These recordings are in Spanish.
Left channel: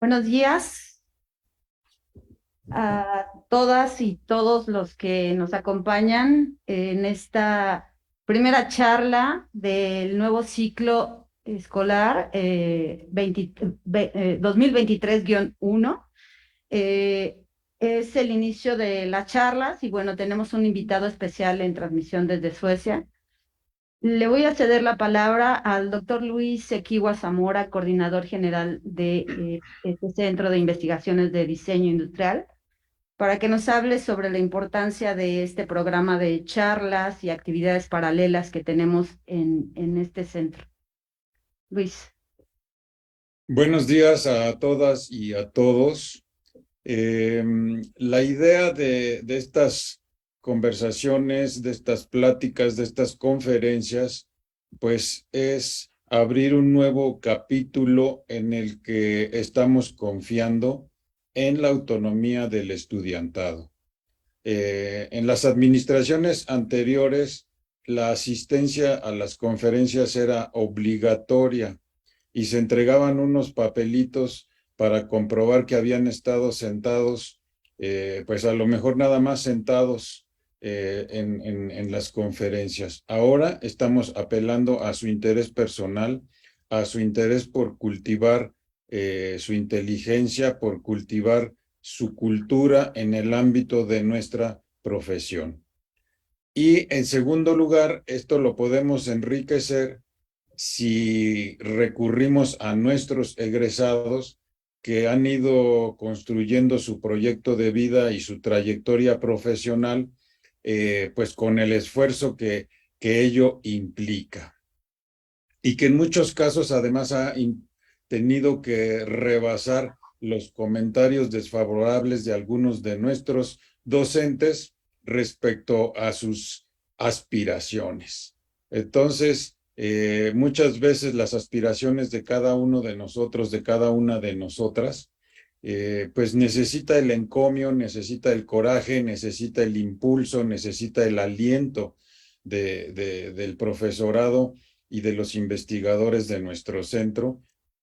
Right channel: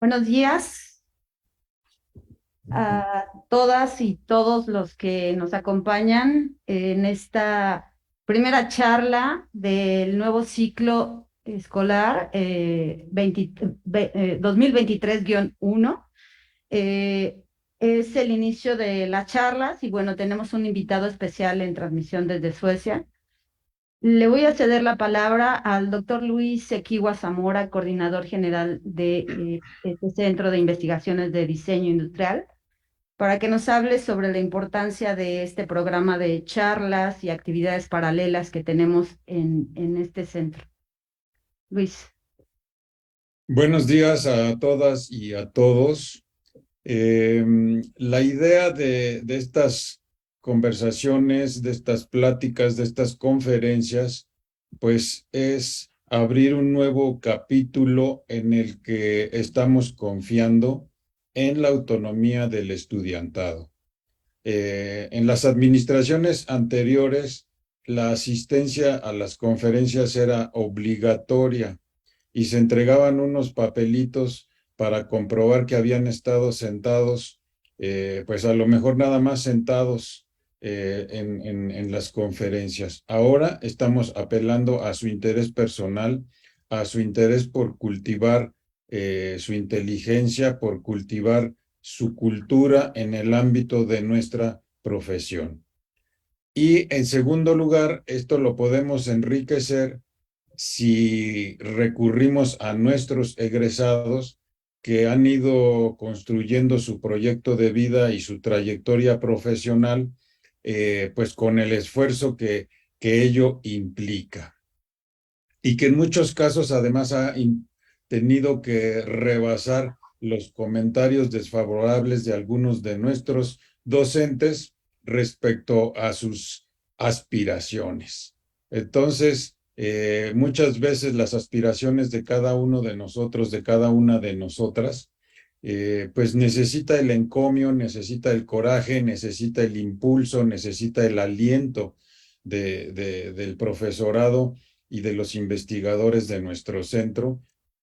Buenos días a todas y todos los que nos acompañan en esta primera charla del nuevo ciclo escolar 2023-1. Eh, es el inicio de las charlas y bueno, tenemos un invitado especial en transmisión desde Suecia. Le voy a ceder la palabra al doctor Luis Equiwa Zamora, coordinador general de este Centro de Investigaciones de Diseño Industrial, para que nos hable sobre la importancia de este programa de charlas y actividades paralelas que tenemos en este centro. Luis. Buenos días a todas y a todos. La idea de estas conversaciones, de estas pláticas, de estas conferencias, pues es abrir un nuevo capítulo en el que estamos confiando en la autonomía del estudiantado. En las administraciones anteriores, la asistencia a las conferencias era obligatoria y se entregaban unos papelitos para comprobar que habían estado sentados, pues a lo mejor nada más sentados en las conferencias. Ahora estamos apelando a su interés personal, a su interés por cultivar su inteligencia, por cultivar su cultura en el ámbito de nuestra profesión. Y en segundo lugar, esto lo podemos enriquecer si recurrimos a nuestros egresados que han ido construyendo su proyecto de vida y su trayectoria profesional, pues con el esfuerzo que ello implica. Y que en muchos casos además ha tenido que rebasar los comentarios desfavorables de algunos de nuestros docentes respecto a sus aspiraciones. Entonces, muchas veces las aspiraciones de cada uno de nosotros, de cada una de nosotras, pues necesita el encomio, necesita el coraje, necesita el impulso, necesita el aliento del profesorado y de los investigadores de nuestro centro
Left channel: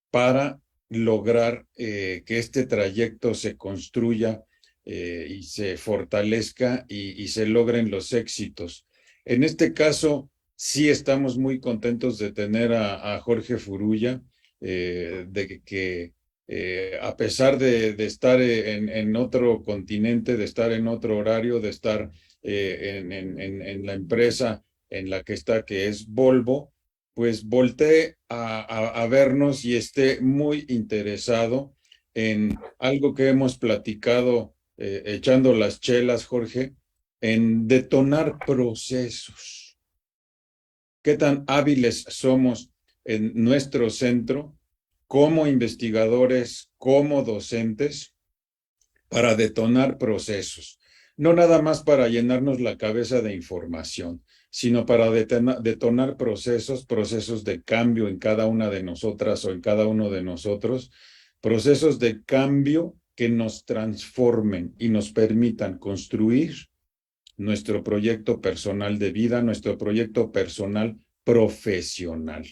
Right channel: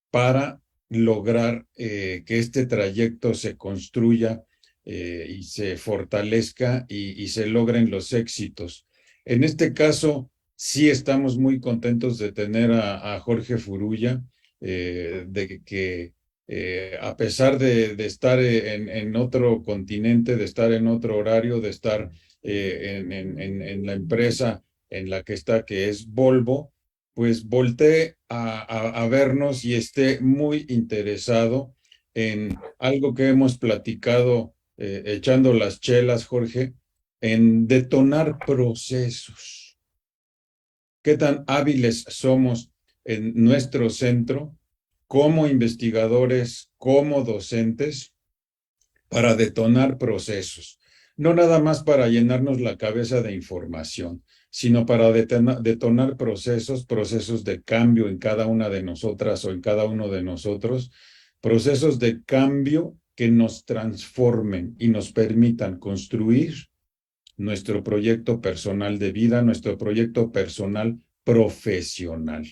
para lograr que este trayecto se construya y se fortalezca y se logren los éxitos. En este caso, sí estamos muy contentos de tener a Jorge Furuya, de que a pesar de estar en otro continente, de estar en otro horario, de estar en la empresa en la que está, que es Volvo, pues volteé a vernos y esté muy interesado en algo que hemos platicado echando las chelas, Jorge, en detonar procesos. ¿Qué tan hábiles somos en nuestro centro como investigadores, como docentes, para detonar procesos? No nada más para llenarnos la cabeza de información, sino para detonar procesos, procesos de cambio en cada una de nosotras o en cada uno de nosotros, procesos de cambio que nos transformen y nos permitan construir nuestro proyecto personal de vida, nuestro proyecto personal profesional.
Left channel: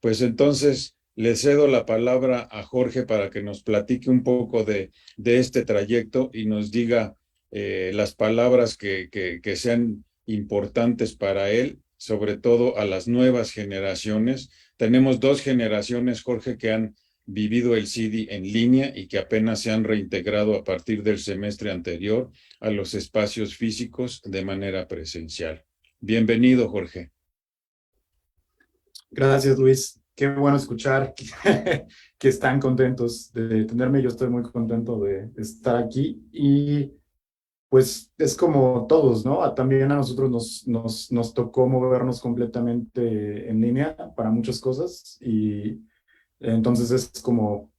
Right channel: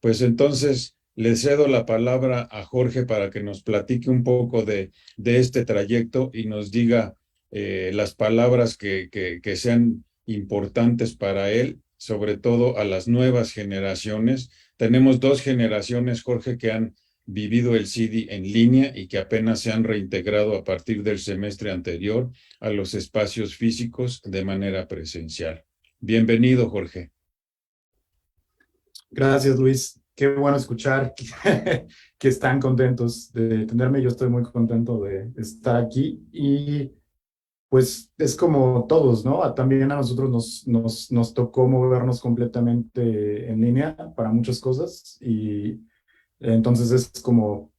Pues entonces le cedo la palabra a Jorge para que nos platique un poco de este trayecto y nos diga las palabras que sean importantes para él, sobre todo a las nuevas generaciones. Tenemos dos generaciones, Jorge, que han vivido el CIDI en línea y que apenas se han reintegrado a partir del semestre anterior a los espacios físicos de manera presencial. Bienvenido, Jorge. Gracias, Luis. Qué bueno escuchar que están contentos de tenerme. Yo estoy muy contento de estar aquí y pues es como todos, ¿no? También a nosotros nos tocó movernos completamente en línea para muchas cosas y entonces es como,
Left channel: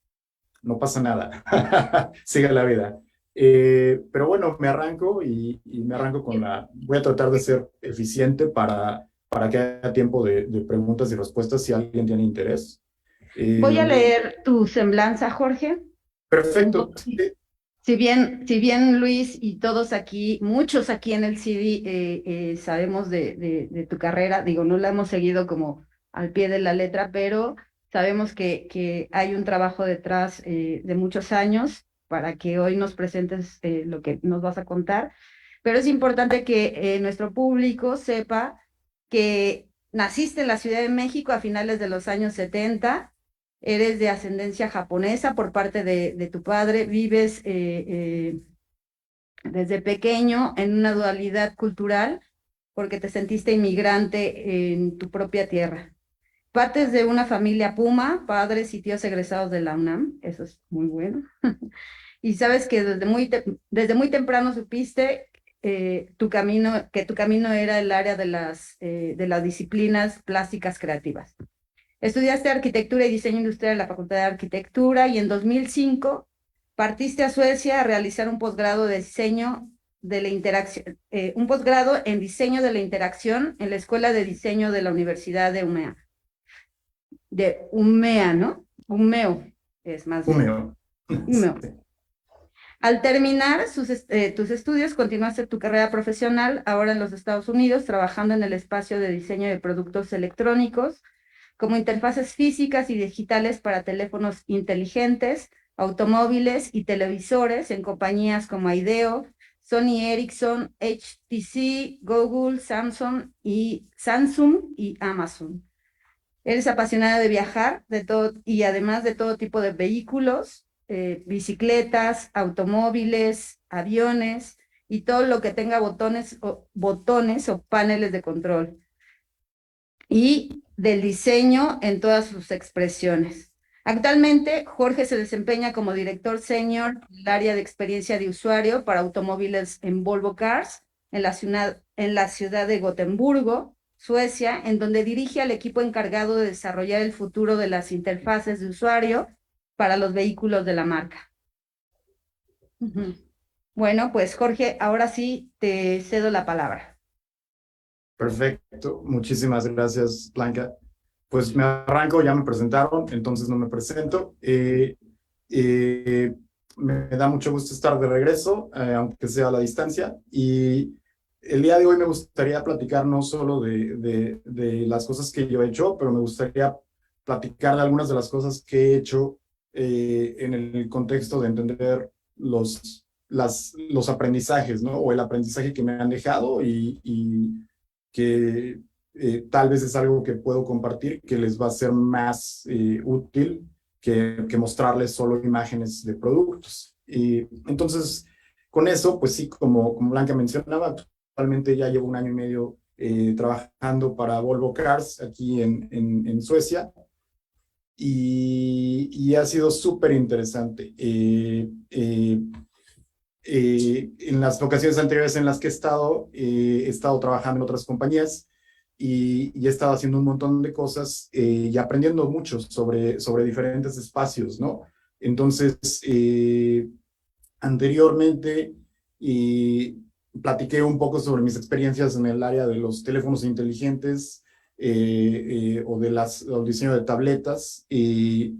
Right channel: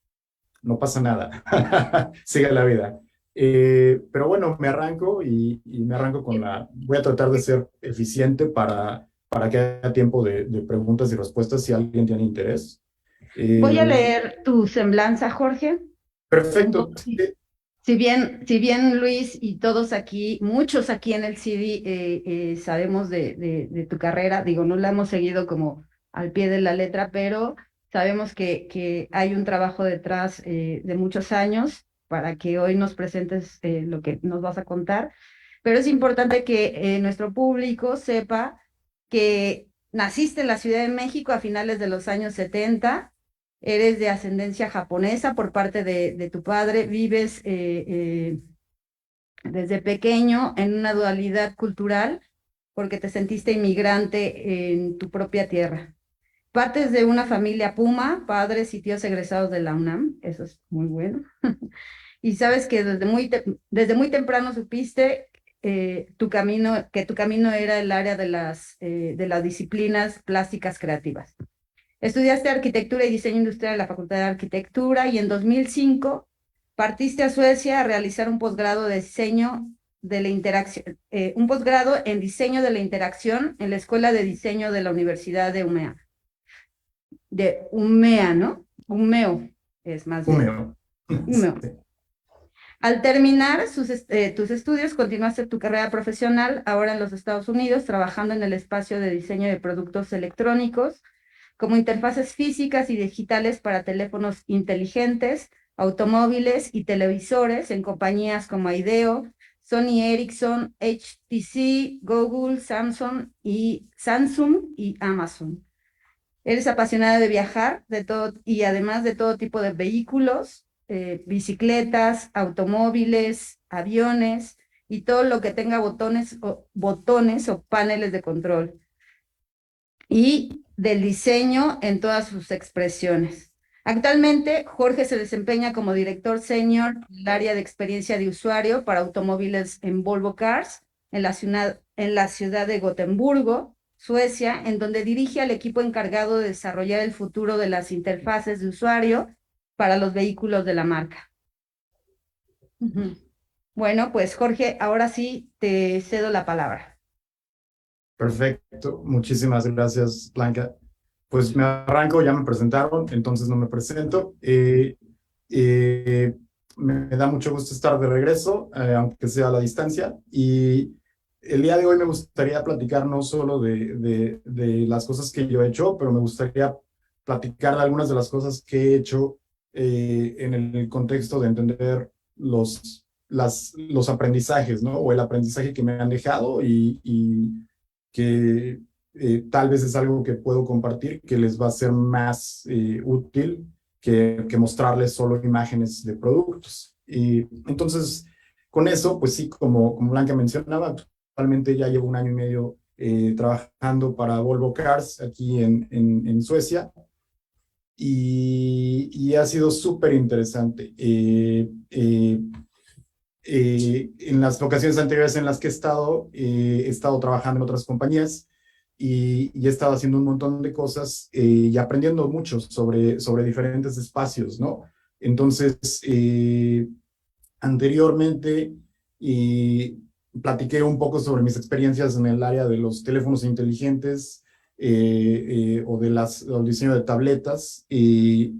no pasa nada, sigue la vida. Pero bueno, me arranco y me arranco con voy a tratar de ser eficiente para que haya tiempo de preguntas y respuestas si alguien tiene interés. Voy a Eh, leer tu semblanza, Jorge. perfecto. Entonces, si bien Luis y todos aquí, muchos aquí en el CIDI sabemos de tu carrera, digo, no la hemos seguido como al pie de la letra, pero Sabemos que hay un trabajo detrás de muchos años para que hoy nos presentes lo que nos vas a contar, pero es importante que nuestro público sepa que naciste en la Ciudad de México a finales de los años 70, eres de ascendencia japonesa por parte de tu padre, vives desde pequeño en una dualidad cultural porque te sentiste inmigrante en tu propia tierra. Partes de una familia Puma, padres y tíos egresados de la UNAM, eso es muy bueno. Y sabes que desde muy temprano supiste que tu camino era el área de las disciplinas plásticas creativas. Estudiaste arquitectura y diseño industrial en la Facultad de Arquitectura y en 2005 partiste a Suecia a realizar un posgrado de diseño de la interacción, un posgrado en diseño de la interacción en la Escuela de Diseño de la Universidad de Umea, ¿no? Umeo, es más bien. Húmedo. Umeo. Al terminar tus estudios, continuaste tu carrera profesional, ahora en los Estados Unidos, trabajando en el espacio de diseño de productos electrónicos, como interfaces físicas y digitales para teléfonos inteligentes, automóviles y televisores en compañías como Ideo, Sony Ericsson, HTC, Google, Samsung y Amazon. Eres apasionada de viajar y además de todo tipo de vehículos, bicicletas, automóviles, aviones y todo lo que tenga botones o paneles de control. Y del diseño en todas sus expresiones. Actualmente, Jorge se desempeña como director senior del área de experiencia de usuario para automóviles en Volvo Cars, en la ciudad de Gotemburgo, Suecia, en donde dirige al equipo encargado de desarrollar el futuro de las interfaces de usuario para los vehículos de la marca. Bueno, pues Jorge, ahora sí te cedo la palabra. Perfecto, muchísimas gracias, Blanca. Pues me arranco, ya me presentaron, entonces no me presento. Me da mucho gusto estar de regreso, aunque sea a la distancia. Y el día de hoy me gustaría platicar no solo de las cosas que yo he hecho, pero me gustaría platicar de algunas de las cosas que he hecho en el contexto de entender los aprendizajes, ¿no? O el aprendizaje que me han dejado y que tal vez es algo que puedo compartir que les va a ser más útil que mostrarles solo imágenes de productos. Y entonces, con eso, pues sí, como Blanca mencionaba, actualmente ya llevo 1 año y medio trabajando para Volvo Cars aquí en Suecia y ha sido súper interesante. En las ocasiones anteriores en las que he estado trabajando en otras compañías y he estado haciendo un montón de cosas y aprendiendo mucho sobre diferentes espacios, ¿no? Entonces, anteriormente platiqué un poco sobre mis experiencias en el área de los teléfonos inteligentes o del diseño de tabletas y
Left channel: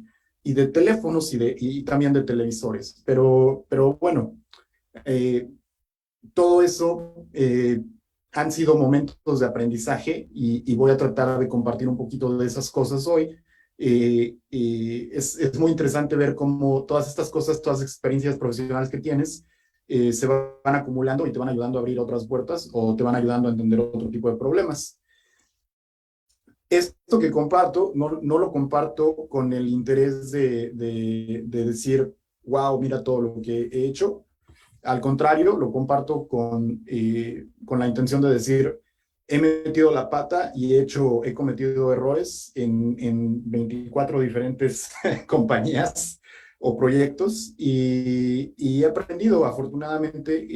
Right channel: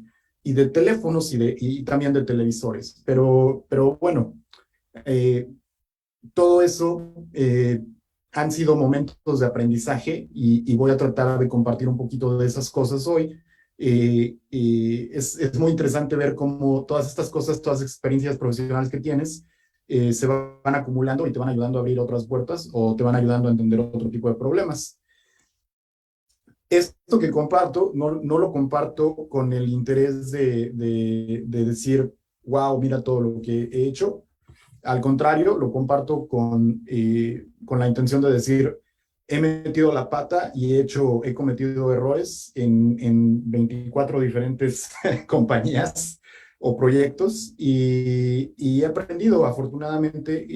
de teléfonos y también de televisores. Pero bueno, todo eso han sido momentos de aprendizaje y voy a tratar de compartir un poquito de esas cosas hoy. Es muy interesante ver cómo todas estas cosas, todas las experiencias profesionales que tienes, se van acumulando y te van ayudando a abrir otras puertas o te van ayudando a entender otro tipo de problemas. Esto que comparto, no lo comparto con el interés de decir, wow, mira todo lo que he hecho. Al contrario, lo comparto con la intención de decir, he metido la pata y he cometido errores en 24 diferentes compañías o proyectos y he aprendido, afortunadamente,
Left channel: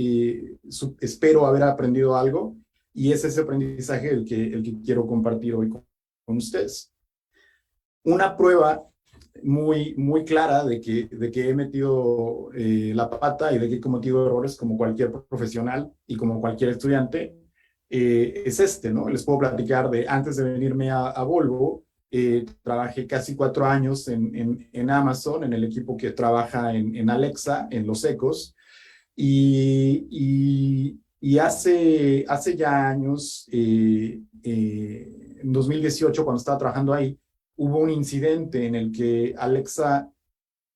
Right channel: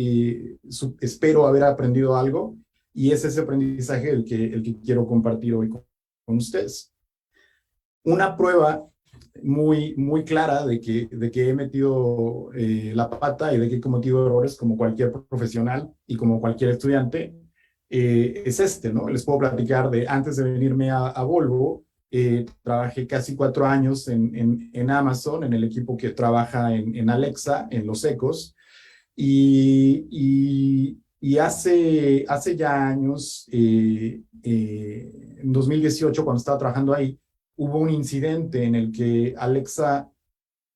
espero haber aprendido algo y es ese aprendizaje el que quiero compartir hoy con ustedes. Una prueba muy clara de que he metido la pata y de que he cometido errores como cualquier profesional y como cualquier estudiante, es ¿no? Les puedo platicar de antes de venirme a Volvo, trabajé casi 4 años en Amazon, en el equipo que trabaja en Alexa, en los Echos, y hace ya años, en 2018, cuando estaba trabajando ahí, hubo un incidente en el que Alexa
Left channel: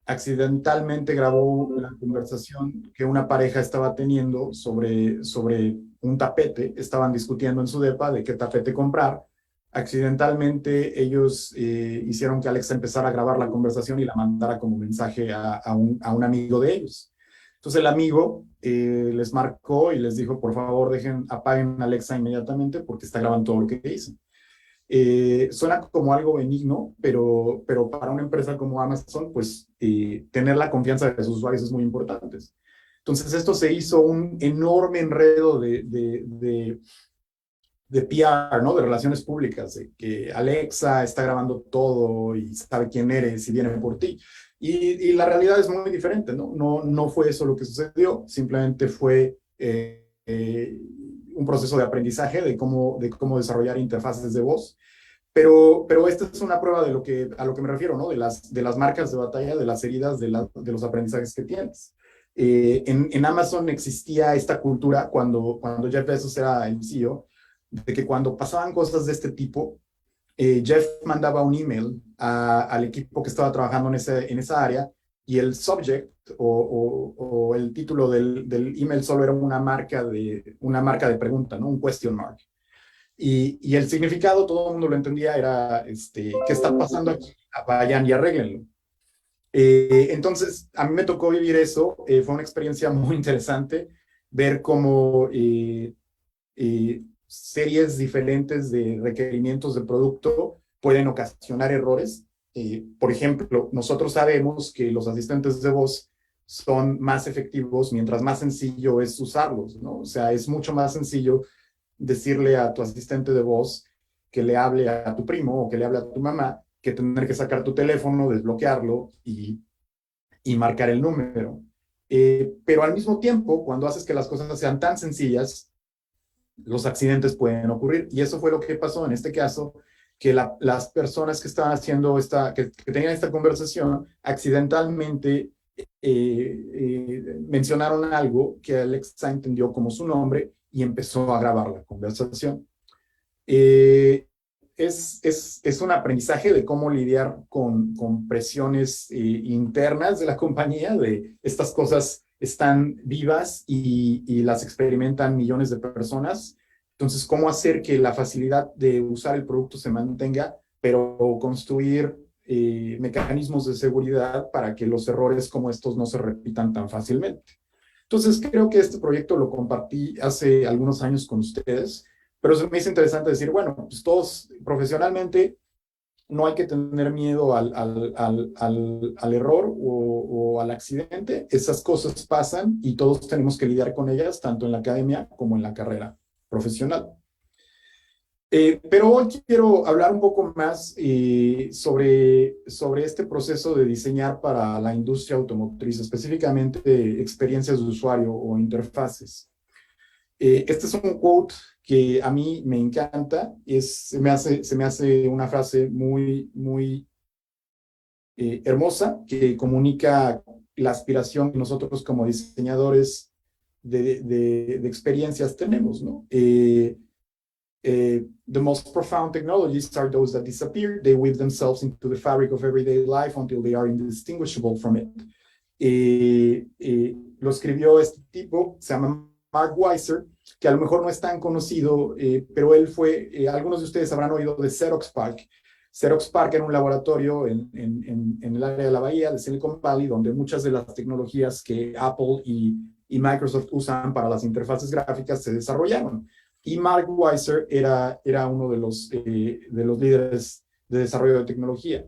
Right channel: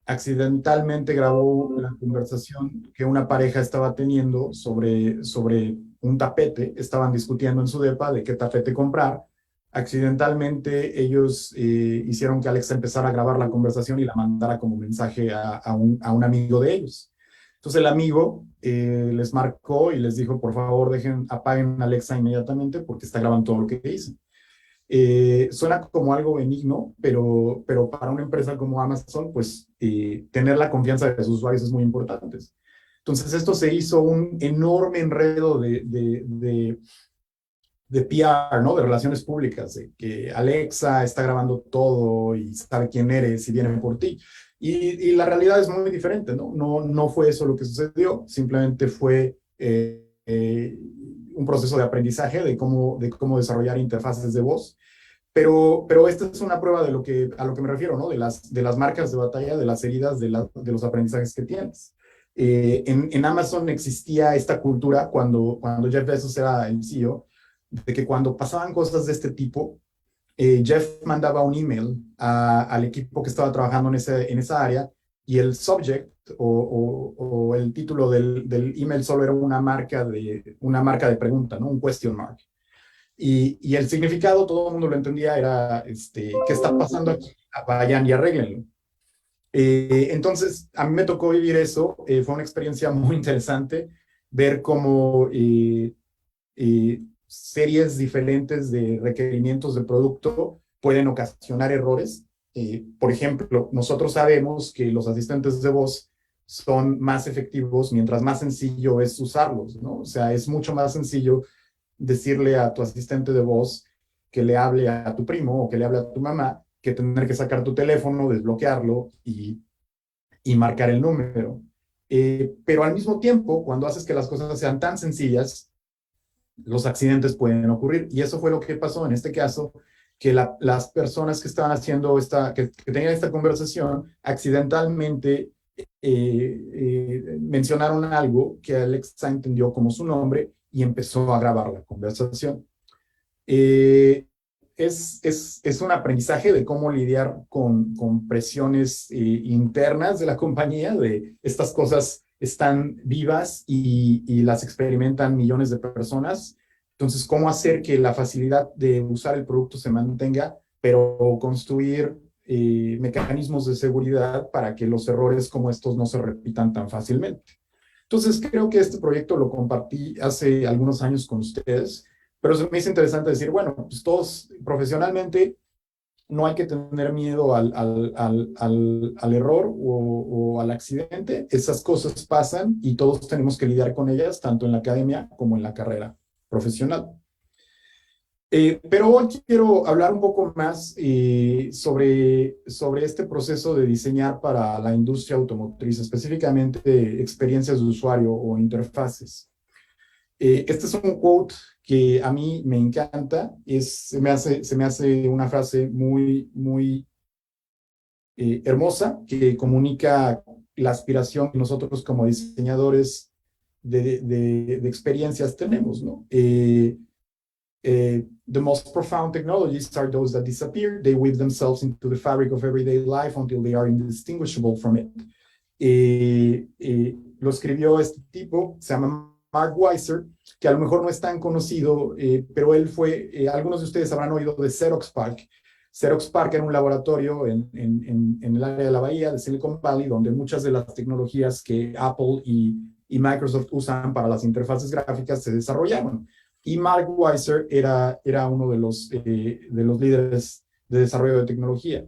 accidentalmente grabó la conversación que una pareja estaba teniendo sobre un tapete. Estaban discutiendo en su depa de qué tapete comprar. Accidentalmente ellos hicieron que Alexa empezara a grabar la conversación y la mandara como mensaje a un amigo de ellos. Entonces el amigo les marcó y les dijo, por favor, apaguen Alexa inmediatamente porque está grabando todo lo que dicen. Suena como algo benigno, pero para una empresa como Amazon, pues tener la confianza de sus usuarios es muy importante. Entonces esto se hizo un enorme enredo de PR, ¿no? De relaciones públicas, de que Alexa está grabando todo y sabe quién eres y viene por ti. Y la realidad es muy diferente, ¿no? No fue eso lo que sucedió, simplemente fue un proceso de aprendizaje de cómo desarrollar interfaces de voz. Pero esta es una prueba de a lo que me refiero, ¿no? De las marcas de batalla, de las heridas, de los aprendizajes que tienes. En Amazon existía esta cultura cuando Jeff Bezos era el CEO, de que cuando pasaban cosas de este tipo, Jeff mandaba un email al equipo que estaba trabajando en esa área y el subject o el título del email solo era una marca de pregunta, ¿no? Un question mark. Y el significado, todo el mundo lo entendía, era, ¿qué está pasando aquí? Vayan y arréglenlo. Entonces, a mí me tocó vivir eso, fue una experiencia muy interesante, ver cómo series diferentes de requerimientos de producto pueden ocasionar errores. Por ejemplo, nosotros sabemos que los asistentes de voz son más efectivos mientras más sencillo es usarlos, ¿no? O sea, es mucho más sencillo decirle a tu asistente de voz que le hable a tu primo o que le hable a tu mamá, que tener que sacar tu teléfono, desbloquearlo y marcar el número. Pero al mismo tiempo, cuando haces que las cosas sean tan sencillas, los accidentes pueden ocurrir. Y eso fue lo que pasó en este caso, que las personas que estaban haciendo que tenían esta conversación, accidentalmente mencionaron algo que Alexa entendió como su nombre y empezó a grabar la conversación. Es un aprendizaje de cómo lidiar con presiones internas de la compañía, de estas cosas están vivas y las experimentan millones de personas. Entonces, cómo hacer que la facilidad de usar el producto se mantenga, pero construir mecanismos de seguridad para que los errores como estos no se repitan tan fácilmente. Entonces, creo que este proyecto lo compartí hace algunos años con ustedes, pero se me hizo interesante decir, bueno, pues todos profesionalmente no hay que tener miedo al error o al accidente. Esas cosas pasan y todos tenemos que lidiar con ellas, tanto en la academia como en la carrera profesional. Pero hoy quiero hablar un poco más sobre este proceso de diseñar para la industria automotriz, específicamente experiencias de usuario o interfaces. Este es un quote que a mí me encanta, se me hace una frase muy, muy hermosa que comunica la aspiración que nosotros como diseñadores de experiencias tenemos, ¿no? The most profound technologies are those that disappear. They weave themselves into the fabric of everyday life until they are indistinguishable from it. Lo escribió este tipo, se llama Mark Weiser, que a lo mejor no es tan conocido, pero él fue, algunos de ustedes habrán oído de Xerox PARC. Xerox PARC era un laboratorio en el área de la bahía de Silicon Valley, donde muchas de las tecnologías que Apple y Microsoft usan para las interfaces gráficas se desarrollaron. Y Mark Weiser era uno de los líderes de desarrollo de tecnología.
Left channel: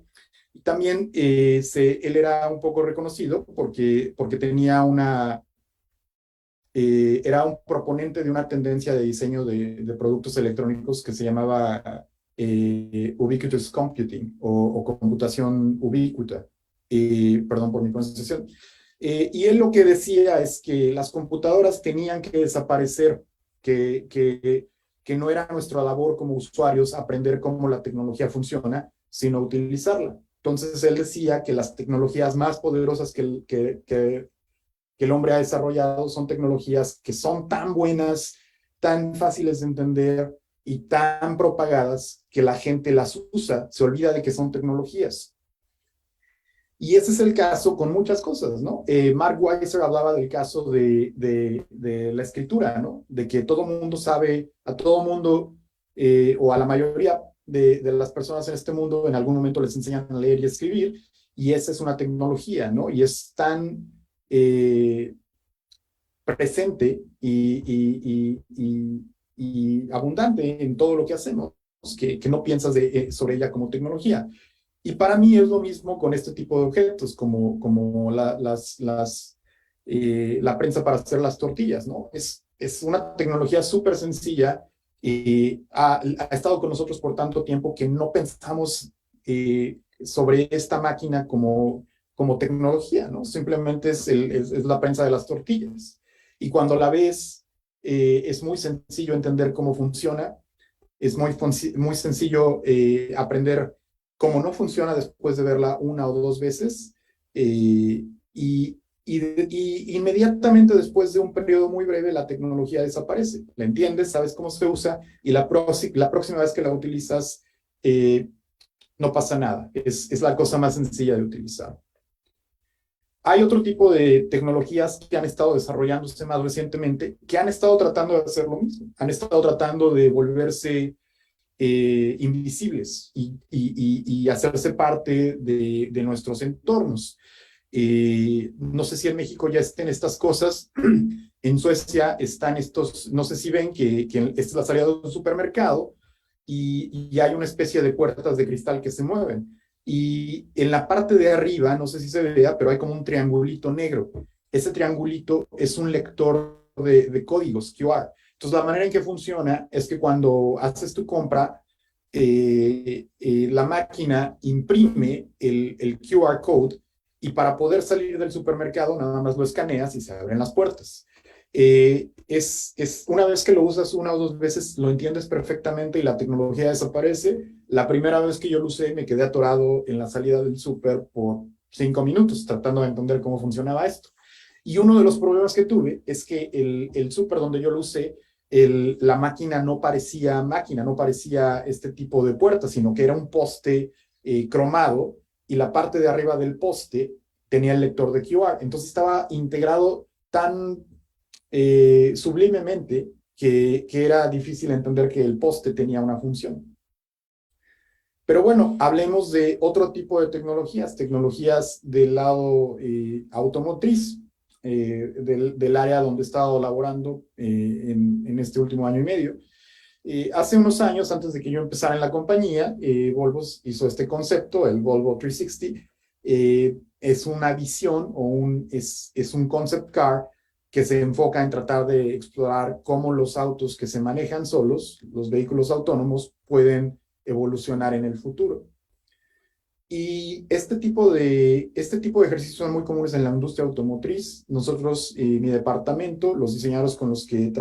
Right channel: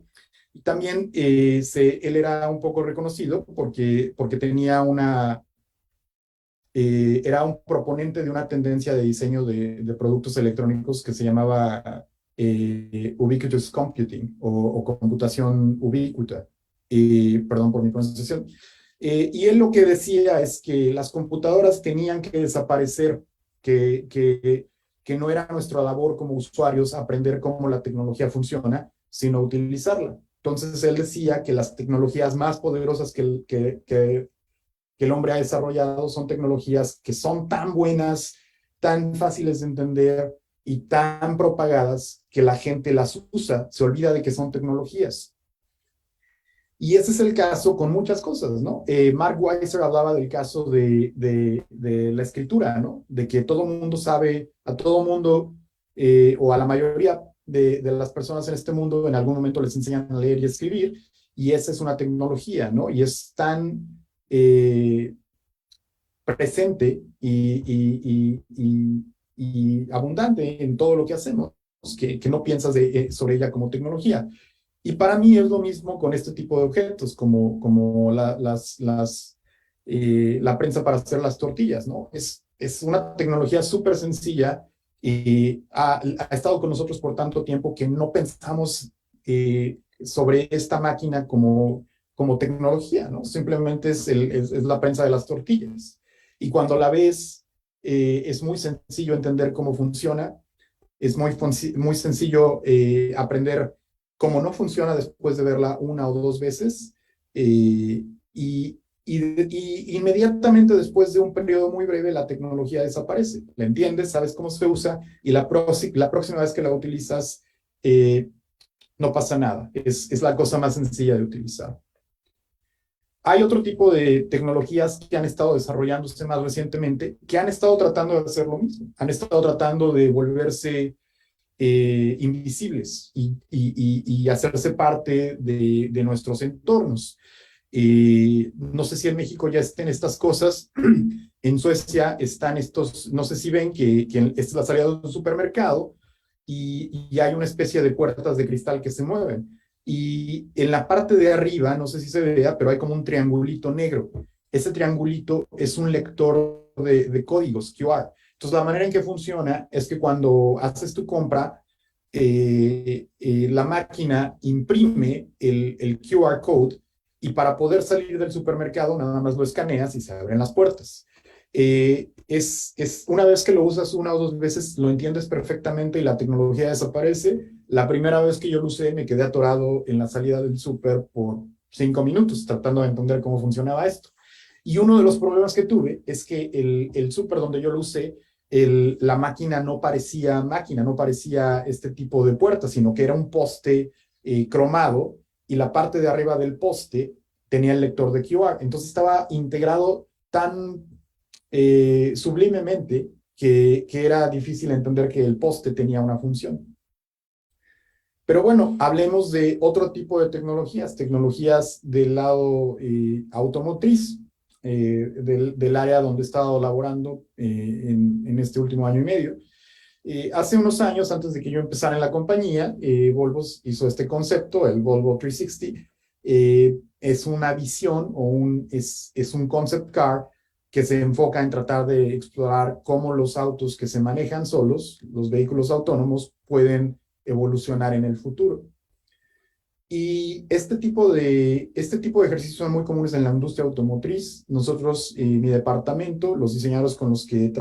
Y también él era un poco reconocido porque tenía era un proponente de una tendencia de diseño de productos electrónicos que se llamaba Ubiquitous Computing o computación ubícuta. Perdón por mi pronunciación. Y él lo que decía es que las computadoras tenían que desaparecer, que no era nuestra labor como usuarios aprender cómo la tecnología funciona, sino utilizarla. Entonces él decía que las tecnologías más poderosas que el hombre ha desarrollado son tecnologías que son tan buenas, tan fáciles de entender y tan propagadas que la gente las usa, se olvida de que son tecnologías. Y ese es el caso con muchas cosas, ¿no? Mark Weiser hablaba del caso de la escritura, ¿no? De que todo mundo sabe, a todo mundo, o a la mayoría de las personas en este mundo, en algún momento les enseñan a leer y escribir, y esa es una tecnología, ¿no? Y es tan presente y abundante en todo lo que hacemos, que no piensas sobre ella como tecnología. Y para mí es lo mismo con este tipo de objetos, como la prensa para hacer las tortillas, ¿no? Es una tecnología súper sencilla y ha estado con nosotros por tanto tiempo que no pensamos sobre esta máquina como tecnología, ¿no? Simplemente es la prensa de las tortillas. Y cuando la ves, es muy sencillo entender cómo funciona, es muy sencillo aprender cómo no funciona después de verla una o dos veces, y inmediatamente después de un periodo muy breve la tecnología desaparece. La entiendes, sabes cómo se usa y la próxima vez que la utilizas no pasa nada. Es la cosa más sencilla de utilizar. Hay otro tipo de tecnologías que han estado desarrollándose más recientemente, que han estado tratando de hacer lo mismo. Han estado tratando de volverse invisibles y hacerse parte de nuestros entornos. No sé si en México ya estén estas cosas. En Suecia están estos, no sé si ven que esta es la salida de un supermercado y hay una especie de puertas de cristal que se mueven. Y en la parte de arriba, no sé si se vea, pero hay como un triangulito negro. Ese triangulito es un lector de códigos QR. Entonces, la manera en que funciona es que cuando haces tu compra, la máquina imprime el QR code y para poder salir del supermercado nada más lo escaneas y se abren las puertas. Una vez que lo usas una o dos veces, lo entiendes perfectamente y la tecnología desaparece. La primera vez que yo lo usé, me quedé atorado en la salida del súper por 5 minutos tratando de entender cómo funcionaba esto. Y uno de los problemas que tuve es que el súper donde yo lo usé, la máquina no parecía este tipo de puerta, sino que era un poste cromado y la parte de arriba del poste tenía el lector de QR. Entonces estaba integrado tan sublimemente que era difícil entender que el poste tenía una función. Pero bueno, hablemos de otro tipo de tecnologías del lado automotriz, del área donde he estado laborando en este último año y medio. Hace unos años, antes de que yo empezara en la compañía, Volvo hizo este concepto, el Volvo 360. Es una visión es un concept car que se enfoca en tratar de explorar cómo los autos que se manejan solos, los vehículos autónomos, pueden evolucionar en el futuro. Y este tipo de ejercicios son muy comunes en la industria automotriz. Nosotros, mi departamento, los diseñadores con los que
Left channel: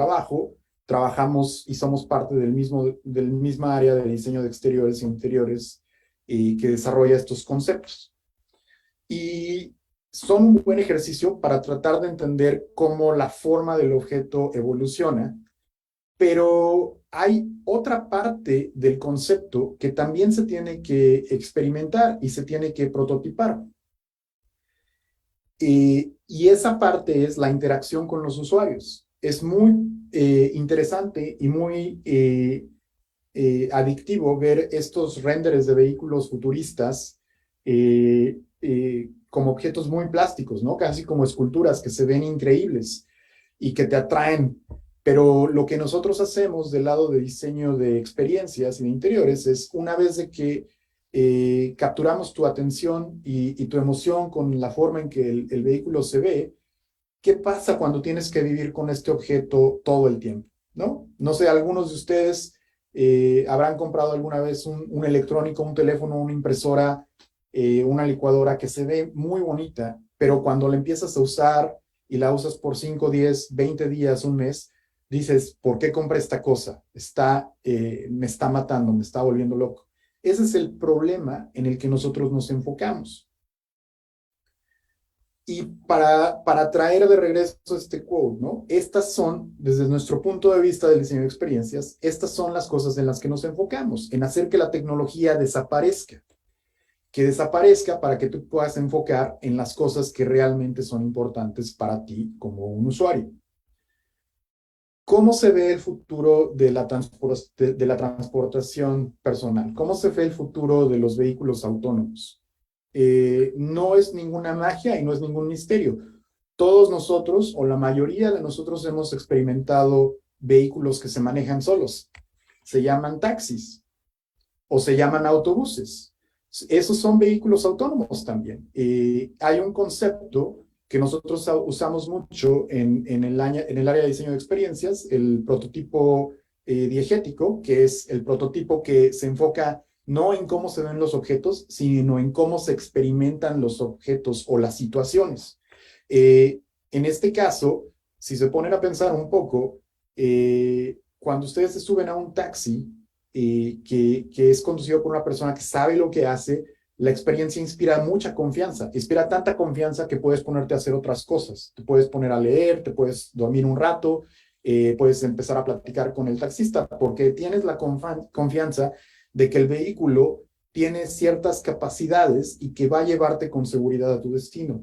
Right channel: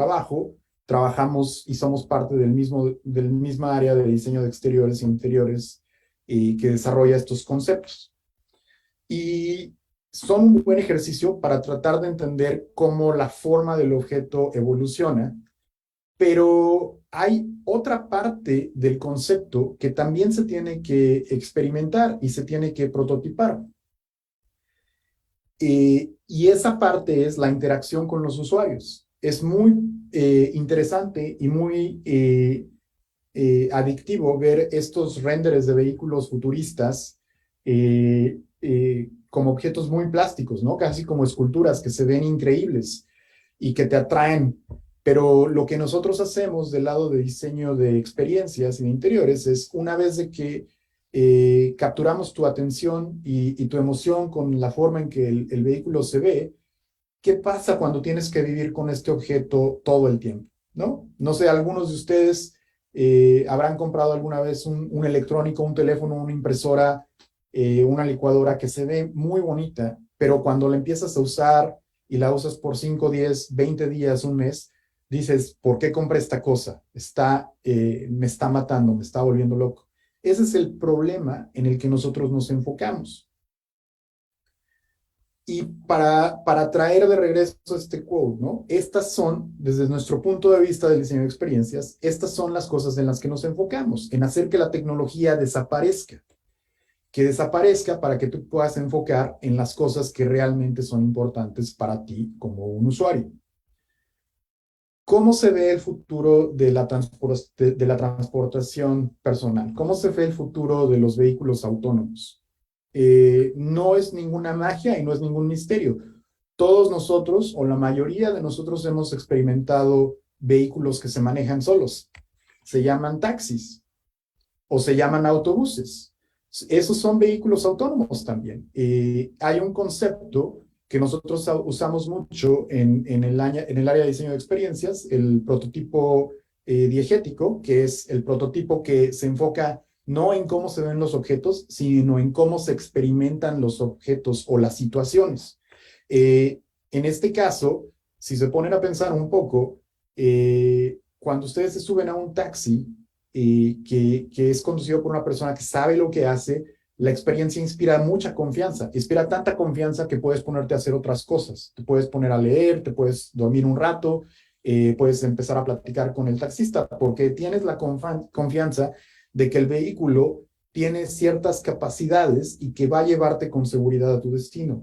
trabajamos y somos parte del misma área de diseño de exteriores e interiores que desarrolla estos conceptos. Y son un buen ejercicio para tratar de entender cómo la forma del objeto evoluciona, pero hay otra parte del concepto que también se tiene que experimentar y se tiene que prototipar. Y esa parte es la interacción con los usuarios. Es muy interesante y muy adictivo ver estos renders de vehículos futuristas como objetos muy plásticos, ¿no? Casi como esculturas que se ven increíbles y que te atraen. Pero lo que nosotros hacemos del lado de diseño de experiencias y de interiores es, una vez de que capturamos tu atención y tu emoción con la forma en que el vehículo se ve, ¿qué pasa cuando tienes que vivir con este objeto todo el tiempo? ¿No? No sé, algunos de ustedes habrán comprado alguna vez un electrónico, un teléfono, una impresora, una licuadora que se ve muy bonita, pero cuando la empiezas a usar y la usas por 5, 10, 20 días, un mes, dices, ¿por qué compré esta cosa? Me está matando, me está volviendo loco. Ese es el problema en el que nosotros nos enfocamos. Y para traer de regreso este quote, ¿no? Estas son, desde nuestro punto de vista del diseño de experiencias, estas son las cosas en las que nos enfocamos, en hacer que la tecnología desaparezca, que desaparezca para que tú puedas enfocar en las cosas que realmente son importantes para ti como un usuario. ¿Cómo se ve el futuro de la transportación personal? ¿Cómo se ve el futuro de los vehículos autónomos? No es ninguna magia y no es ningún misterio. Todos nosotros, o la mayoría de nosotros, hemos experimentado vehículos que se manejan solos. Se llaman taxis o se llaman autobuses. Esos son vehículos autónomos también. Hay un concepto que nosotros usamos mucho en el área de diseño de experiencias, el prototipo diegético, que es el prototipo que se enfoca no en cómo se ven los objetos, sino en cómo se experimentan los objetos o las situaciones. En este caso, si se ponen a pensar un poco, cuando ustedes se suben a un taxi que es conducido por una persona que sabe lo que hace, la experiencia inspira mucha confianza, inspira tanta confianza que puedes ponerte a hacer otras cosas. Te puedes poner a leer, te puedes dormir un rato, puedes empezar a platicar con el taxista, porque tienes la confianza de que el vehículo tiene ciertas capacidades y que va a llevarte con seguridad a tu destino.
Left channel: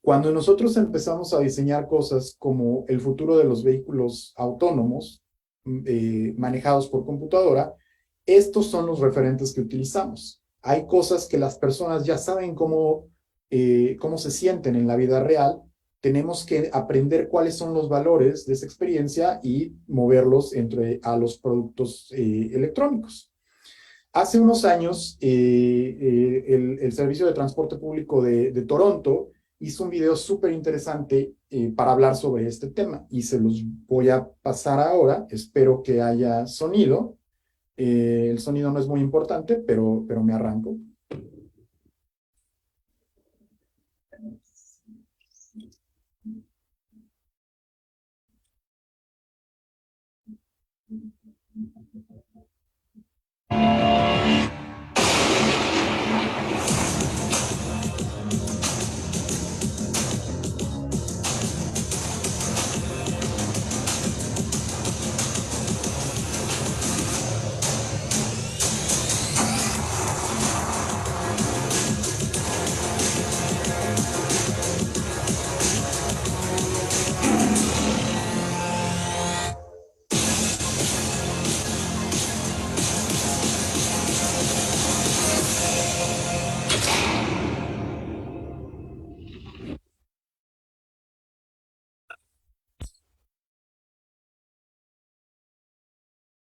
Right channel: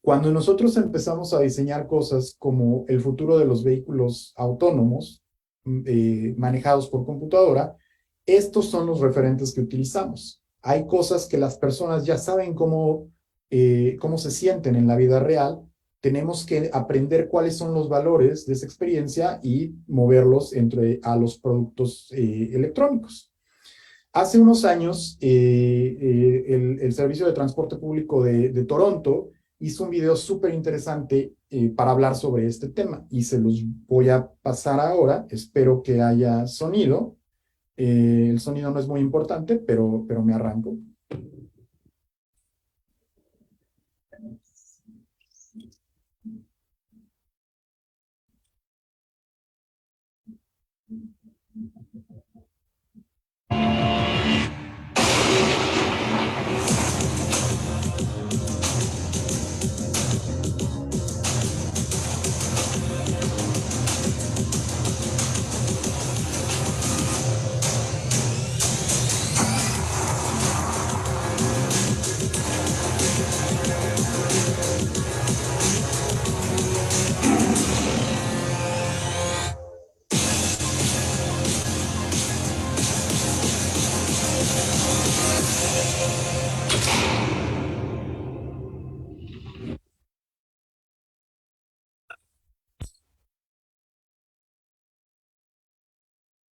Cuando nosotros empezamos a diseñar cosas como el futuro de los vehículos autónomos, manejados por computadora, estos son los referentes que utilizamos. Hay cosas que las personas ya saben cómo se sienten en la vida real. Tenemos que aprender cuáles son los valores de esa experiencia y moverlos a los productos electrónicos. Hace unos años, el Servicio de Transporte Público de Toronto hizo un video súper interesante para hablar sobre este tema y se los voy a pasar ahora. Espero que haya sonido. El sonido no es muy importante, pero me arranco.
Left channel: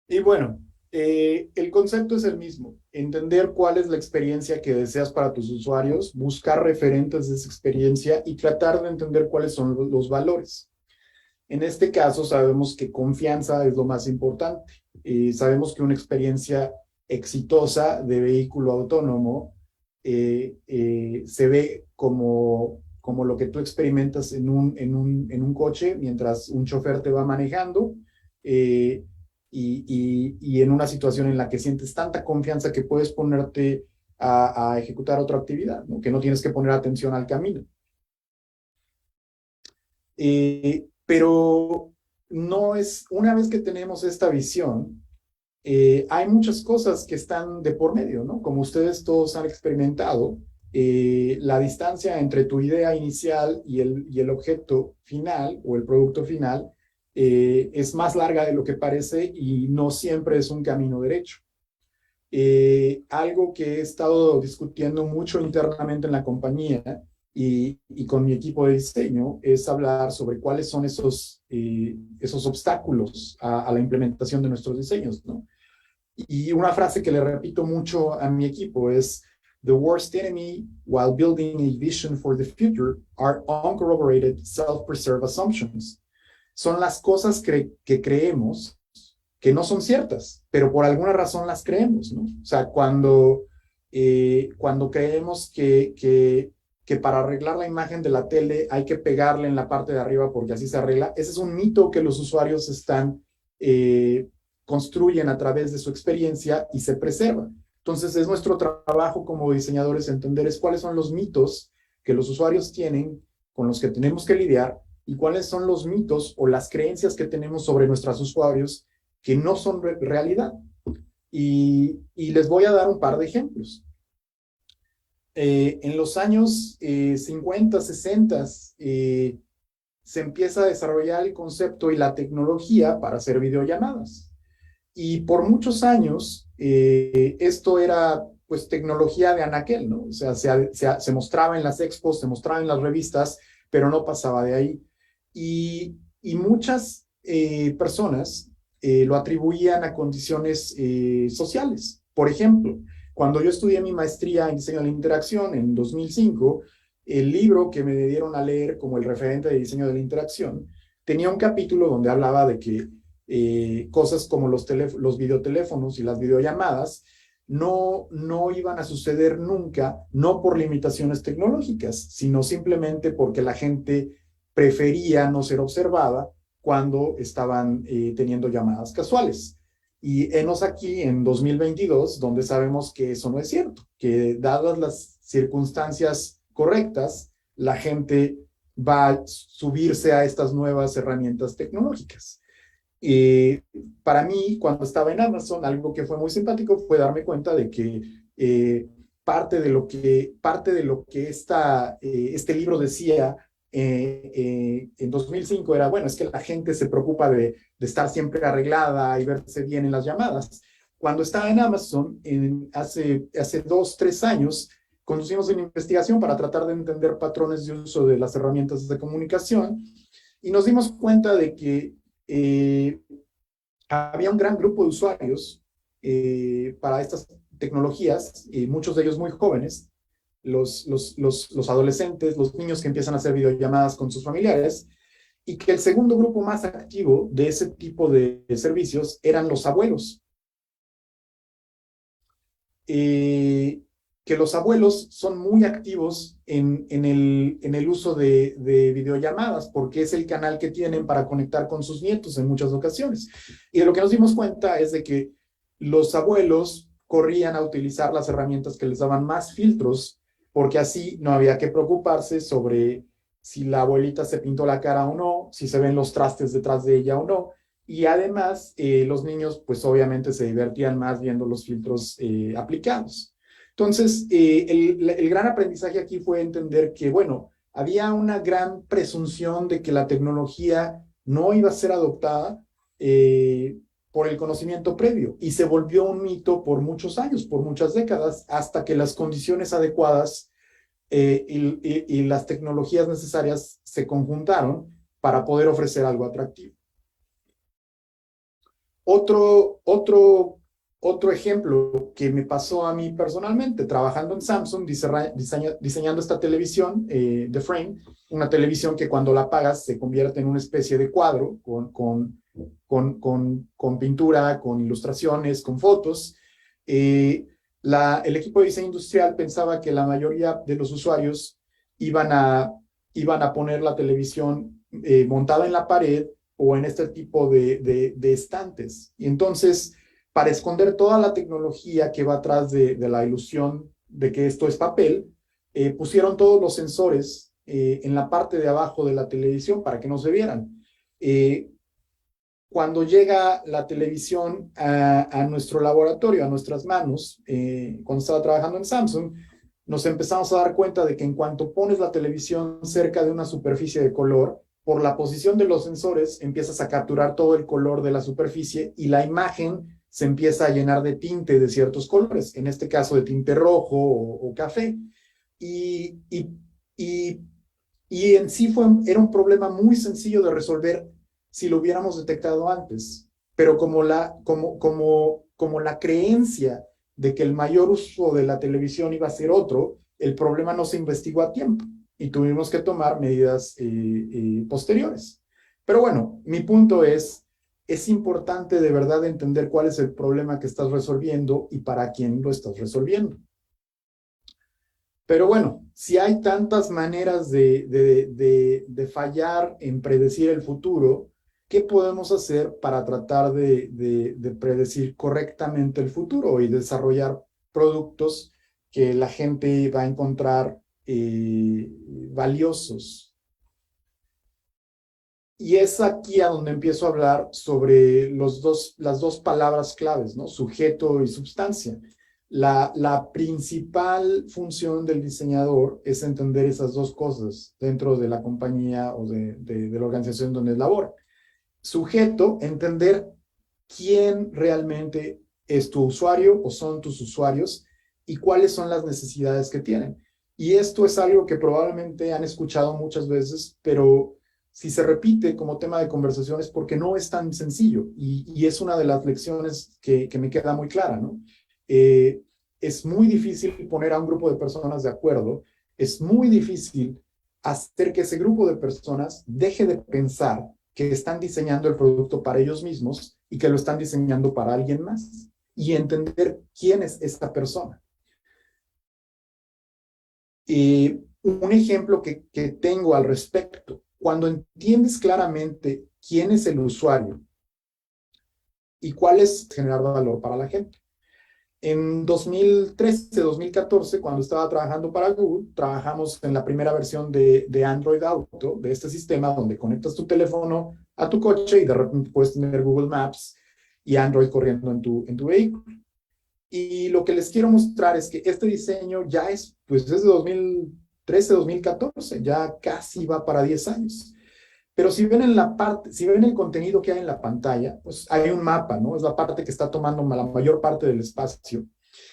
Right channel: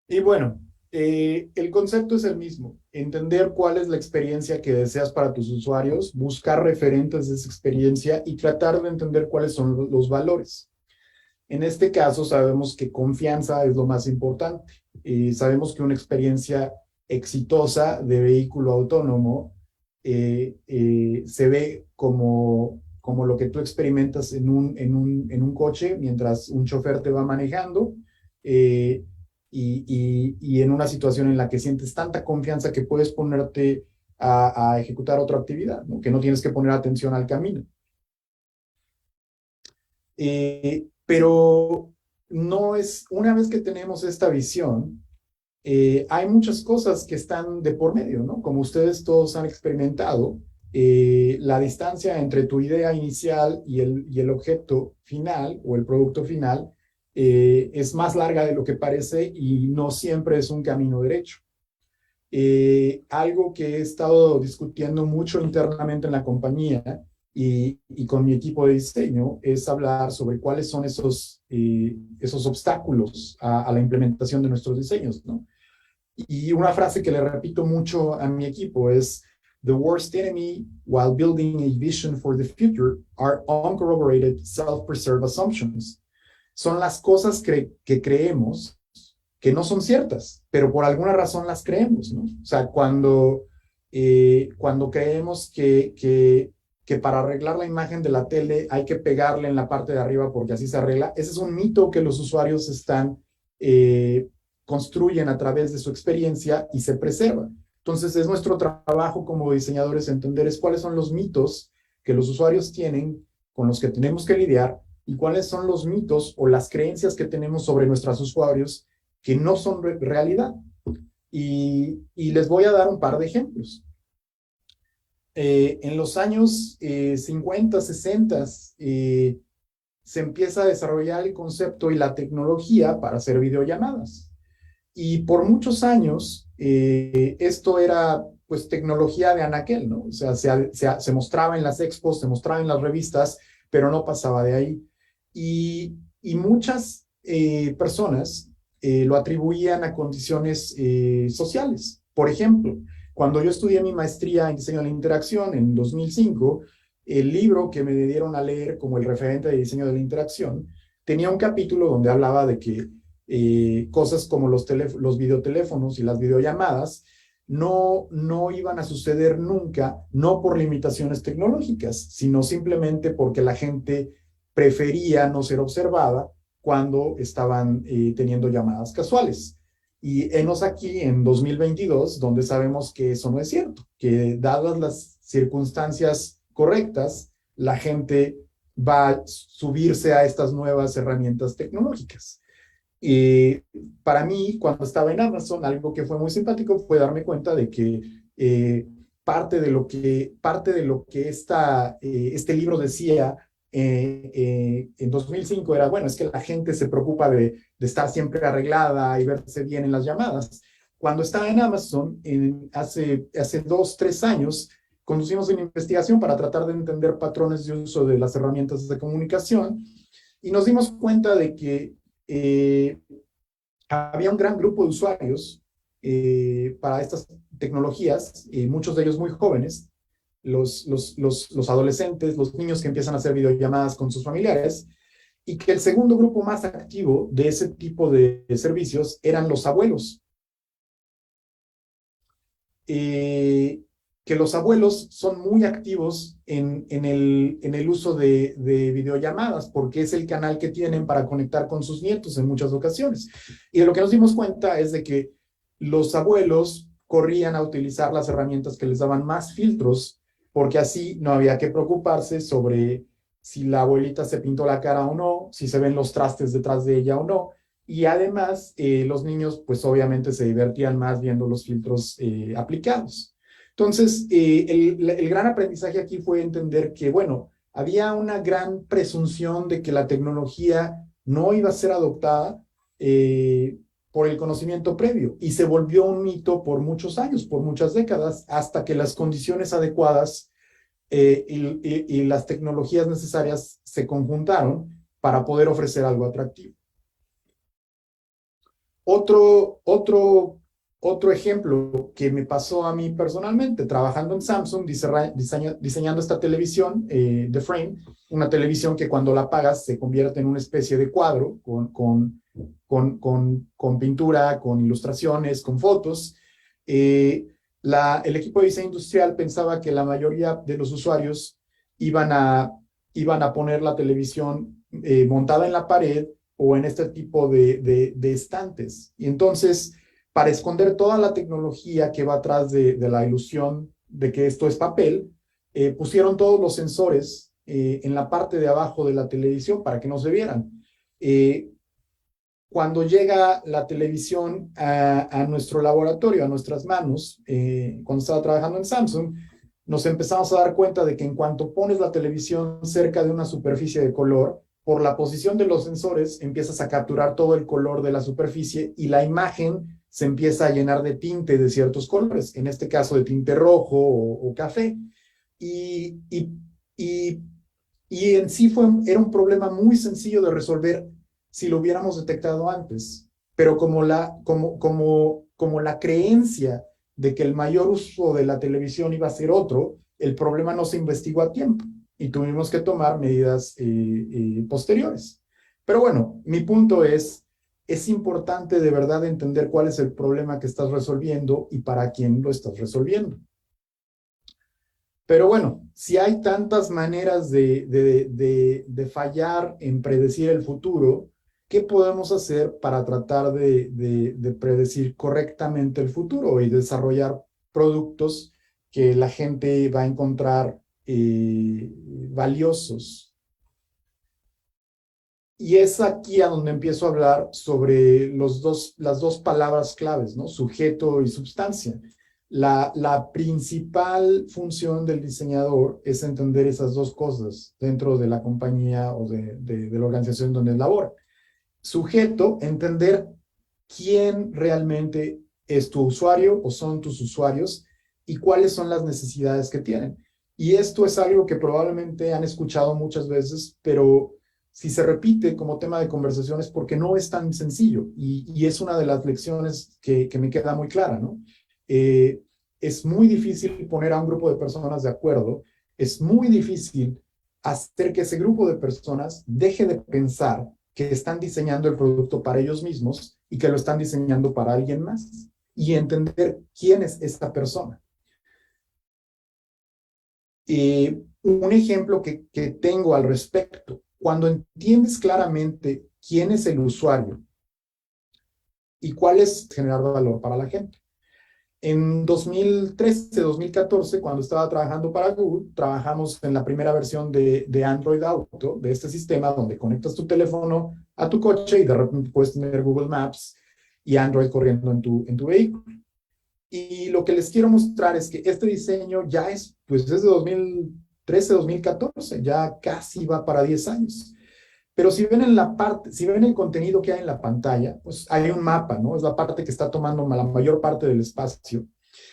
Y bueno, el concepto es el mismo. Entender cuál es la experiencia que deseas para tus usuarios, buscar referentes de esa experiencia y tratar de entender cuáles son los valores. En este caso, sabemos que confianza es lo más importante. Sabemos que una experiencia exitosa de vehículo autónomo se ve como lo que tú experimentas en un coche mientras un chofer te va manejando. Y en una situación en la que sientes tanta confianza que puedes ponerte a ejecutar otra actividad, ¿no? Que no tienes que poner atención al camino. Pero no es, una vez que tenemos esta visión, hay muchas cosas que están de por medio, ¿no? Como ustedes todos han experimentado, la distancia entre tu idea inicial y el objeto final o el producto final es más larga de lo que parece y no siempre es un camino derecho. Algo que he estado discutiendo mucho internamente en la compañía y con mi equipo de diseño es hablar sobre cuáles son esos obstáculos a la implementación de nuestros diseños, ¿no? Y una frase que le repito mucho a mi equipo es: "The worst enemy while building a vision for the future are uncorroborated self-preserved assumptions." Son las cosas que creemos que no son ciertas, pero por alguna razón las creemos, ¿no? O sea, cuando creemos que para arreglar la imagen de la tele hay que pegarle en la parte de arriba porque así se arregla, ese es un mito que los usuarios construyen a través de su experiencia y se preserva. Entonces, es nuestro trabajo como diseñadores entender cuáles son los mitos que los usuarios tienen con los que tenemos que lidiar y cuáles son los mitos o las creencias que tenemos sobre nuestros usuarios que no son realidad. Y les voy a dar un par de ejemplos. En los años 50, 60, se empieza a desarrollar el concepto y la tecnología para hacer videollamadas. Y por muchos años, esto era pues tecnología de anaquel, ¿no? O sea, se mostraba en las expos, se mostraba en las revistas, pero no pasaba de ahí. Y muchas personas lo atribuían a condiciones sociales. Por ejemplo, cuando yo estudié mi maestría en diseño de la interacción en 2005, el libro que me dieron a leer como el referente de diseño de la interacción tenía un capítulo donde hablaba de que cosas como los videoteléfonos y las videollamadas no iban a suceder nunca, no por limitaciones tecnológicas, sino simplemente porque la gente prefería no ser observada cuando estaban teniendo llamadas casuales. Y enos aquí en 2022, donde sabemos que eso no es cierto, que dadas las circunstancias correctas, la gente va a subirse a estas nuevas herramientas tecnológicas. Para mí, cuando estaba en Amazon, algo que fue muy simpático fue darme cuenta de que parte de lo que este libro decía en 2005 era, bueno, es que la gente se preocupa de estar siempre arreglada y verse bien en las llamadas. Cuando estaba en Amazon, hace 2, 3 años, conducimos una investigación para tratar de entender patrones de uso de las herramientas de comunicación y nos dimos cuenta de que había un gran grupo de usuarios para estas tecnologías, muchos de ellos muy jóvenes, los adolescentes, los niños que empiezan a hacer videollamadas con sus familiares, y que el segundo grupo más activo de ese tipo de servicios eran los abuelos. Que los abuelos son muy activos en el uso de videollamadas, porque es el canal que tienen para conectar con sus nietos en muchas ocasiones. Y de lo que nos dimos cuenta es de que los abuelos corrían a utilizar las herramientas que les daban más filtros, porque así no había que preocuparse sobre si la abuelita se pintó la cara o no, si se ven los trastes detrás de ella o no. Y además, los niños, pues obviamente se divertían más viendo los filtros aplicados. Entonces, el gran aprendizaje aquí fue entender que, bueno, había una gran presunción de que la tecnología no iba a ser adoptada por el conocimiento previo y se volvió un mito por muchos años, por muchas décadas, hasta que las condiciones adecuadas y las tecnologías necesarias se conjuntaron para poder ofrecer algo atractivo. Otro ejemplo que me pasó a mí personalmente, trabajando en Samsung, diseñando esta televisión, The Frame, una televisión que cuando la apagas se convierte en una especie de cuadro con pintura, con ilustraciones, con fotos. El equipo de diseño industrial pensaba que la mayoría de los usuarios iban a poner la televisión montada en la pared o en este tipo de estantes. Y entonces, para esconder toda la tecnología que va atrás de la ilusión de que esto es papel, pusieron todos los sensores en la parte de abajo de la televisión para que no se vieran. Cuando llega la televisión a nuestro laboratorio, a nuestras manos, cuando estaba trabajando en Samsung, nos empezamos a dar cuenta de que en cuanto pones la televisión cerca de una superficie de color, por la posición de los sensores empiezas a capturar todo el color de la superficie y la imagen se empieza a llenar de tinte de ciertos colores, en este caso de tinte rojo o café. Y en sí era un problema muy sencillo de resolver si lo hubiéramos detectado antes, pero como la creencia de que el mayor uso de la televisión iba a ser otro, el problema no se investigó a tiempo y tuvimos que tomar medidas posteriores. Pero bueno, mi punto es importante de verdad entender cuál es el problema que estás resolviendo y para quién lo estás resolviendo. Pero bueno, si hay tantas maneras de fallar en predecir el futuro, ¿qué podemos hacer para tratar de predecir correctamente el futuro y desarrollar productos que la gente va a encontrar valiosos Y es aquí a donde empiezo a hablar sobre las dos palabras claves, ¿no? Sujeto y substancia. La principal función del diseñador es entender esas dos cosas dentro de la compañía o de la organización donde labora. Sujeto, entender quién realmente es tu usuario o son tus usuarios y cuáles son las necesidades que tienen. Y esto es algo que probablemente han escuchado muchas veces, pero si se repite como tema de conversación es porque no es tan sencillo y es una de las lecciones que me queda muy clara, ¿no? Es muy difícil poner a un grupo de personas de acuerdo, es muy difícil hacer que ese grupo de personas deje de pensar que están diseñando el producto para ellos mismos y que lo están diseñando para alguien más y entender quién es esta persona. Un ejemplo que tengo al respecto, cuando entiendes claramente quién es el usuario y cuál es generar valor para la gente. En 2013, 2014, cuando estaba trabajando para Google, trabajamos en la primera versión de Android Auto, de este sistema donde conectas tu teléfono a tu coche y de repente puedes tener Google Maps y Android corriendo en tu vehículo. Y lo que les quiero mostrar es que este diseño ya es, pues desde 2013, 2014, ya casi va para 10 años. Pero si ven en la parte, si ven el contenido que hay en la pantalla, pues hay un mapa, ¿no? Es la parte que está tomando la mayor parte del espacio.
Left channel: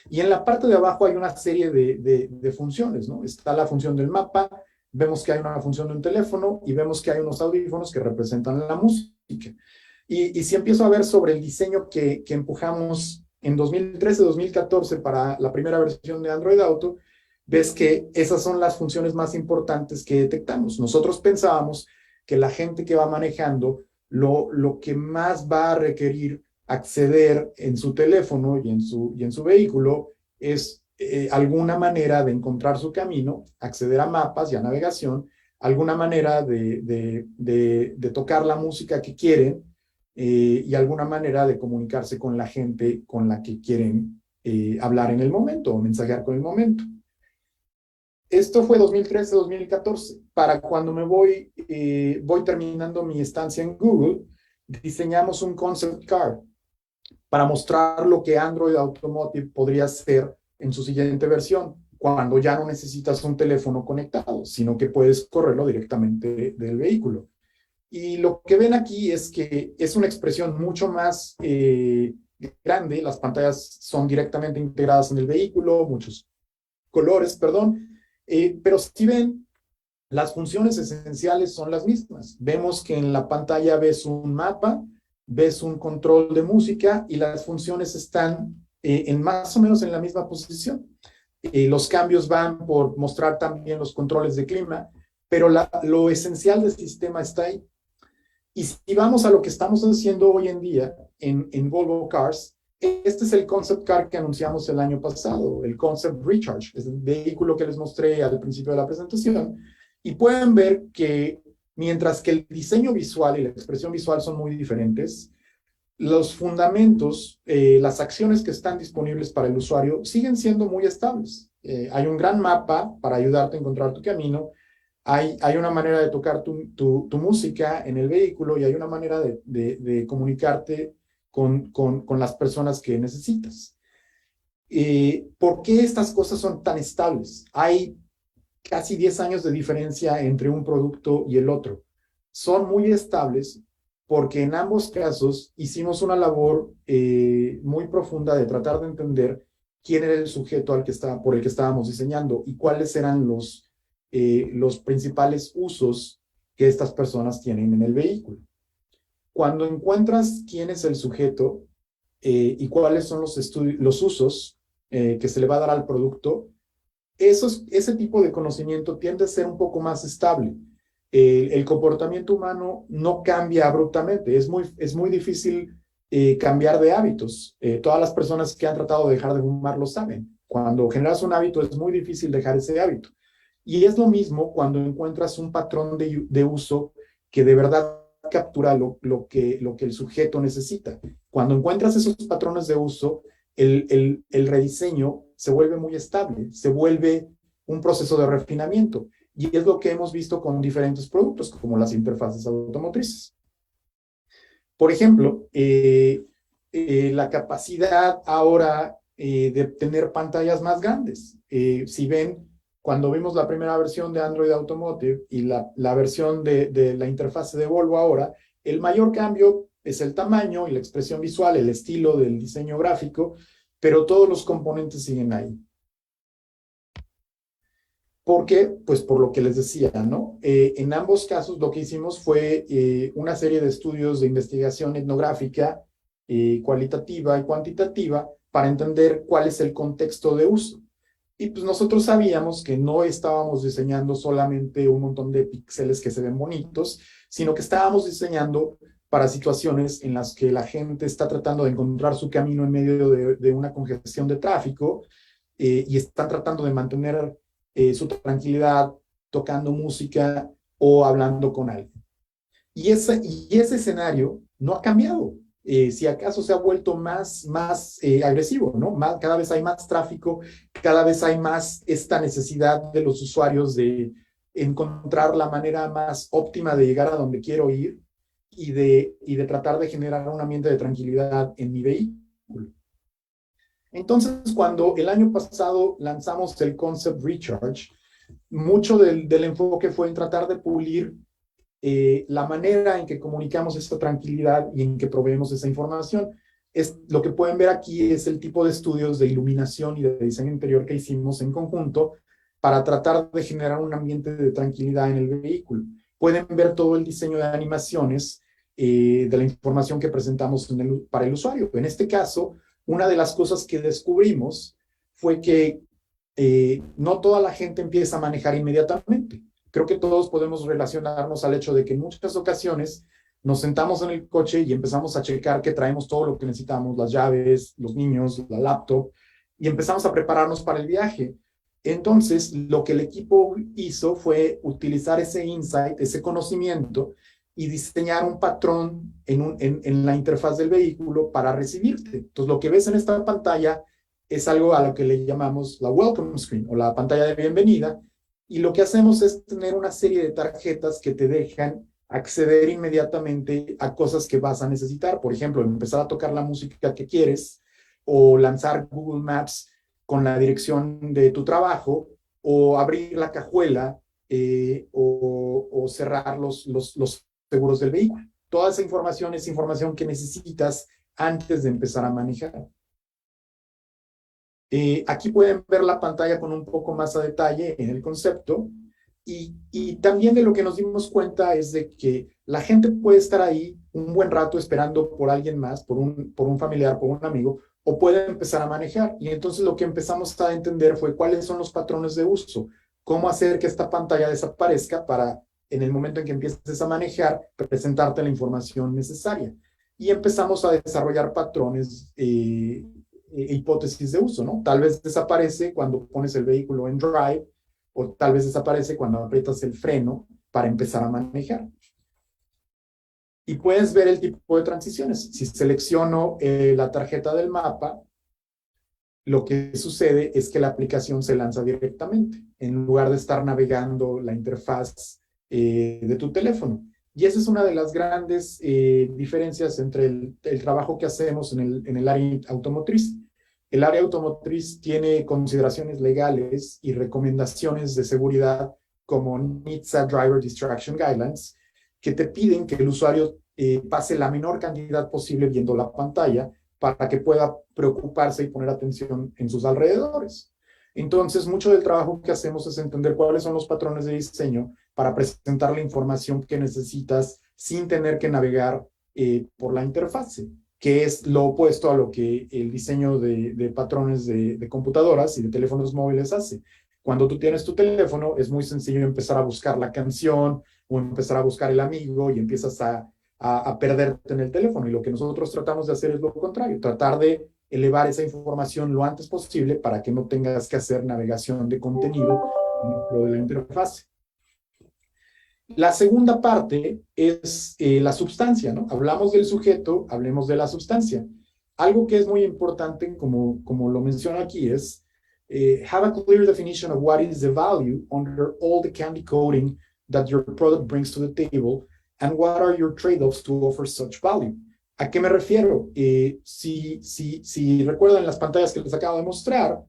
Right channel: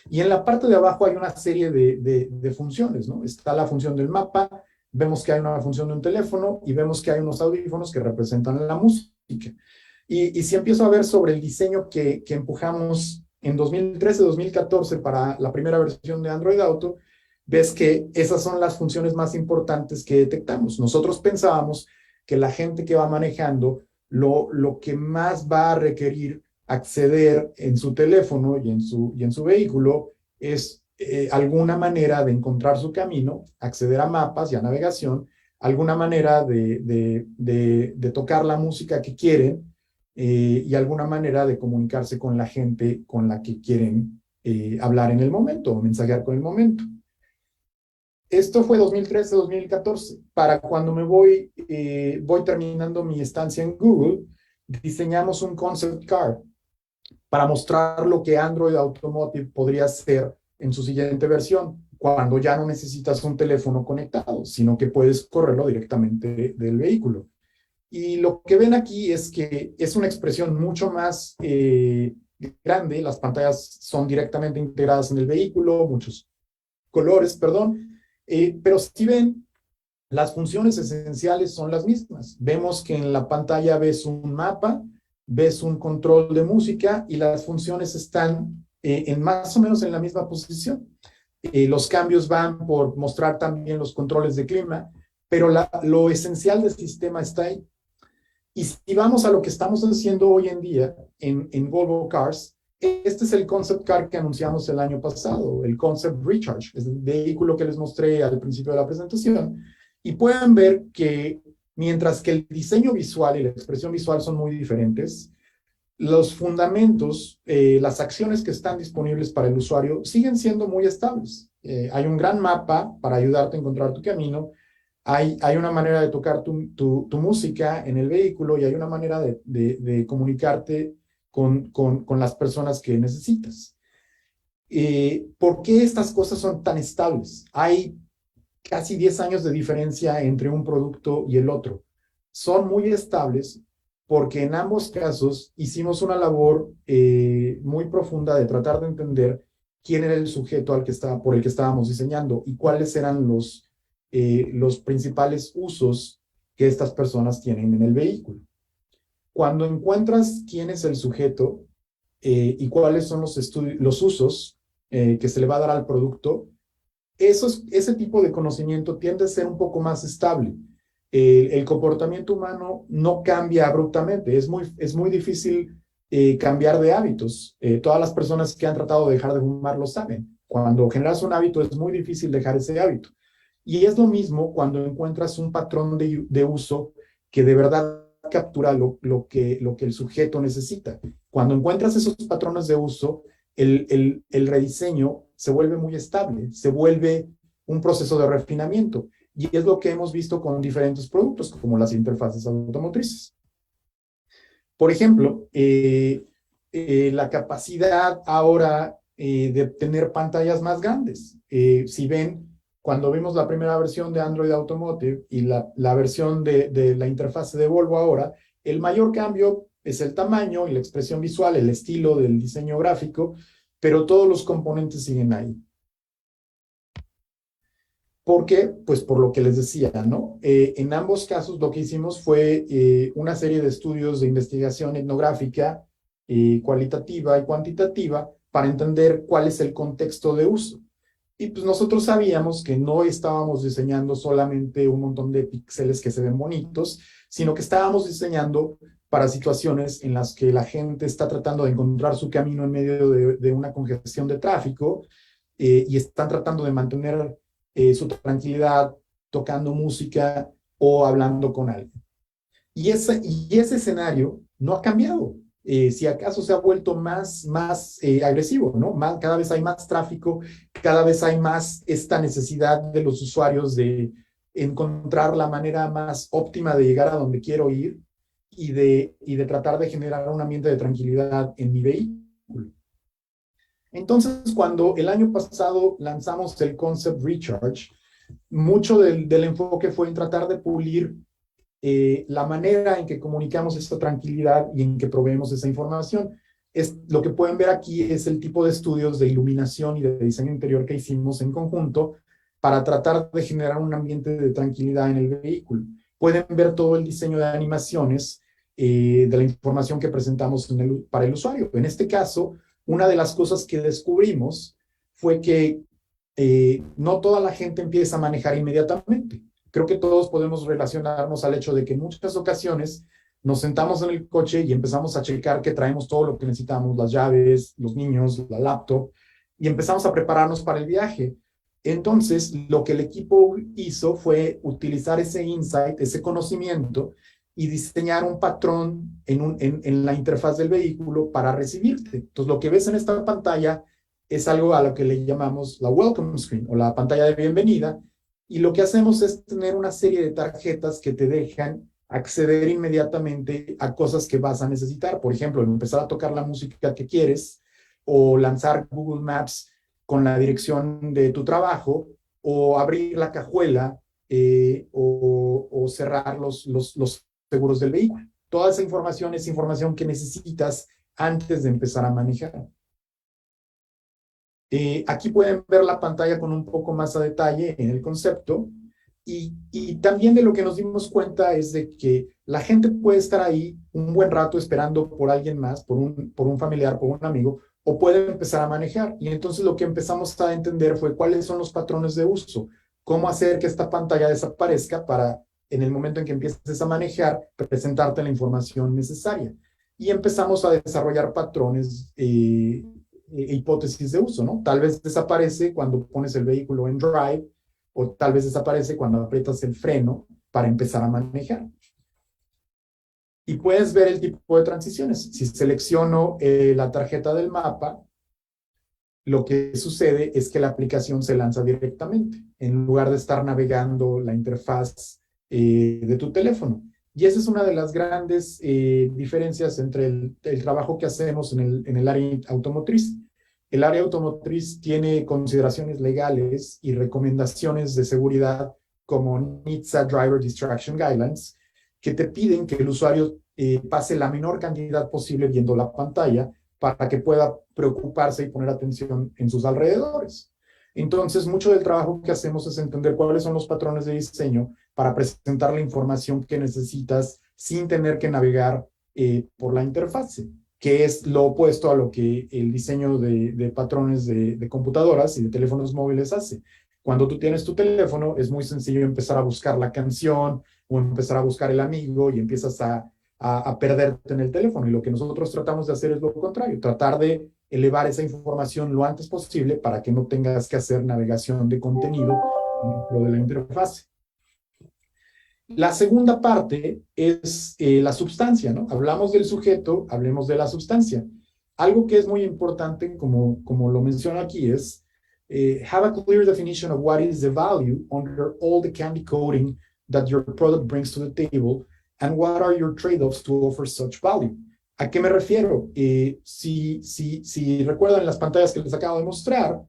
Y en la parte de abajo hay una serie de funciones, ¿no? Está la función del mapa, vemos que hay una función de un teléfono y vemos que hay unos audífonos que representan la música. Y si empiezo a ver sobre el diseño que empujamos en 2013-2014 para la primera versión de Android Auto, ves que esas son las funciones más importantes que detectamos. Nosotros pensábamos que la gente que va manejando, lo que más va a requerir acceder en su teléfono y en su vehículo es alguna manera de encontrar su camino, acceder a mapas y a navegación, alguna manera de tocar la música que quieren y alguna manera de comunicarse con la gente con la que quieren hablar en el momento o mensajear con el momento. Esto fue 2013-2014. Para cuando me voy terminando mi estancia en Google, diseñamos un concept car para mostrar lo que Android Automotive podría ser en su siguiente versión, cuando ya no necesitas un teléfono conectado, sino que puedes correrlo directamente del vehículo. Y lo que ven aquí es que es una expresión mucho más grande. Las pantallas son directamente integradas en el vehículo, muchos colores, perdón. Pero si ven, las funciones esenciales son las mismas. Vemos que en la pantalla ves un mapa, ves un control de música y las funciones están en más o menos en la misma posición. Los cambios van por mostrar también los controles de clima, pero lo esencial del sistema está ahí. Y si vamos a lo que estamos haciendo hoy en día en Volvo Cars, este es el concept car que anunciamos el año pasado, el Concept Recharge, es el vehículo que les mostré al principio de la presentación. Y pueden ver que mientras que el diseño visual y la expresión visual son muy diferentes, los fundamentos, las acciones que están disponibles para el usuario siguen siendo muy estables. Hay un gran mapa para ayudarte a encontrar tu camino. Hay una manera de tocar tu música en el vehículo y hay una manera de comunicarte con las personas que necesitas. ¿Por qué estas cosas son tan estables? Hay casi 10 años de diferencia entre un producto y el otro. Son muy estables porque en ambos casos hicimos una labor muy profunda de tratar de entender quién era el sujeto por el que estábamos diseñando y cuáles eran los principales usos que estas personas tienen en el vehículo. Cuando encuentras quién es el sujeto y cuáles son los usos que se le va a dar al producto, ese tipo de conocimiento tiende a ser un poco más estable. El comportamiento humano no cambia abruptamente, es muy difícil cambiar de hábitos. Todas las personas que han tratado de dejar de fumar lo saben. Cuando generas un hábito es muy difícil dejar ese hábito. Y es lo mismo cuando encuentras un patrón de uso que de verdad captura lo que el sujeto necesita. Cuando encuentras esos patrones de uso, el rediseño se vuelve muy estable, se vuelve un proceso de refinamiento. y es lo que hemos visto con diferentes productos, como las interfaces automotrices. Por ejemplo, la capacidad ahora de tener pantallas más grandes. Si ven, cuando vimos la primera versión de Android Automotive y la versión de la interfase de Volvo ahora, el mayor cambio es el tamaño y la expresión visual, el estilo del diseño gráfico, pero todos los componentes siguen ahí. ¿Por qué? Pues por lo que les decía, ¿no? En ambos casos lo que hicimos fue una serie de estudios de investigación etnográfica, cualitativa y cuantitativa, para entender cuál es el contexto de uso. Y pues nosotros sabíamos que no estábamos diseñando solamente un montón de píxeles que se ven bonitos, sino que estábamos diseñando para situaciones en las que la gente está tratando de encontrar su camino en medio de una congestión de tráfico y están tratando de mantener su tranquilidad tocando música o hablando con alguien. Y ese escenario no ha cambiado. Si acaso se ha vuelto más agresivo, ¿no? Cada vez hay más tráfico, cada vez hay más esta necesidad de los usuarios de encontrar la manera más óptima de llegar a donde quiero ir y de tratar de generar un ambiente de tranquilidad en mi vehículo. Entonces, cuando el año pasado lanzamos el Concept Recharge, mucho del enfoque fue en tratar de pulir la manera en que comunicamos esta tranquilidad y en que proveemos esa información. Lo que pueden ver aquí es el tipo de estudios de iluminación y de diseño interior que hicimos en conjunto para tratar de generar un ambiente de tranquilidad en el vehículo. Pueden ver todo el diseño de animaciones de la información que presentamos para el usuario. En este caso, una de las cosas que descubrimos fue que no toda la gente empieza a manejar inmediatamente. Creo que todos podemos relacionarnos al hecho de que en muchas ocasiones nos sentamos en el coche y empezamos a checar que traemos todo lo que necesitamos, las llaves, los niños, la laptop, y empezamos a prepararnos para el viaje. Entonces, lo que el equipo hizo fue utilizar ese insight, ese conocimiento, y diseñar un patrón en la interfaz del vehículo para recibirte. Entonces, lo que ves en esta pantalla es algo a lo que le llamamos la welcome screen o la pantalla de bienvenida, y lo que hacemos es tener una serie de tarjetas que te dejan acceder inmediatamente a cosas que vas a necesitar. Por ejemplo, empezar a tocar la música que quieres o lanzar Google Maps con la dirección de tu trabajo o abrir la cajuela o cerrar los seguros del vehículo. Toda esa información es información que necesitas antes de empezar a manejar. Aquí pueden ver la pantalla con un poco más a detalle en el concepto y también de lo que nos dimos cuenta es de que la gente puede estar ahí un buen rato esperando por alguien más, por un familiar, por un amigo, o puede empezar a manejar. Y entonces lo que empezamos a entender fue cuáles son los patrones de uso, cómo hacer que esta pantalla desaparezca para en el momento en que empieces a manejar, presentarte la información necesaria. Y empezamos a desarrollar patrones hipótesis de uso, ¿no? Tal vez desaparece cuando pones el vehículo en drive o tal vez desaparece cuando aprietas el freno para empezar a manejar. Y puedes ver el tipo de transiciones. Si selecciono la tarjeta del mapa, lo que sucede es que la aplicación se lanza directamente en lugar de estar navegando la interfaz de tu teléfono. Y esa es una de las grandes diferencias entre el trabajo que hacemos en el área automotriz. El área automotriz tiene consideraciones legales y recomendaciones de seguridad como NHTSA Driver Distraction Guidelines, que te piden que el usuario pase la menor cantidad posible viendo la pantalla para que pueda preocuparse y poner atención en sus alrededores. Entonces, mucho del trabajo que hacemos es entender cuáles son los patrones de diseño para presentar la información que necesitas sin tener que navegar por la interfase, que es lo opuesto a lo que el diseño de patrones de computadoras y de teléfonos móviles hace. Cuando tú tienes tu teléfono, es muy sencillo empezar a buscar la canción o empezar a buscar el amigo y empiezas a perderte en el teléfono. Y lo que nosotros tratamos de hacer es lo contrario, tratar de elevar esa información lo antes posible para que no tengas que hacer navegación de contenido dentro de la interfase. La segunda parte es la sustancia, ¿no? Hablamos del sujeto, hablemos de la sustancia. Algo que es muy importante, como lo menciono aquí, es have a clear definition of what is the value under all the candy coating that your product brings to the table, and what are your trade-offs to offer such value. ¿A qué me refiero? Si recuerdan las pantallas que les acabo de mostrar,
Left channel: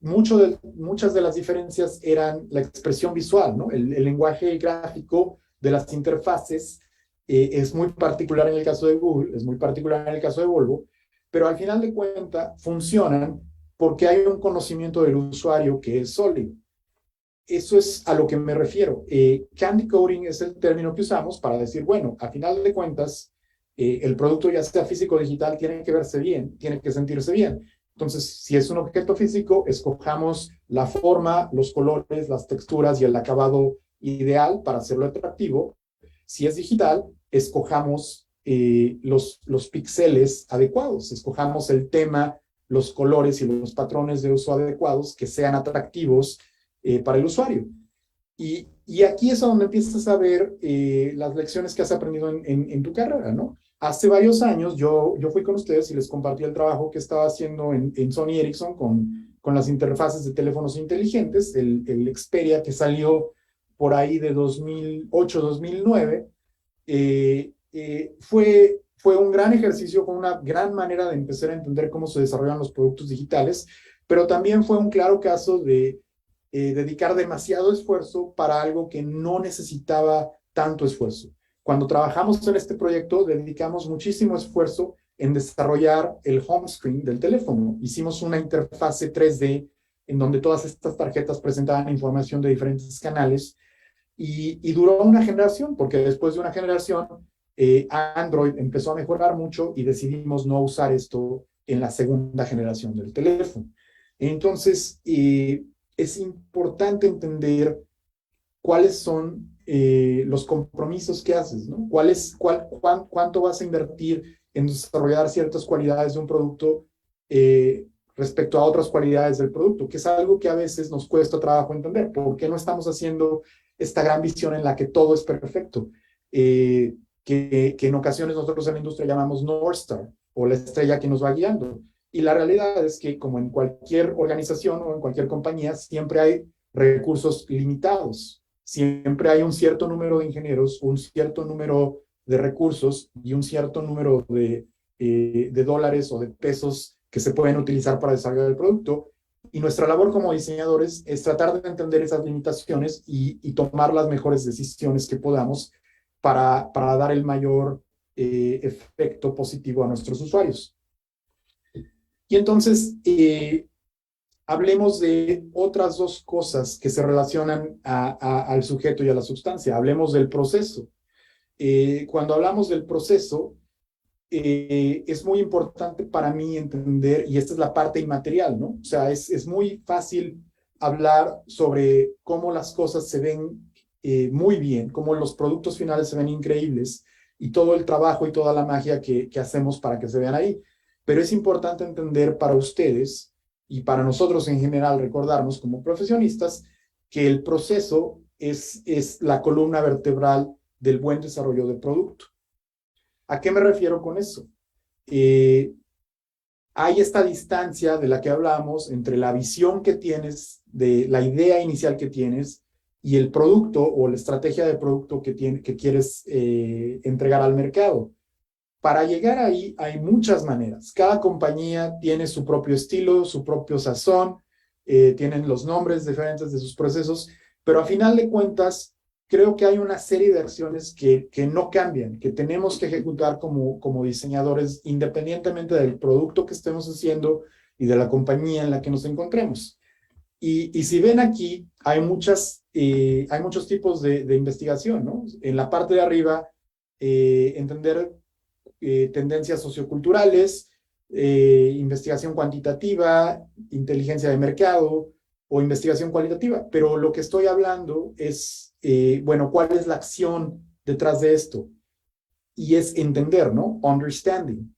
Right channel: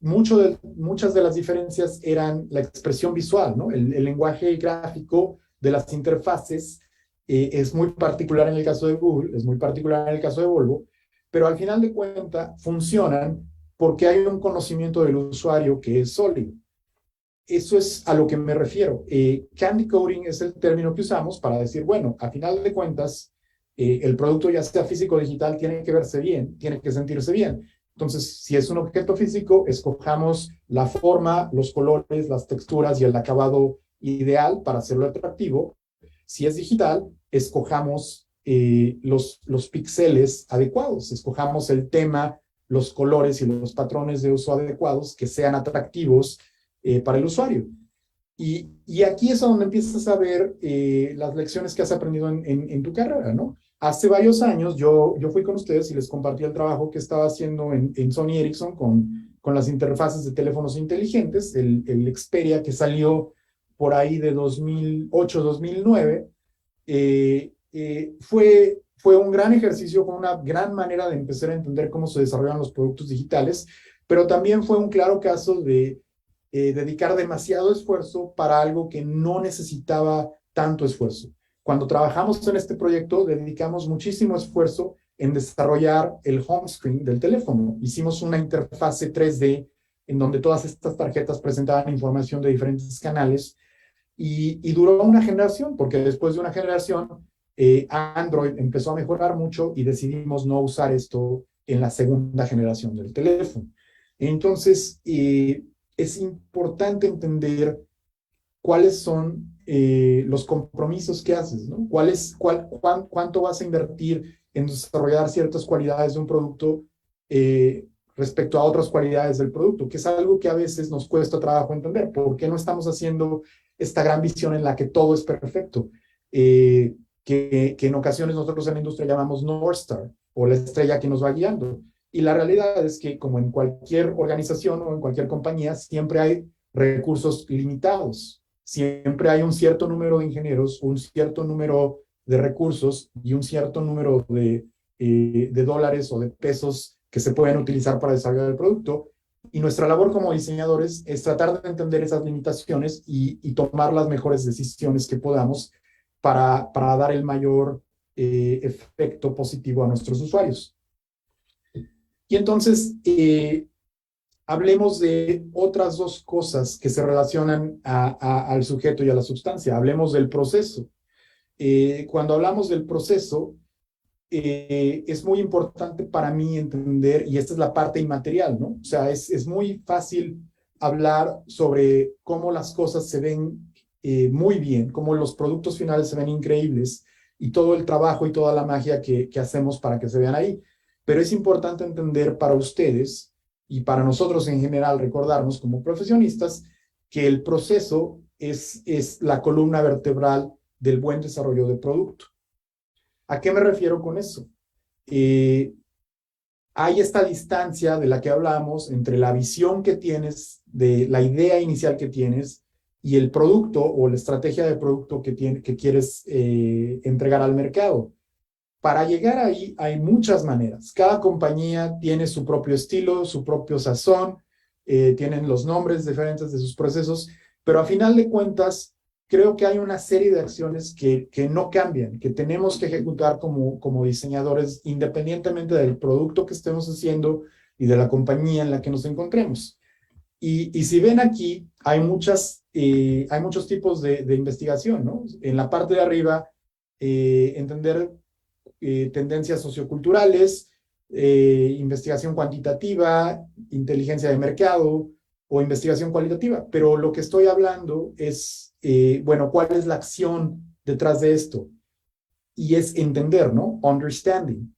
muchas de las diferencias eran la expresión visual, ¿no? El lenguaje gráfico de las interfaces es muy particular en el caso de Google, es muy particular en el caso de Volvo, pero al final de cuentas funcionan porque hay un conocimiento del usuario que es sólido. Eso es a lo que me refiero. Candy coating es el término que usamos para decir, bueno, a final de cuentas, el producto, ya sea físico o digital, tiene que verse bien, tiene que sentirse bien. Entonces, si es un objeto físico, escojamos la forma, los colores, las texturas y el acabado ideal para hacerlo atractivo. Si es digital, escojamos los píxeles adecuados, escojamos el tema, los colores y los patrones de uso adecuados que sean atractivos para el usuario. Y aquí es donde empiezas a ver las lecciones que has aprendido en tu carrera, ¿no? Hace varios años yo fui con ustedes y les compartí el trabajo que estaba haciendo en Sony Ericsson con las interfaces de teléfonos inteligentes, el Xperia que salió por ahí de 2008-2009. Fue un gran ejercicio, fue una gran manera de empezar a entender cómo se desarrollan los productos digitales, pero también fue un claro caso de dedicar demasiado esfuerzo para algo que no necesitaba tanto esfuerzo. Cuando trabajamos en este proyecto, dedicamos muchísimo esfuerzo en desarrollar el home screen del teléfono. Hicimos una interfase 3D en donde todas estas tarjetas presentaban información de diferentes canales y duró una generación, porque después de una generación Android empezó a mejorar mucho y decidimos no usar esto en la segunda generación del teléfono. Entonces, es importante entender cuáles son los compromisos que haces, ¿no? ¿Cuánto vas a invertir en desarrollar ciertas cualidades de un producto respecto a otras cualidades del producto, que es algo que a veces nos cuesta trabajo entender? ¿Por qué no estamos haciendo esta gran visión en la que todo es perfecto? Que en ocasiones nosotros en la industria llamamos North Star, o la estrella que nos va guiando. Y la realidad es que, como en cualquier organización o en cualquier compañía, siempre hay recursos limitados. Siempre hay un cierto número de ingenieros, un cierto número de recursos y un cierto número de dólares o de pesos que se pueden utilizar para desarrollar el producto. Y nuestra labor como diseñadores es tratar de entender esas limitaciones y tomar las mejores decisiones que podamos para dar el mayor efecto positivo a nuestros usuarios. Y entonces, hablemos de otras dos cosas que se relacionan al sujeto y a la sustancia. Hablemos del proceso. Cuando hablamos del proceso, es muy importante para mí entender, y esta es la parte inmaterial, ¿no? O sea, es muy fácil hablar sobre cómo las cosas se ven muy bien, cómo los productos finales se ven increíbles, y todo el trabajo y toda la magia que hacemos para que se vean ahí. Pero es importante entender para ustedes y para nosotros en general, recordarnos como profesionistas que el proceso es la columna vertebral del buen desarrollo de producto. ¿A qué me refiero con eso? Hay esta distancia de la que hablamos entre la visión que tienes, de la idea inicial que tienes, y el producto o la estrategia de producto que quieres entregar al mercado. Para llegar ahí hay muchas maneras. Cada compañía tiene su propio estilo, su propio sazón, tienen los nombres diferentes de sus procesos, pero a final de cuentas, creo que hay una serie de acciones que no cambian, que tenemos que ejecutar como diseñadores, independientemente del producto que estemos haciendo y de la compañía en la que nos encontremos. Y si ven aquí, hay muchos tipos de investigación, ¿no? En la parte de arriba, entender tendencias socioculturales, investigación cuantitativa, inteligencia de mercado o investigación cualitativa. Pero lo que estoy hablando es, bueno, ¿cuál es la acción detrás de esto? Y es entender, ¿no? Understanding.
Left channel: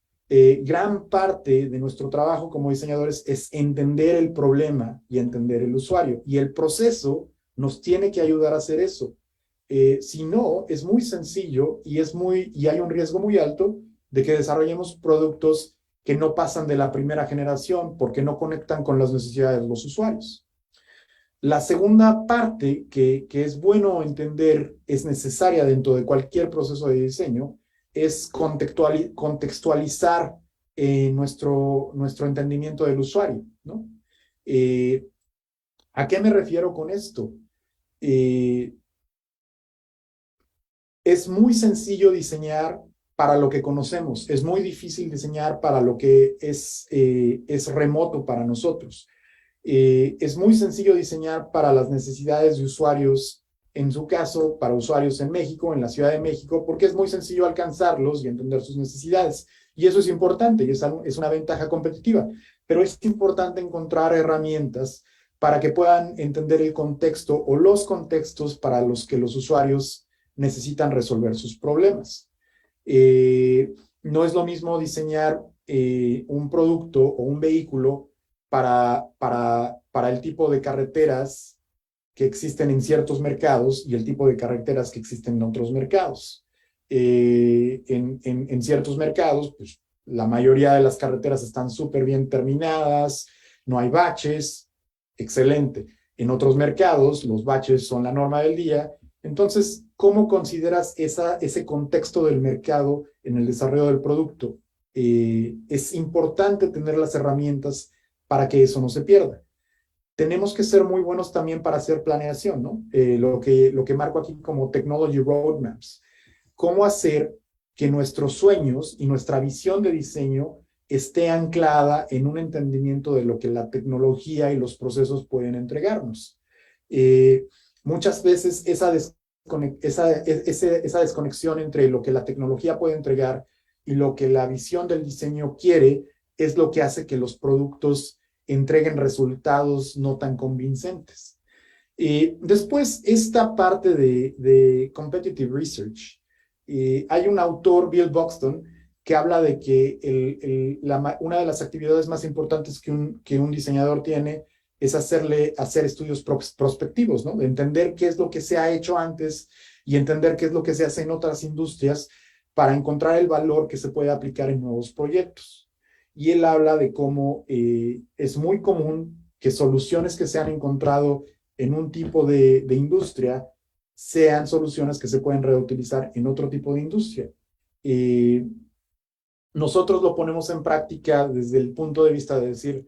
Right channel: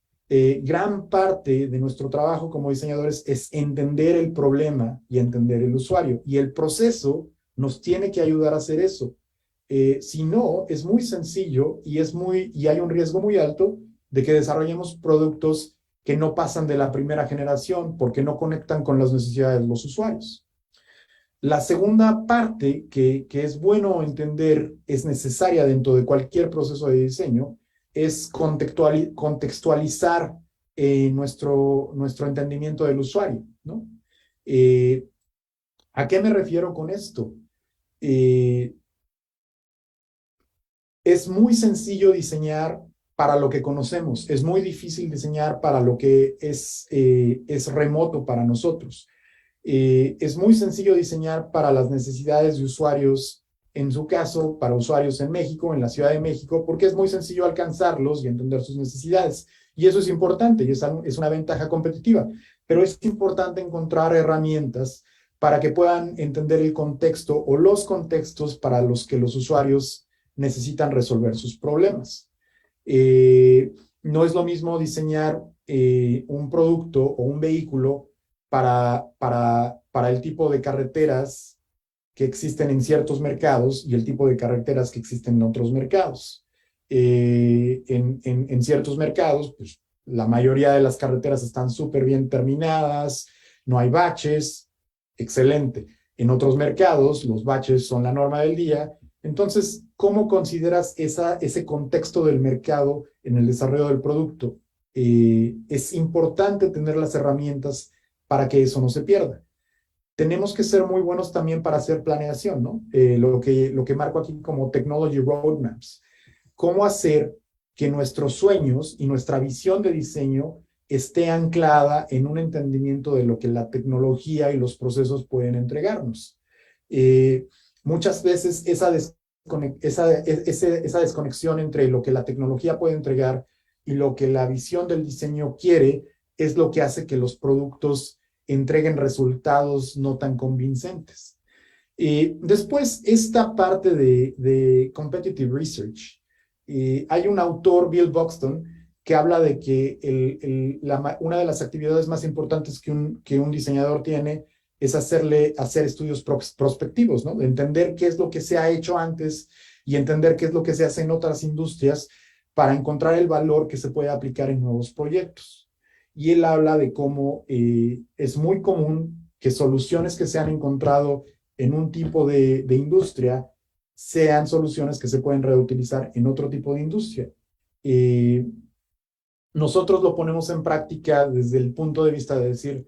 Gran parte de nuestro trabajo como diseñadores es entender el problema y entender el usuario. Y el proceso nos tiene que ayudar a hacer eso. Si no, es muy sencillo y hay un riesgo muy alto de que desarrollemos productos que no pasan de la primera generación porque no conectan con las necesidades de los usuarios. La segunda parte que es bueno entender, es necesaria dentro de cualquier proceso de diseño, es contextualizar nuestro entendimiento del usuario, ¿no? ¿A qué me refiero con esto? Es muy sencillo diseñar para lo que conocemos, es muy difícil diseñar para lo que es remoto para nosotros. Es muy sencillo diseñar para las necesidades de usuarios, en su caso, para usuarios en México, en la Ciudad de México, porque es muy sencillo alcanzarlos y entender sus necesidades. Y eso es importante y es una ventaja competitiva, pero es importante encontrar herramientas para que puedan entender el contexto o los contextos para los que los usuarios necesitan resolver sus problemas. No es lo mismo diseñar un producto o un vehículo para el tipo de carreteras que existen en ciertos mercados y el tipo de carreteras que existen en otros mercados. En ciertos mercados, pues, la mayoría de las carreteras están súper bien terminadas, no hay baches, excelente. En otros mercados, los baches son la norma del día. Entonces, ¿cómo consideras ese contexto del mercado en el desarrollo del producto? Es importante tener las herramientas para que eso no se pierda. Tenemos que ser muy buenos también para hacer planeación, ¿no? Lo que marco aquí como technology roadmaps. ¿Cómo hacer que nuestros sueños y nuestra visión de diseño esté anclada en un entendimiento de lo que la tecnología y los procesos pueden entregarnos? Muchas veces esa desconexión entre lo que la tecnología puede entregar y lo que la visión del diseño quiere es lo que hace que los productos entreguen resultados no tan convincentes. Después, esta parte de competitive research. Hay un autor, Bill Buxton, que habla de que una de las actividades más importantes que un diseñador tiene es hacer estudios prospectivos, ¿no? De entender qué es lo que se ha hecho antes y entender qué es lo que se hace en otras industrias para encontrar el valor que se puede aplicar en nuevos proyectos. Y él habla de cómo es muy común que soluciones que se han encontrado en un tipo de industria sean soluciones que se pueden reutilizar en otro tipo de industria. Nosotros lo ponemos en práctica desde el punto de vista de decir,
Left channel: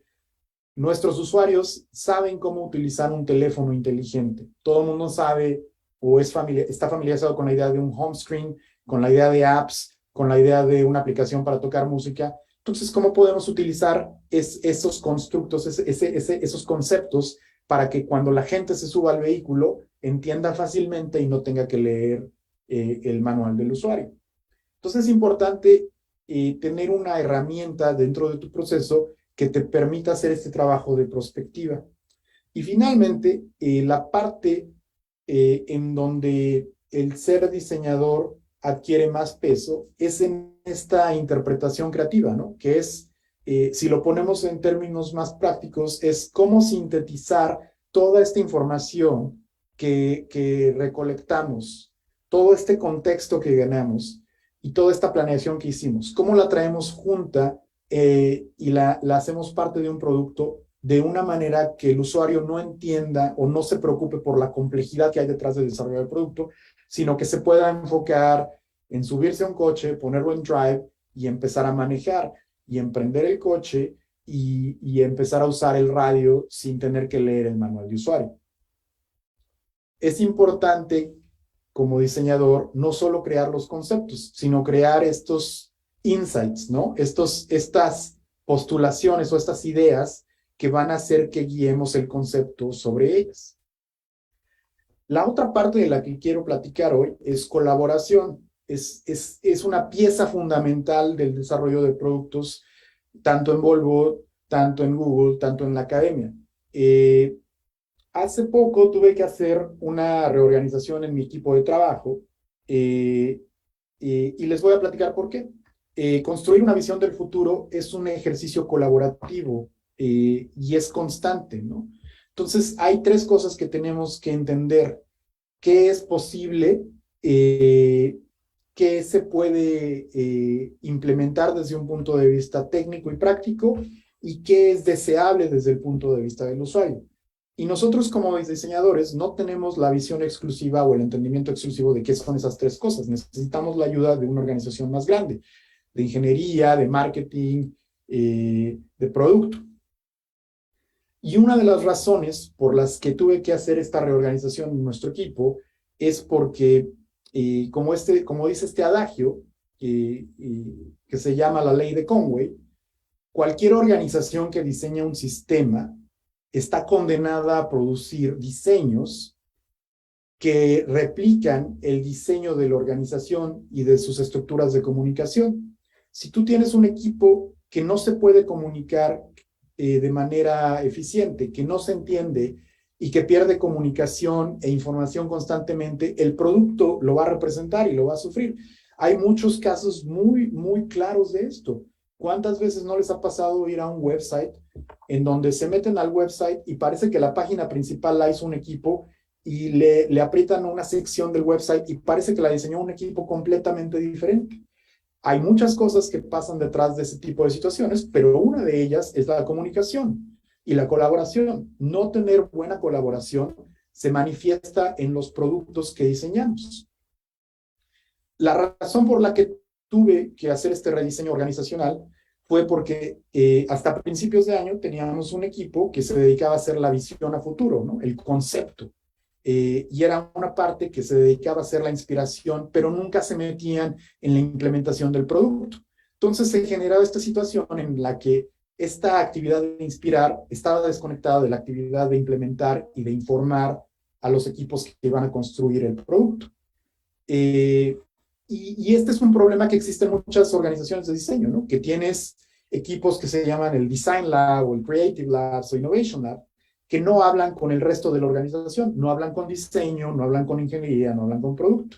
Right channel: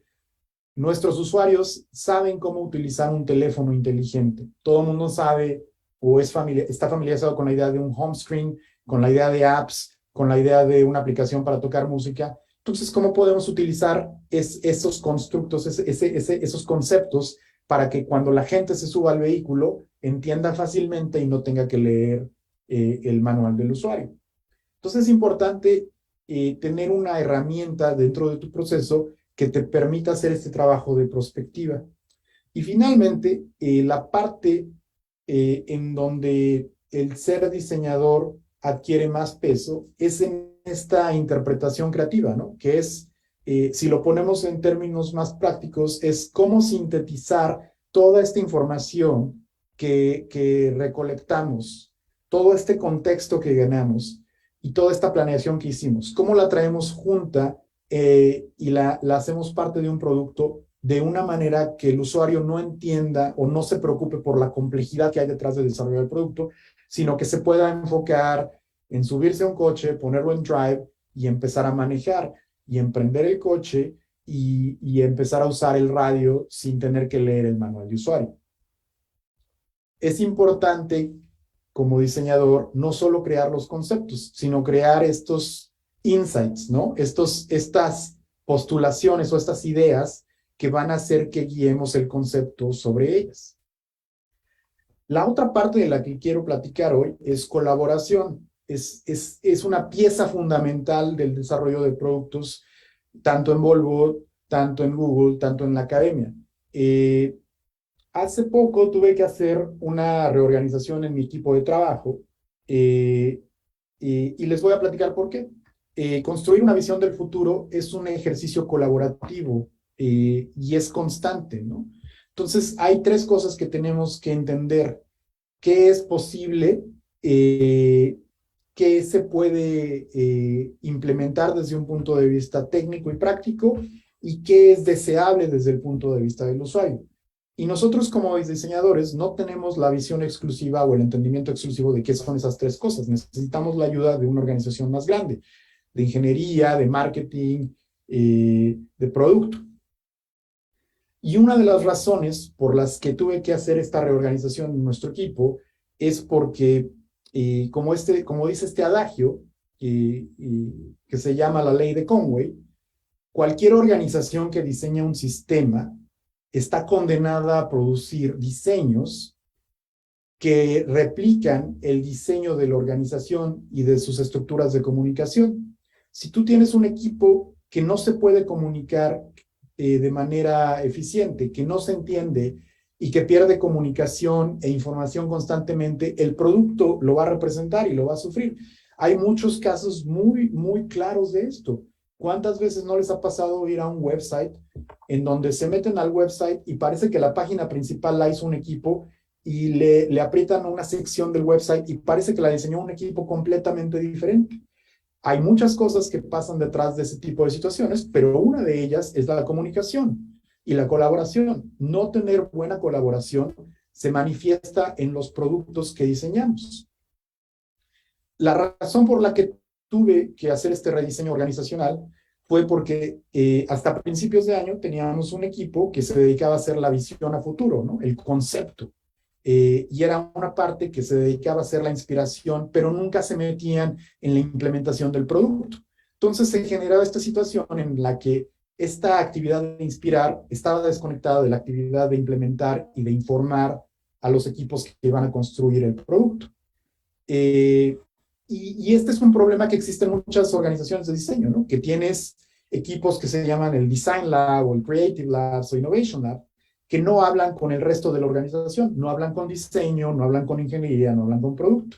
nuestros usuarios saben cómo utilizar un teléfono inteligente. Todo el mundo sabe o está familiarizado con la idea de un home screen, con la idea de apps, con la idea de una aplicación para tocar música. Entonces, ¿cómo podemos utilizar esos constructos, esos conceptos para que cuando la gente se suba al vehículo entienda fácilmente y no tenga que leer el manual del usuario? Entonces, es importante tener una herramienta dentro de tu proceso que te permita hacer este trabajo de prospectiva. Y finalmente, la parte en donde el ser diseñador adquiere más peso es en esta interpretación creativa, ¿no? Que es, si lo ponemos en términos más prácticos, es cómo sintetizar toda esta información que recolectamos, todo este contexto que ganamos y toda esta planeación que hicimos, cómo la traemos junta y la hacemos parte de un producto de una manera que el usuario no entienda o no se preocupe por la complejidad que hay detrás del desarrollo del producto, sino que se pueda enfocar en subirse a un coche, ponerlo en drive y empezar a manejar y emprender el coche y empezar a usar el radio sin tener que leer el manual de usuario. Es importante como diseñador no solo crear los conceptos, sino crear estos insights, ¿no? Estas postulaciones o estas ideas que van a hacer que guiemos el concepto sobre ellas. La otra parte de la que quiero platicar hoy es colaboración. Es una pieza fundamental del desarrollo de productos, tanto en Volvo, tanto en Google, tanto en la academia. Hace poco tuve que hacer una reorganización en mi equipo de trabajo y les voy a platicar por qué. Construir una visión del futuro es un ejercicio colaborativo y es constante, ¿no? Entonces, hay tres cosas que tenemos que entender. ¿Qué es posible qué se puede implementar desde un punto de vista técnico y práctico y qué es deseable desde el punto de vista del usuario. Y nosotros como diseñadores no tenemos la visión exclusiva o el entendimiento exclusivo de qué son esas tres cosas. Necesitamos la ayuda de una organización más grande, de ingeniería, de marketing, de producto. Y una de las razones por las que tuve que hacer esta reorganización en nuestro equipo es porque, como dice este adagio, que se llama la ley de Conway, cualquier organización que diseña un sistema está condenada a producir diseños que replican el diseño de la organización y de sus estructuras de comunicación. Si tú tienes un equipo que no se puede comunicar de manera eficiente, que no se entiende y que pierde comunicación e información constantemente, el producto lo va a representar y lo va a sufrir. Hay muchos casos muy, muy claros de esto. ¿Cuántas veces no les ha pasado ir a un website en donde se meten al website y parece que la página principal la hizo un equipo y le aprietan una sección del website y parece que la diseñó un equipo completamente diferente? Hay muchas cosas que pasan detrás de ese tipo de situaciones, pero una de ellas es la comunicación y la colaboración. No tener buena colaboración se manifiesta en los productos que diseñamos. La razón por la que tuve que hacer este rediseño organizacional fue porque hasta principios de año teníamos un equipo que se dedicaba a hacer la visión a futuro, ¿no? El concepto. Y era una parte que se dedicaba a hacer la inspiración, pero nunca se metían en la implementación del producto. Entonces se generaba esta situación en la que esta actividad de inspirar estaba desconectada de la actividad de implementar y de informar a los equipos que iban a construir el producto. Y este es un problema que existe en muchas organizaciones de diseño, ¿no? Que tienes equipos que se llaman el Design Lab o el Creative Labs o Innovation Lab, que no hablan con el resto de la organización, no hablan con diseño, no hablan con ingeniería, no hablan con producto.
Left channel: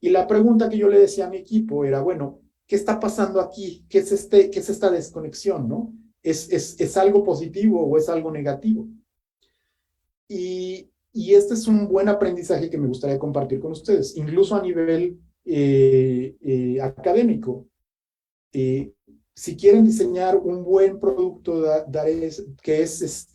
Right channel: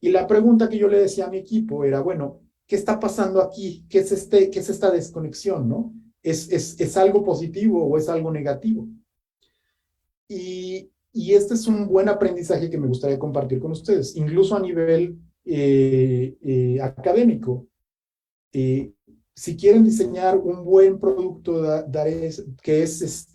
Y la pregunta que yo le decía a mi equipo era, bueno, ¿qué está pasando aquí? ¿Qué es esta desconexión, no? ¿Es algo positivo o es algo negativo? Y este es un buen aprendizaje que me gustaría compartir con ustedes, incluso a nivel académico. Si quieren diseñar un buen producto que es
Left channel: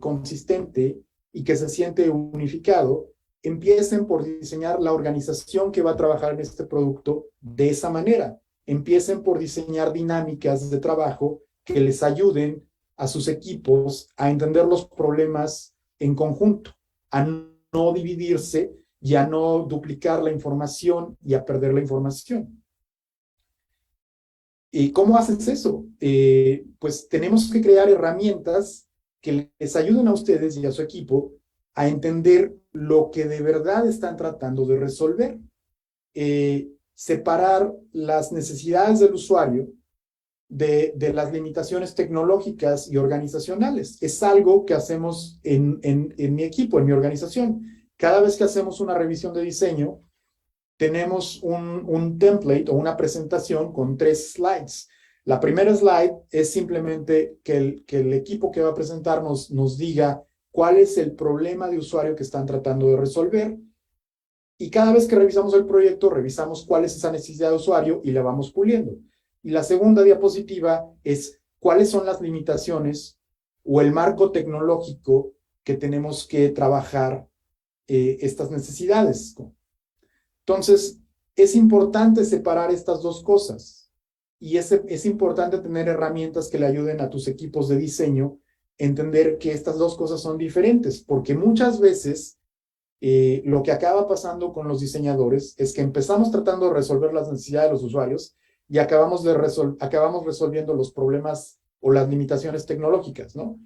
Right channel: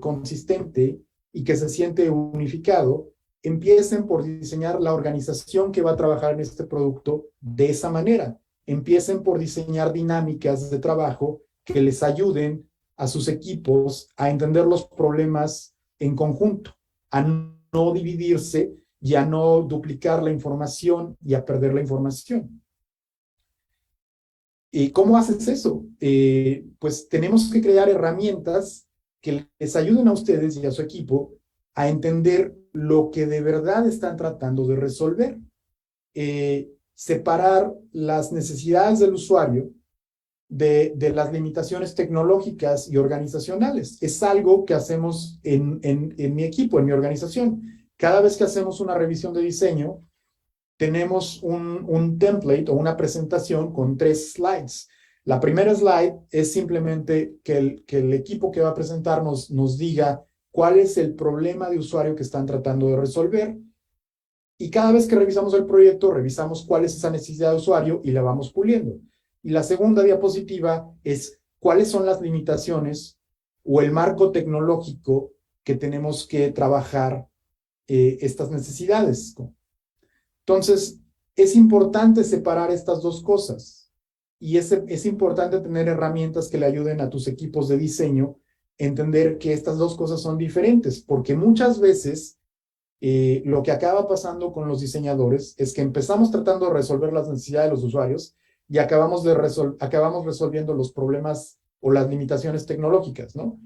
consistente y que se siente unificado, empiecen por diseñar la organización que va a trabajar en este producto de esa manera. Empiecen por diseñar dinámicas de trabajo que les ayuden a sus equipos a entender los problemas en conjunto, a no dividirse y a no duplicar la información y a perder la información. ¿Y cómo haces eso? Pues tenemos que crear herramientas que les ayuden a ustedes y a su equipo a entender lo que de verdad están tratando de resolver. Separar las necesidades del usuario de las limitaciones tecnológicas y organizacionales. Es algo que hacemos en mi equipo, en mi organización. Cada vez que hacemos una revisión de diseño, tenemos un template o una presentación con 3 slides. La primera slide es simplemente que el equipo que va a presentarnos nos diga cuál es el problema de usuario que están tratando de resolver. Y cada vez que revisamos el proyecto, revisamos cuál es esa necesidad de usuario y la vamos puliendo. Y la segunda diapositiva es cuáles son las limitaciones o el marco tecnológico que tenemos que trabajar estas necesidades. Entonces, es importante separar estas dos cosas y es importante tener herramientas que le ayuden a tus equipos de diseño a entender que estas dos cosas son diferentes, porque muchas veces lo que acaba pasando con los diseñadores es que empezamos tratando de resolver las necesidades de los usuarios y acabamos resolviendo los problemas o las limitaciones tecnológicas, ¿no?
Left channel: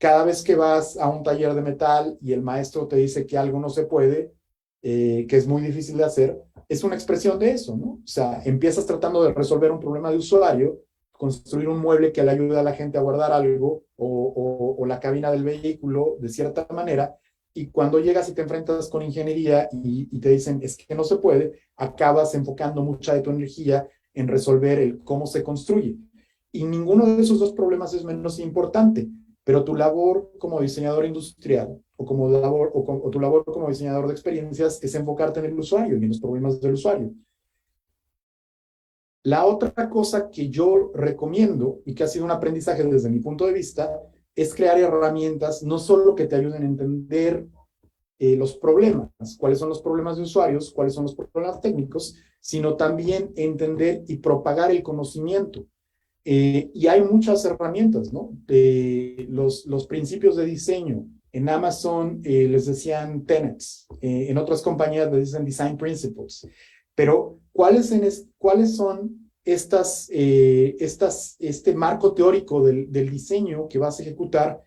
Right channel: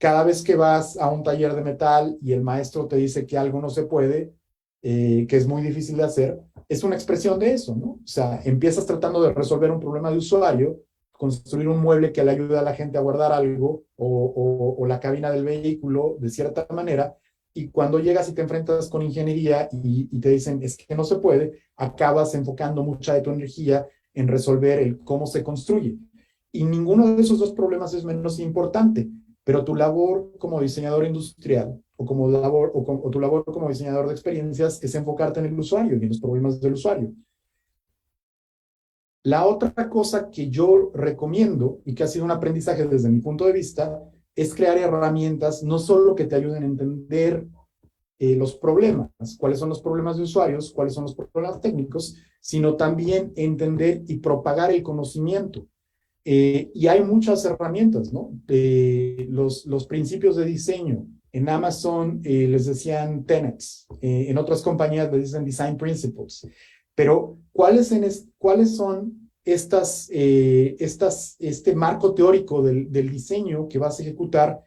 Cada vez que vas a un taller de metal y el maestro te dice que algo no se puede, que es muy difícil de hacer, es una expresión de eso, ¿no? O sea, empiezas tratando de resolver un problema de usuario, construir un mueble que le ayude a la gente a guardar algo o la cabina del vehículo de cierta manera, y cuando llegas y te enfrentas con ingeniería y te dicen es que no se puede, acabas enfocando mucha de tu energía en resolver el cómo se construye. Y ninguno de esos dos problemas es menos importante, pero tu labor como diseñador industrial o tu labor como diseñador de experiencias es enfocarte en el usuario y en los problemas del usuario. La otra cosa que yo recomiendo y que ha sido un aprendizaje desde mi punto de vista es crear herramientas no solo que te ayuden a entender los problemas, cuáles son los problemas de usuarios, cuáles son los problemas técnicos, sino también entender y propagar el conocimiento. Y hay muchas herramientas, ¿no? Los principios de diseño. En Amazon les decían tenets, en otras compañías les dicen design principles. Pero, ¿cuáles son este marco teórico del diseño que vas a ejecutar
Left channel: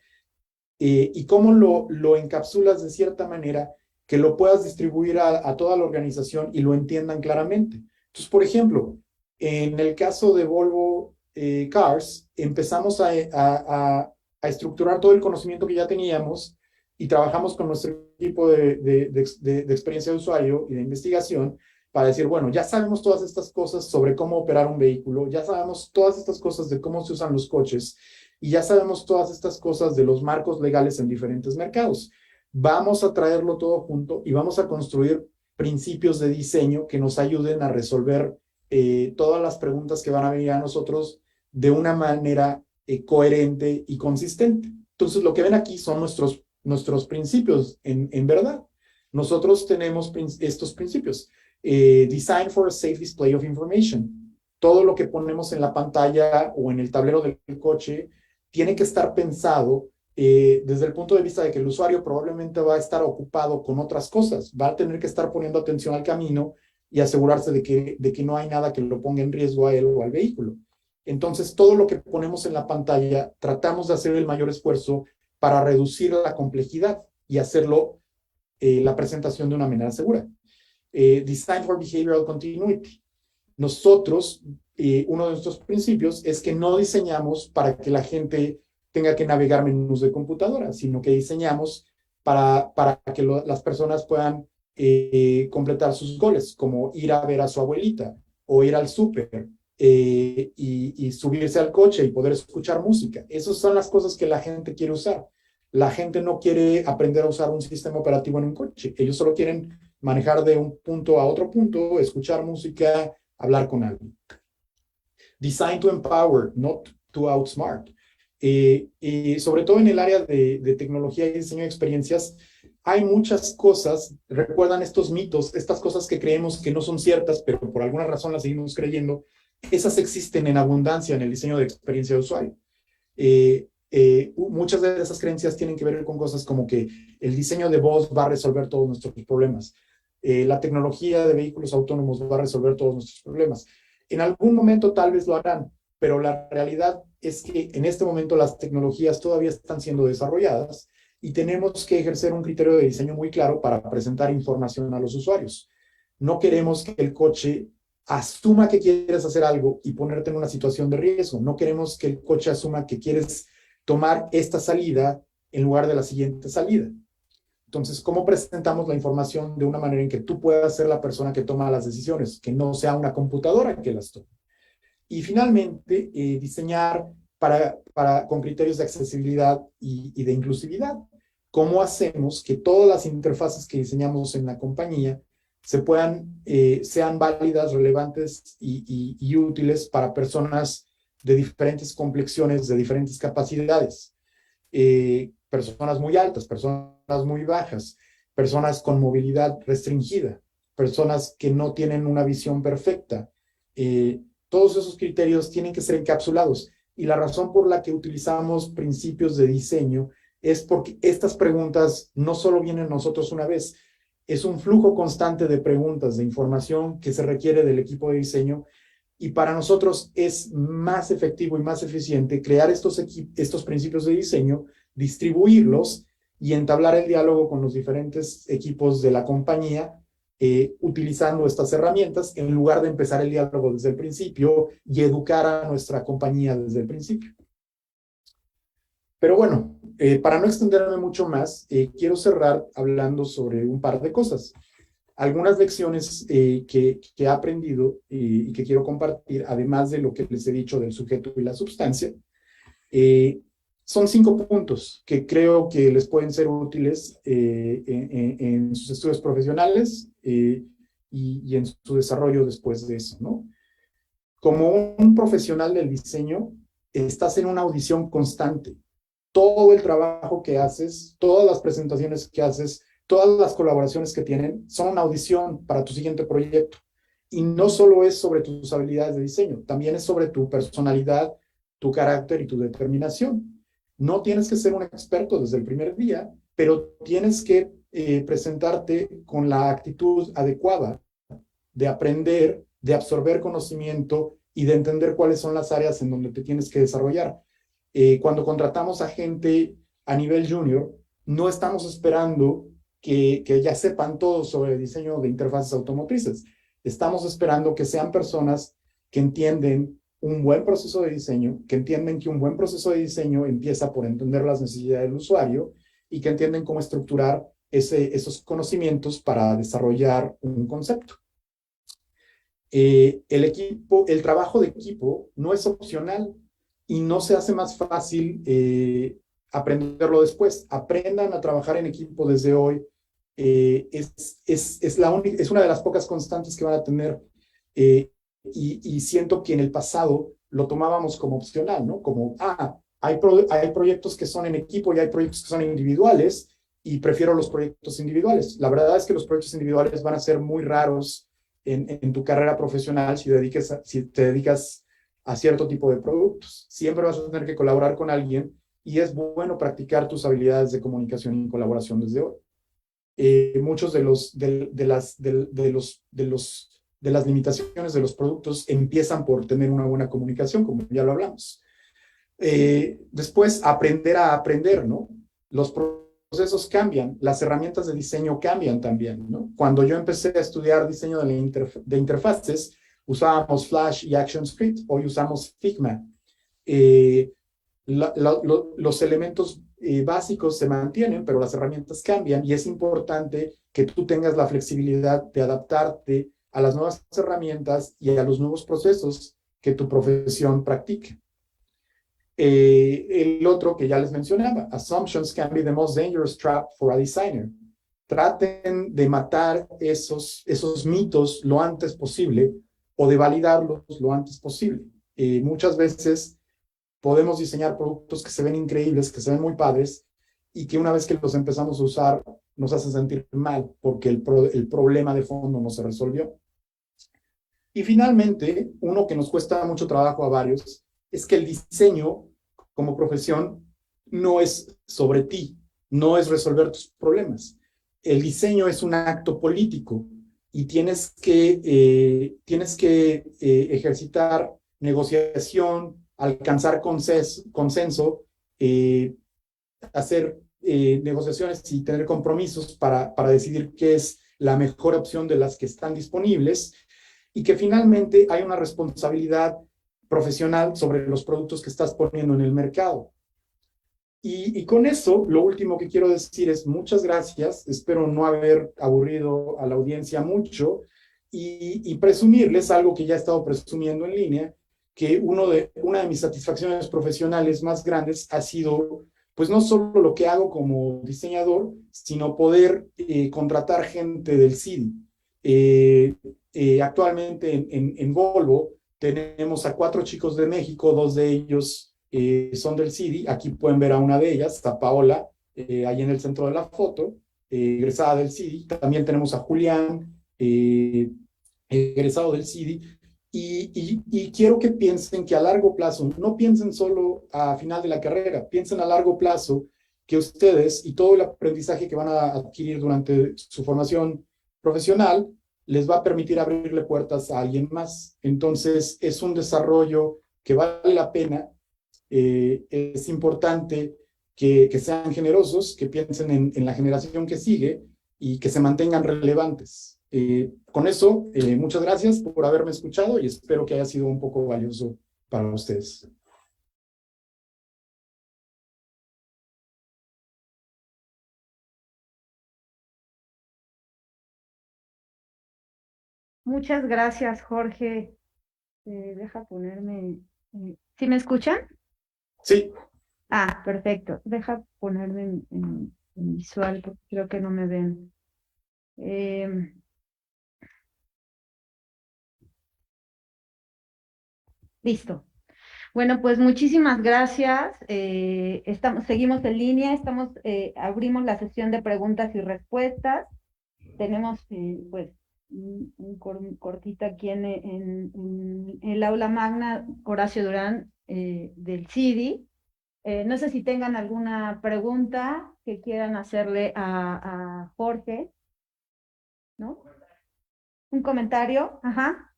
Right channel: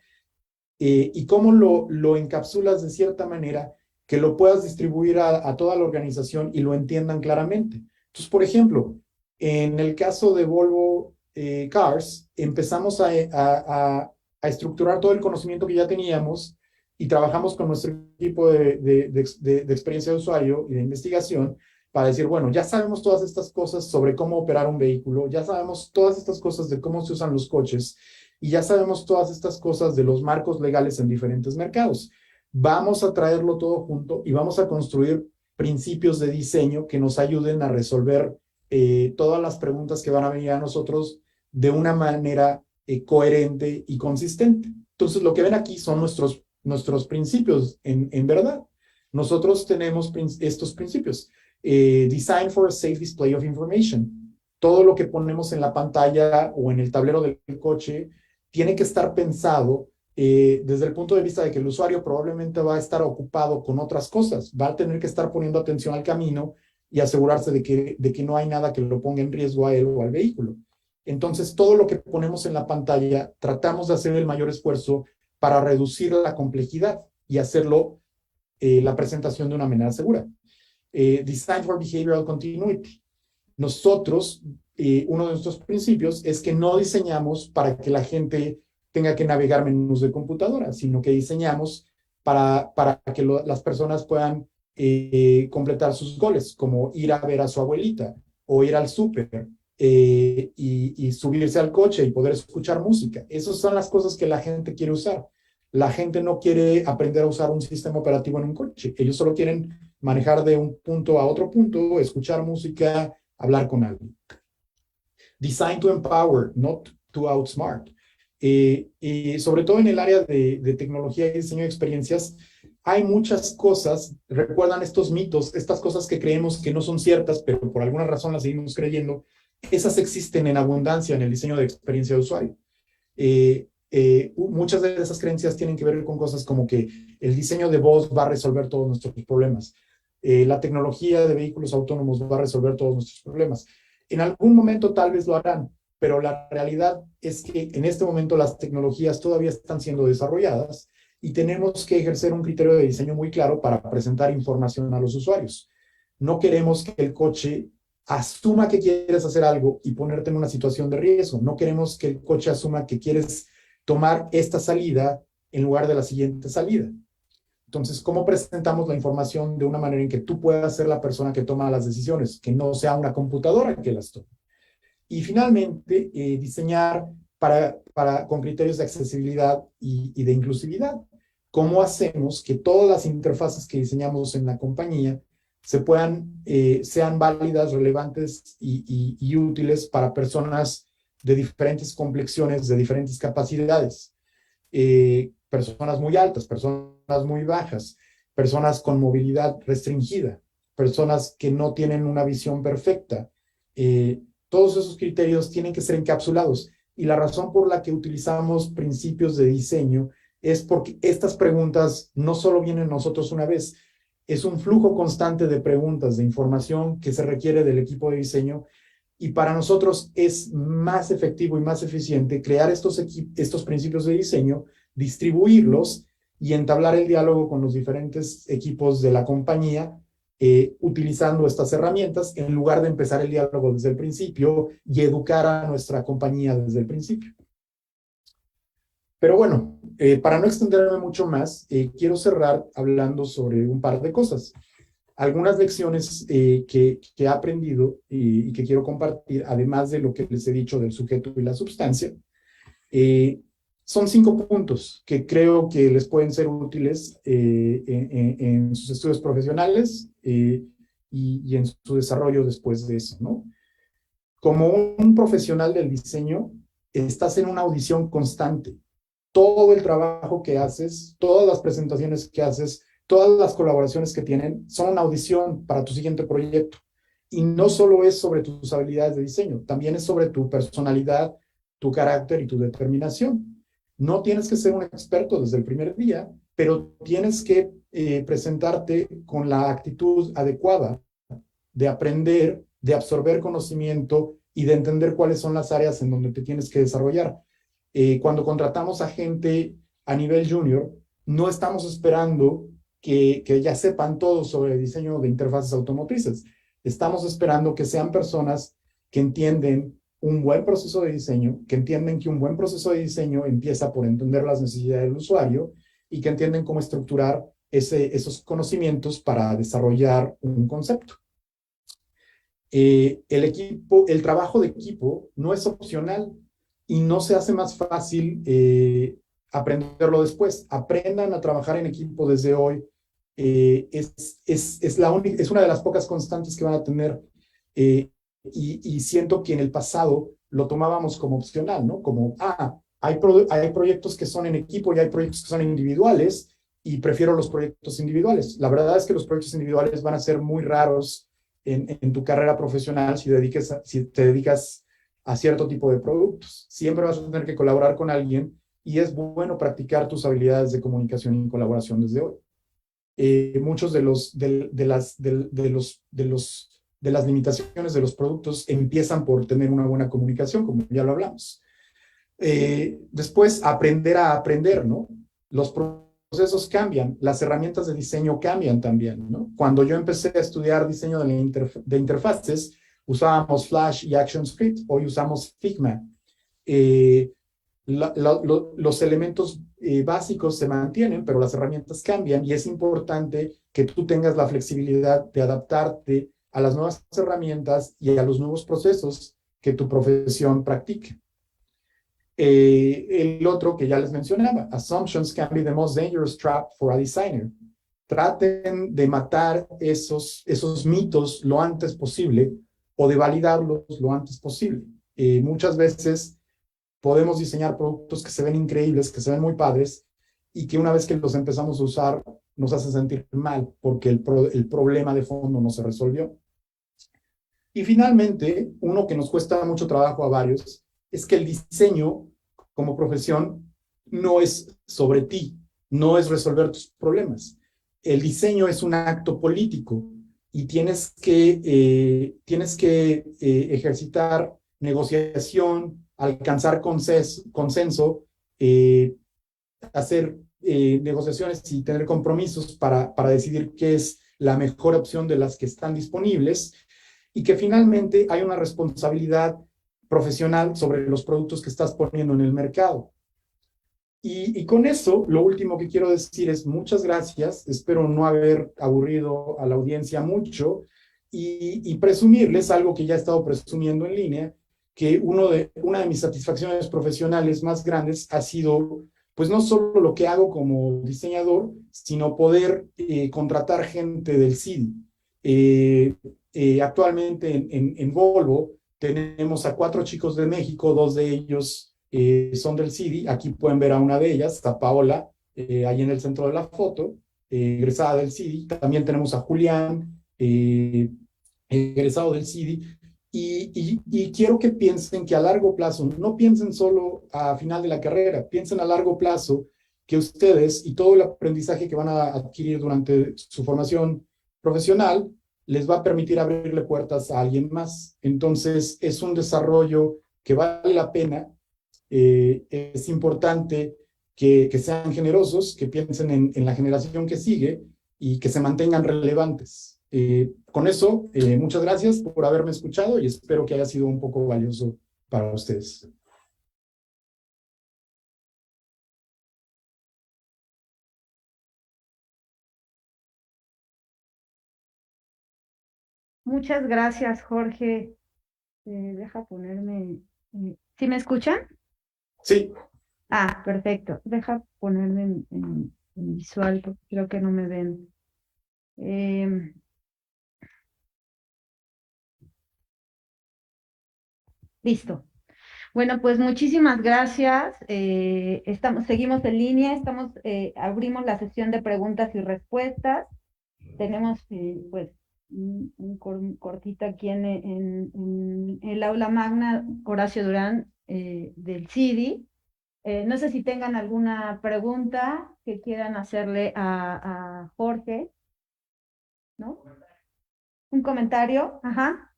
y cómo lo encapsulas de cierta manera que lo puedas distribuir a toda la organización y lo entiendan claramente? Entonces, por ejemplo, en el caso de Volvo Cars, empezamos a estructurar todo el conocimiento que ya teníamos y trabajamos con nuestro equipo de experiencia de usuario y de investigación para decir, bueno, ya sabemos todas estas cosas sobre cómo operar un vehículo, ya sabemos todas estas cosas de cómo se usan los coches, y ya sabemos todas estas cosas de los marcos legales en diferentes mercados. Vamos a traerlo todo junto y vamos a construir principios de diseño que nos ayuden a resolver todas las preguntas que van a venir a nosotros de una manera coherente y consistente. Entonces, lo que ven aquí son nuestros principios, en verdad. Nosotros tenemos estos principios. Design for a safe display of information. Todo lo que ponemos en la pantalla o en el tablero del coche tiene que estar pensado desde el punto de vista de que el usuario probablemente va a estar ocupado con otras cosas, va a tener que estar poniendo atención al camino y asegurarse de que no hay nada que lo ponga en riesgo a él o al vehículo. Entonces, todo lo que ponemos en la pantalla, tratamos de hacer el mayor esfuerzo para reducir la complejidad y hacerlo la presentación de una manera segura. Design for Behavioral Continuity. Nosotros, uno de nuestros principios es que no diseñamos para que la gente tenga que navegar menús de computadora, sino que diseñamos para que las personas puedan completar sus goles, como ir a ver a su abuelita o ir al súper y subirse al coche y poder escuchar música. Esas son las cosas que la gente quiere usar. La gente no quiere aprender a usar un sistema operativo en un coche. Ellos solo quieren manejar de un punto a otro punto, escuchar música, hablar con alguien. Design to empower, not to outsmart. Sobre todo en el área de tecnología y diseño de experiencias, hay muchas cosas, recuerdan estos mitos, estas cosas que creemos que no son ciertas, pero por alguna razón las seguimos creyendo, esas existen en abundancia en el diseño de experiencia de usuario. Muchas de esas creencias tienen que ver con cosas como que el diseño de voz va a resolver todos nuestros problemas. La tecnología de vehículos autónomos va a resolver todos nuestros problemas. En algún momento tal vez lo harán, pero la realidad es que en este momento las tecnologías todavía están siendo desarrolladas y tenemos que ejercer un criterio de diseño muy claro para presentar información a los usuarios. No queremos que el coche asuma que quieres hacer algo y ponerte en una situación de riesgo. No queremos que el coche asuma que quieres tomar esta salida en lugar de la siguiente salida. Entonces, ¿cómo presentamos la información de una manera en que tú puedas ser la persona que toma las decisiones, que no sea una computadora que las tome? Y finalmente, diseñar con criterios de accesibilidad y de inclusividad. ¿Cómo hacemos que todas las interfaces que diseñamos en la compañía sean válidas, relevantes y útiles para personas de diferentes complexiones, de diferentes capacidades? Personas muy altas, personas muy bajas, personas con movilidad restringida, personas que no tienen una visión perfecta. Todos esos criterios tienen que ser encapsulados. Y la razón por la que utilizamos principios de diseño es porque estas preguntas no solo vienen a nosotros una vez, es un flujo constante de preguntas, de información que se requiere del equipo de diseño. Y para nosotros es más efectivo y más eficiente crear estos principios de diseño, distribuirlos y entablar el diálogo con los diferentes equipos de la compañía utilizando estas herramientas en lugar de empezar el diálogo desde el principio y educar a nuestra compañía desde el principio. Pero bueno, para no extenderme mucho más, quiero cerrar hablando sobre un par de cosas. Algunas lecciones que he aprendido y que quiero compartir, además de lo que les he dicho del sujeto y la sustancia, son 5 puntos que creo que les pueden ser útiles en sus estudios profesionales y en su desarrollo después de eso, ¿no? como un profesional del diseño, estás en una audición constante. Todo el trabajo que haces, todas las presentaciones que haces, todas las colaboraciones que tienen, son una audición para tu siguiente proyecto. Y no solo es sobre tus habilidades de diseño, también es sobre tu personalidad, tu carácter y tu determinación. No tienes que ser un experto desde el primer día, pero tienes que presentarte con la actitud adecuada de aprender, de absorber conocimiento y de entender cuáles son las áreas en donde te tienes que desarrollar. Cuando contratamos a gente a nivel junior, no estamos esperando que ya sepan todo sobre el diseño de interfaces automotrices. Estamos esperando que sean personas que entienden un buen proceso de diseño, que entienden que un buen proceso de diseño empieza por entender las necesidades del usuario y que entienden cómo estructurar esos conocimientos para desarrollar un concepto. El trabajo de equipo no es opcional y no se hace más fácil aprenderlo después. Aprendan a trabajar en equipo desde hoy. Es una de las pocas constantes que van a tener y siento que en el pasado lo tomábamos como opcional, ¿no? Como, hay proyectos que son en equipo y hay proyectos que son individuales y prefiero los proyectos individuales. La verdad es que los proyectos individuales van a ser muy raros en tu carrera profesional si te dedicas a cierto tipo de productos. Siempre vas a tener que colaborar con alguien y es bueno practicar tus habilidades de comunicación y colaboración desde hoy. Muchos de las limitaciones de los productos empiezan por tener una buena comunicación, como ya lo hablamos. Después, aprender a aprender, ¿no? Los procesos cambian, las herramientas de diseño cambian también, ¿no? Cuando yo empecé a estudiar diseño de interfaces, usábamos Flash y ActionScript, hoy usamos Figma. Eh, los elementos básicos se mantienen, pero las herramientas cambian y es importante que tú tengas la flexibilidad de adaptarte a las nuevas herramientas y a los nuevos procesos que tu profesión practica. El otro que ya les mencionaba, assumptions can be the most dangerous trap for a designer. Traten de matar esos mitos lo antes posible o de validarlos lo antes posible. Muchas veces podemos diseñar productos que se ven increíbles, que se ven muy padres, y que una vez que los empezamos a usar nos hace sentir mal porque el problema de fondo no se resolvió. Y finalmente, uno que nos cuesta mucho trabajo a varios, es que el diseño como profesión no es sobre ti, no es resolver tus problemas. El diseño es un acto político y tienes que ejercitar negociación, alcanzar consenso, hacer negociaciones y tener compromisos para decidir qué es la mejor opción de las que están disponibles y que finalmente hay una responsabilidad profesional sobre los productos que estás poniendo en el mercado. Y con eso, lo último que quiero decir es muchas gracias. Espero no haber aburrido a la audiencia mucho y presumirles algo que ya he estado presumiendo en línea, que una de mis satisfacciones profesionales más grandes ha sido, pues no solo lo que hago como diseñador, sino poder contratar gente del CIDI. Actualmente en Volvo tenemos a 4 chicos de México, 2 de ellos son del CIDI. Aquí pueden ver a una de ellas, está Paola, ahí en el centro de la foto, egresada del CIDI. También tenemos a Julián, egresado del CIDI. Y quiero que piensen que a largo plazo, no piensen solo a final de la carrera, piensen a largo plazo que ustedes y todo el aprendizaje que van a adquirir durante su formación profesional les va a permitir abrirle puertas a alguien más. Entonces, es un desarrollo que vale la pena. Es importante que sean generosos, que piensen en la generación que sigue y que se mantengan relevantes. Con eso, muchas gracias por haberme escuchado y espero que haya sido un poco valioso para ustedes. Muchas gracias, Jorge. Deja ponerme. ¿Sí me escuchan? Sí, Ah, perfecto. Deja ponerme en visual porque creo que no me ven. Em, Listo. Bueno, pues muchísimas gracias. Seguimos en línea, abrimos la sesión de preguntas y respuestas. Tenemos pues un cortito aquí en el aula magna Horacio Durán del CIDI. No sé si tengan alguna pregunta que quieran hacerle a Jorge, ¿no? ¿Un comentario? Ajá.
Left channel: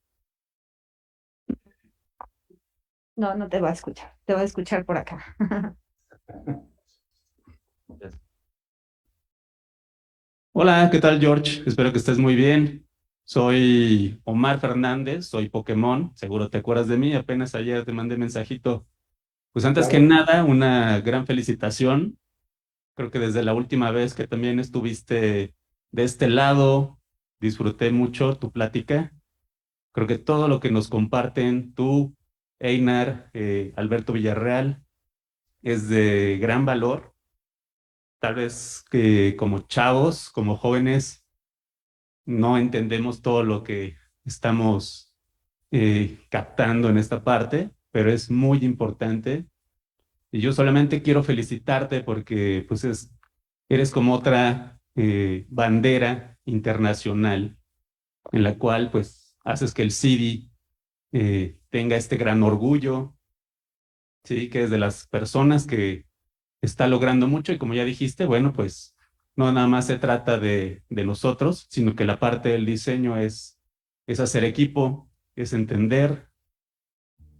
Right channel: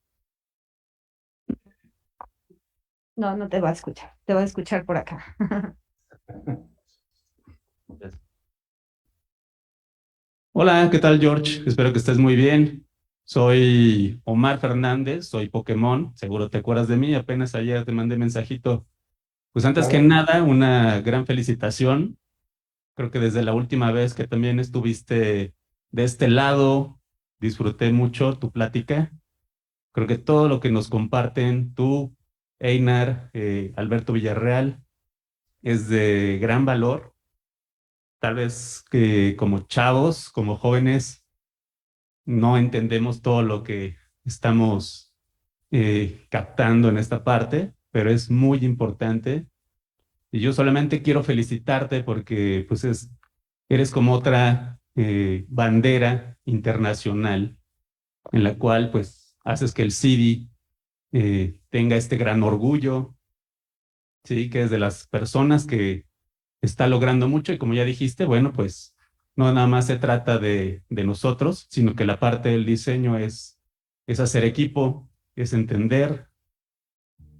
No, no te va a escuchar. Te va a escuchar por acá. Hola, ¿qué tal, George? Espero que estés muy bien. Soy Omar Fernández, soy Pokémon, seguro te acuerdas de mí, apenas ayer te mandé mensajito. Pues antes que Claro. nada, una gran felicitación. Creo que desde la última vez que también estuviste de este lado, disfruté mucho tu plática. Creo que todo lo que nos comparten tú, Einar, Alberto Villarreal, es de gran valor. Tal vez que como chavos, como jóvenes, no entendemos todo lo que estamos captando en esta parte, pero es muy importante. Y yo solamente quiero felicitarte porque pues eres como otra bandera internacional en la cual pues haces que el CIDI tenga este gran orgullo, ¿sí? Que es de las personas que está logrando mucho y como ya dijiste, bueno, pues no nada más se trata de nosotros, sino que la parte del diseño es hacer equipo, es entender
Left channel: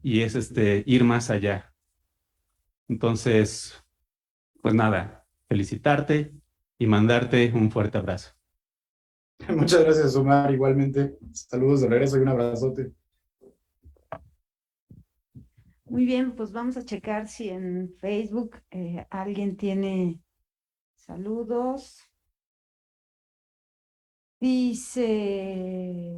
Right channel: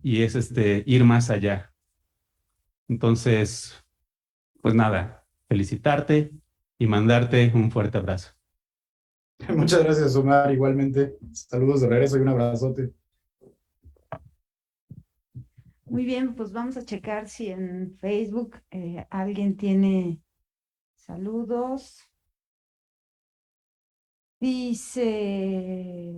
y es ir más allá. Entonces, pues nada, felicitarte y mandarte un fuerte abrazo. Muchas gracias, Omar. Igualmente, saludos de regreso y un abrazote. Muy bien, pues vamos a checar si en Facebook alguien tiene saludos. Dice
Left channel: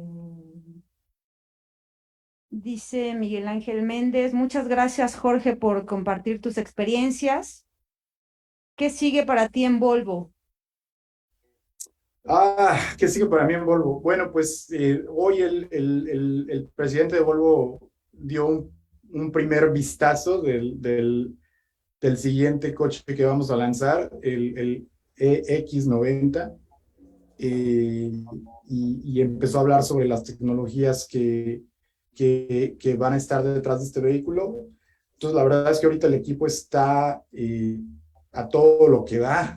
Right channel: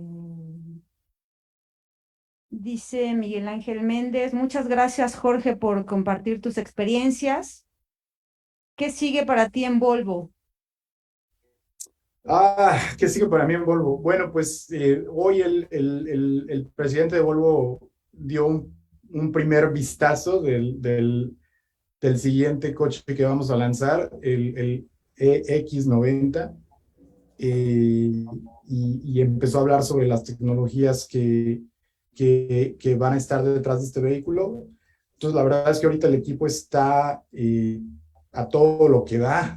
Miguel Ángel Méndez, muchas gracias Jorge por compartir tus experiencias. ¿Qué sigue para ti en Volvo? ¿Qué sigue para mí en Volvo? Bueno, pues hoy el presidente de Volvo dio un primer vistazo del siguiente coche que vamos a lanzar, el EX90, y empezó a hablar sobre las tecnologías que van a estar detrás de este vehículo. Entonces, la verdad es que ahorita el equipo está a todo lo que da,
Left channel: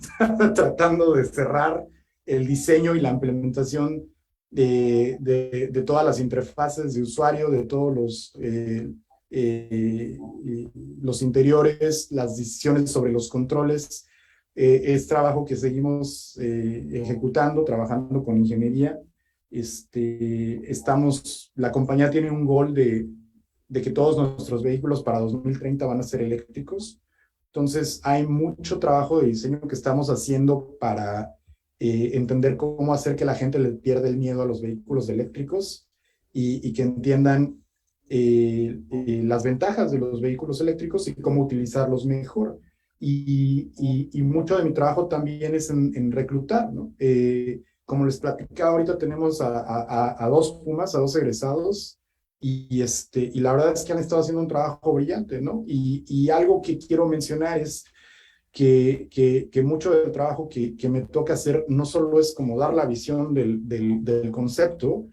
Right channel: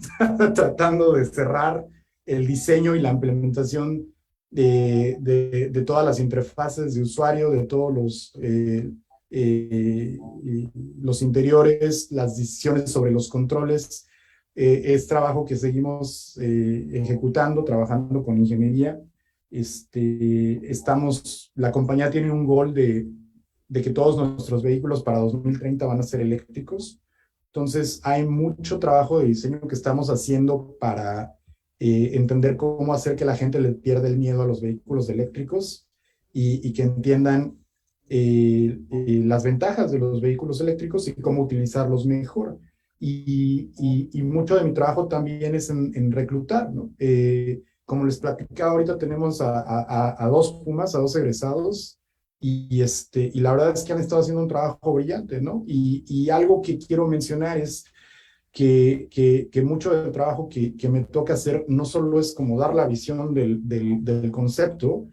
tratando de cerrar el diseño y la implementación de todas las interfaces de usuario, de todos los interiores, las decisiones sobre los controles. Es trabajo que seguimos ejecutando, trabajando con ingeniería. La compañía tiene un goal de que todos nuestros vehículos para 2030 van a ser eléctricos. Entonces, hay mucho trabajo de diseño que estamos haciendo para entender cómo hacer que la gente le pierda el miedo a los vehículos eléctricos y que entiendan las ventajas de los vehículos eléctricos y cómo utilizarlos mejor. Y mucho de mi trabajo también es en reclutar, ¿no? Como les platicaba, ahorita tenemos a dos Pumas, a dos egresados, y la verdad es que han estado haciendo un trabajo brillante, ¿no? Y algo que quiero mencionar es que mucho del trabajo que me toca hacer no solo es como dar la visión del concepto,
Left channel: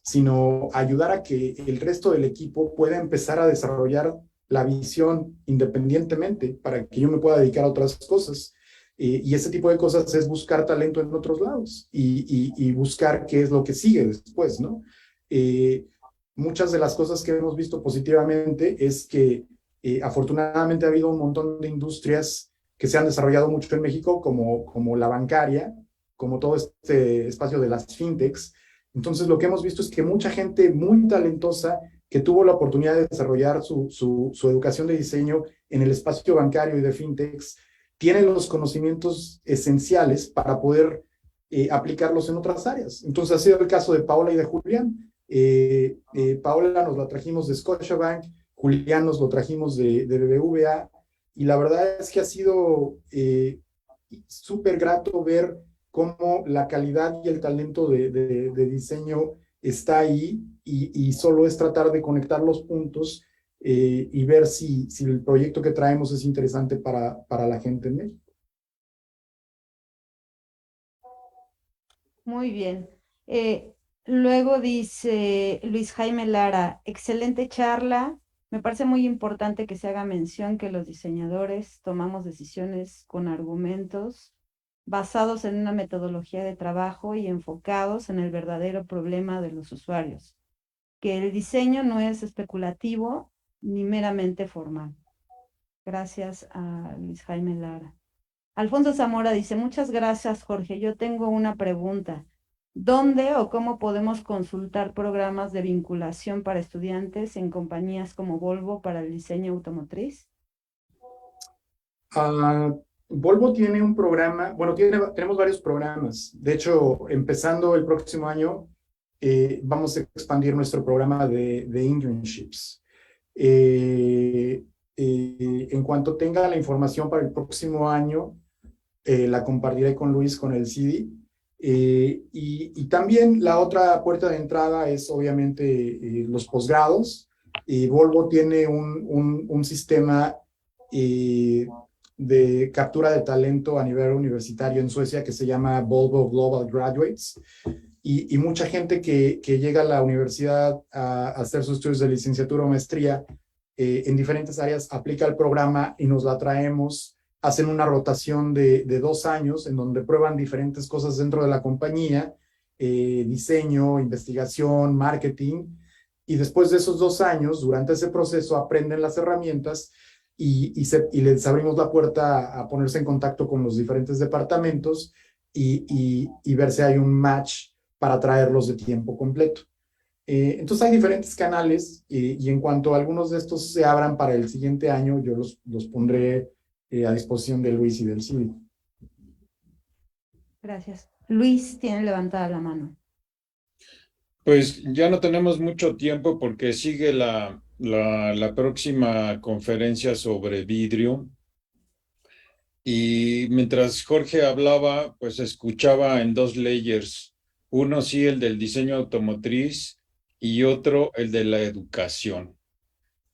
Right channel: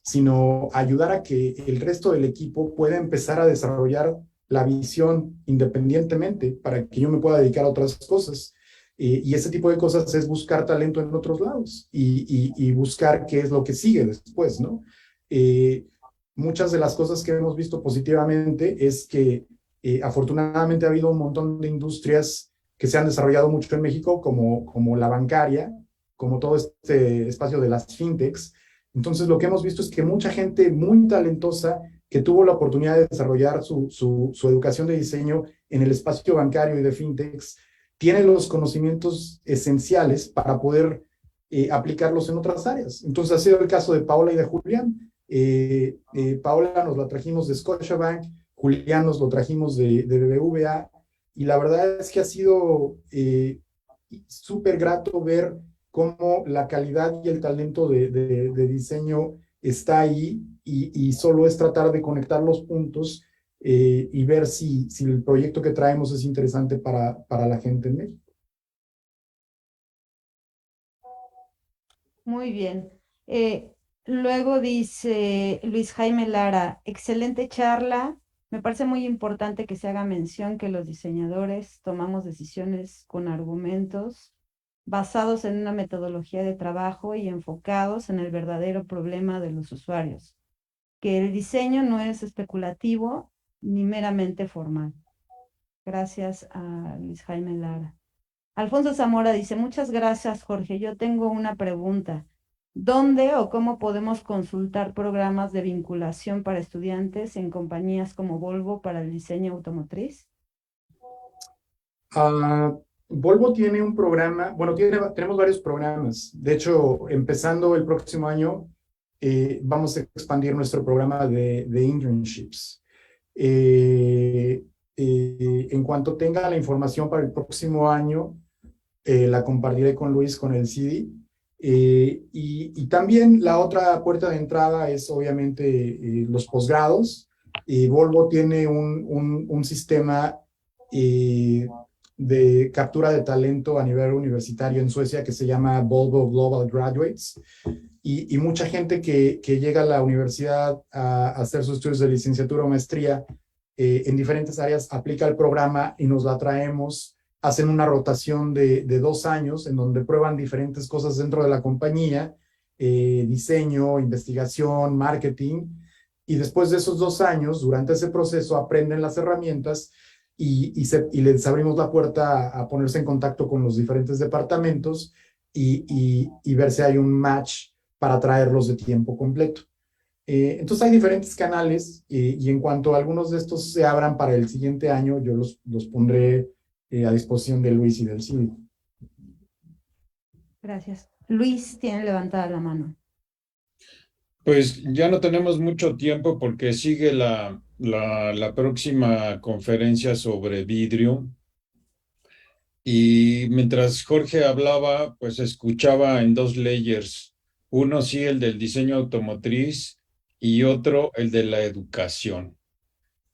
sino ayudar a que el resto del equipo pueda empezar a desarrollar la visión independientemente para que yo me pueda dedicar a otras cosas. Y ese tipo de cosas es buscar talento en otros lados y buscar qué es lo que sigue después, ¿no? Muchas de las cosas que hemos visto positivamente es que afortunadamente ha habido un montón de industrias que se han desarrollado mucho en México, como la bancaria, como todo este espacio de las fintechs. Entonces, lo que hemos visto es que mucha gente muy talentosa que tuvo la oportunidad de desarrollar su educación de diseño en el espacio bancario y de fintechs, tiene los conocimientos esenciales para poder aplicarlos en otras áreas. Entonces, ha sido el caso de Paola y de Julián. Paola nos la trajimos de Scotiabank, Julián nos lo trajimos de BBVA, y la verdad es que ha sido súper grato ver cómo la calidad y el talento de diseño está ahí y solo es tratar de conectar los puntos y ver si el proyecto que traemos es interesante para la gente en México. Muy bien. Luego dice Luis Jaime Lara, excelente charla. Me parece muy importante que se haga mención que los diseñadores tomamos decisiones con argumentos basados en una metodología de trabajo y enfocados en el verdadero problema de los usuarios, que el diseño no es especulativo ni meramente formal. Gracias a Luis Jaime Lara. Alfonso Zamora dice, muchas gracias, Jorge. Yo tengo una pregunta. ¿Dónde o cómo podemos consultar programas de vinculación para estudiantes en compañías como Volvo para el diseño automotriz? Volvo tiene un programa, bueno, tenemos varios programas. De hecho, empezando el próximo año, vamos a expandir nuestro programa de internships. En cuanto tenga la información para el próximo año, la compartiré con Luis con el CD. Y también la otra puerta de entrada es obviamente los posgrados. Volvo tiene un sistema de captura de talento a nivel universitario en Suecia que se llama Volvo Global Graduates. Y mucha gente que llega a la universidad a hacer sus estudios de licenciatura o maestría en diferentes áreas, aplica el programa y nos la traemos. Hacen una rotación de 2 años en donde prueban diferentes cosas dentro de la compañía, diseño, investigación, marketing, y después de esos 2 años, durante ese proceso, aprenden las herramientas y les abrimos la puerta a ponerse en contacto con los diferentes departamentos y ver si hay un match para traerlos de tiempo completo. Entonces hay diferentes canales y en cuanto algunos de estos se abran para el siguiente año, yo los pondré a disposición de Luis y del CIVI. Gracias. Luis tiene levantada la mano. Pues ya no tenemos mucho tiempo porque sigue la próxima conferencia sobre vidrio. Y mientras Jorge hablaba, pues escuchaba en 2 layers. Uno sí, el del diseño automotriz y otro el de la educación.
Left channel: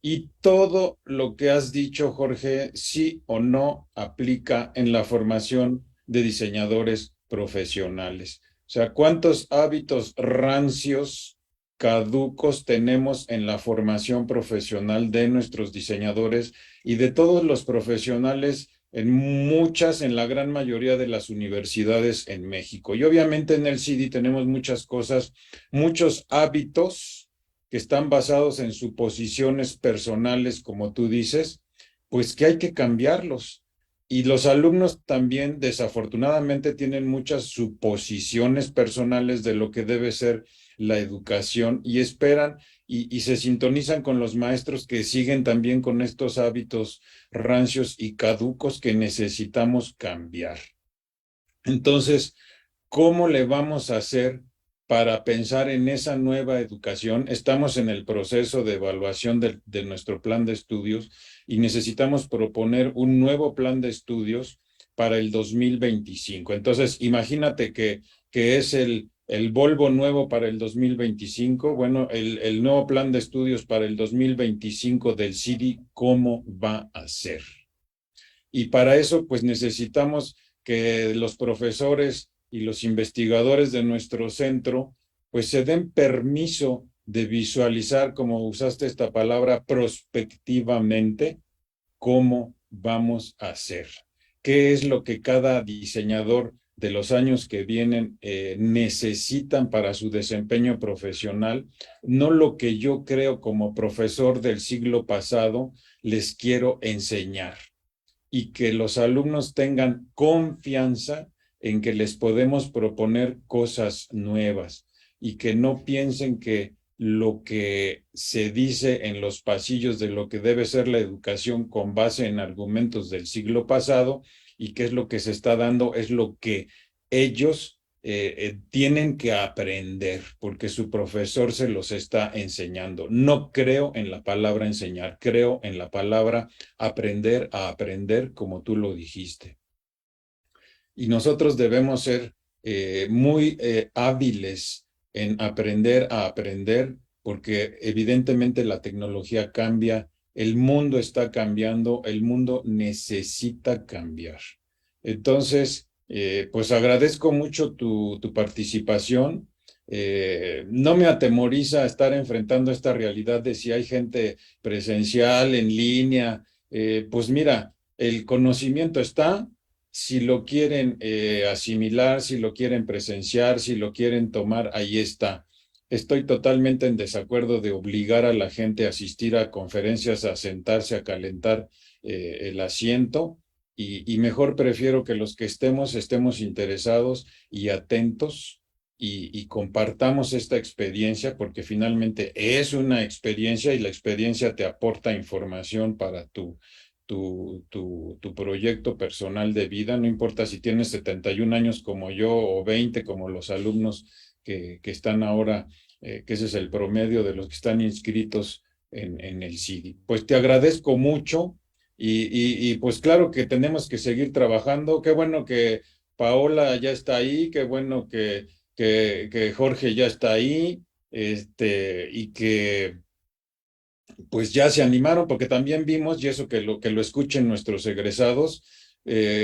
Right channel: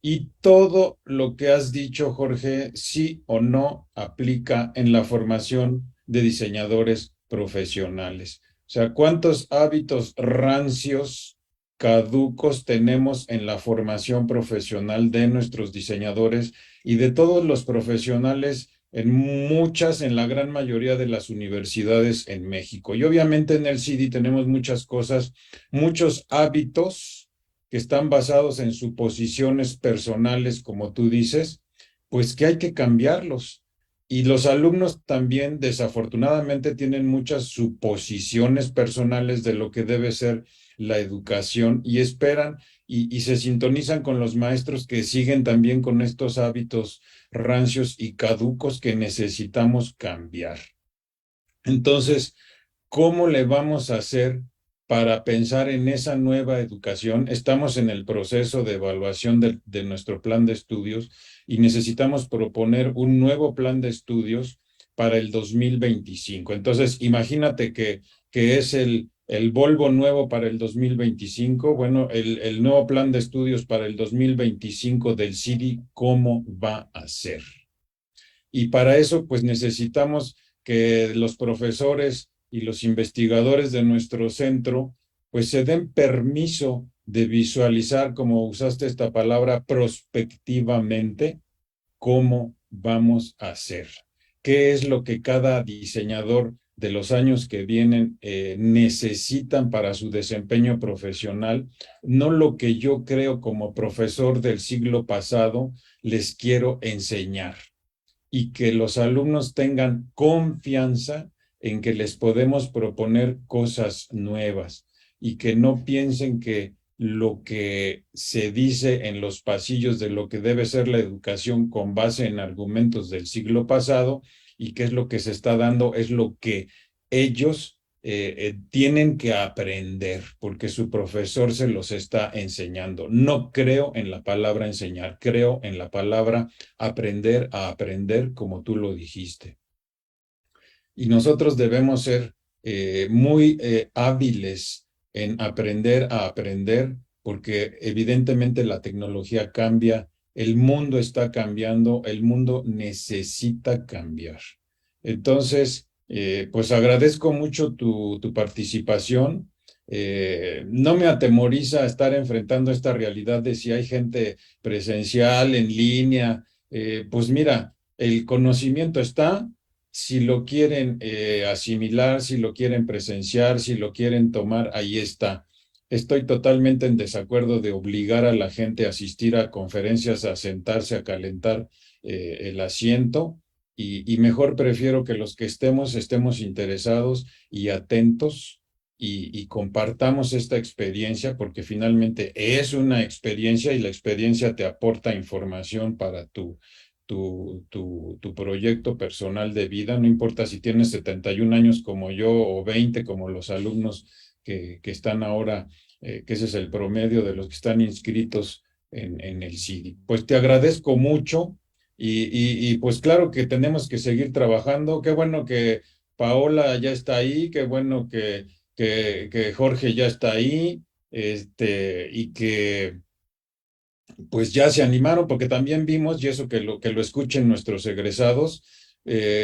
Y todo lo que has dicho, Jorge, sí o no aplica en la formación de diseñadores profesionales. O sea, ¿cuántos hábitos rancios, caducos tenemos en la formación profesional de nuestros diseñadores y de todos los profesionales en la gran mayoría de las universidades en México? Y obviamente en el CIDI tenemos muchas cosas, muchos hábitos que están basados en suposiciones personales, como tú dices, pues que hay que cambiarlos. Y los alumnos también, desafortunadamente, tienen muchas suposiciones personales de lo que debe ser la educación y esperan y se sintonizan con los maestros que siguen también con estos hábitos rancios y caducos que necesitamos cambiar. Entonces, ¿cómo le vamos a hacer para pensar en esa nueva educación? Estamos en el proceso de evaluación de nuestro plan de estudios y necesitamos proponer un nuevo plan de estudios para el 2025. Entonces, imagínate que es el Volvo nuevo para el 2025. Bueno, el nuevo plan de estudios para el 2025 del CIDI, ¿cómo va a ser? Y para eso, pues necesitamos que los profesores y los investigadores de nuestro centro, pues se den permiso de visualizar, como usaste esta palabra, prospectivamente, cómo vamos a hacer. ¿Qué es lo que cada diseñador de los años que vienen necesitan para su desempeño profesional? No lo que yo creo como profesor del siglo pasado les quiero enseñar. Y que los alumnos tengan confianza en que les podemos proponer cosas nuevas y que no piensen que lo que se dice en los pasillos de lo que debe ser la educación con base en argumentos del siglo pasado y que es lo que se está dando, es lo que ellos tienen que aprender porque su profesor se los está enseñando. No creo en la palabra enseñar, creo en la palabra aprender a aprender, como tú lo dijiste. Y nosotros debemos ser muy hábiles en aprender a aprender, porque evidentemente la tecnología cambia el mundo está cambiando, el mundo necesita cambiar. Entonces, pues agradezco mucho tu participación. No me atemoriza estar enfrentando esta realidad de si hay gente presencial, en línea. Pues mira, el conocimiento está, si lo quieren asimilar, si lo quieren presenciar, si lo quieren tomar, ahí está. Estoy totalmente en desacuerdo de obligar a la gente a asistir a conferencias, a sentarse, a calentar el asiento, y mejor prefiero que los que estemos interesados y atentos y compartamos esta experiencia, porque finalmente es una experiencia y la experiencia te aporta información para tu proyecto personal de vida. No importa si tienes 71 años como yo o 20 como los alumnos que están ahora, que ese es el promedio de los que están inscritos en el CIDI. Pues te agradezco mucho y pues claro que tenemos que seguir trabajando. Qué bueno que Paola ya está ahí, qué bueno que Jorge ya está ahí, y que pues ya se animaron, porque también vimos, y eso que lo escuchen nuestros egresados,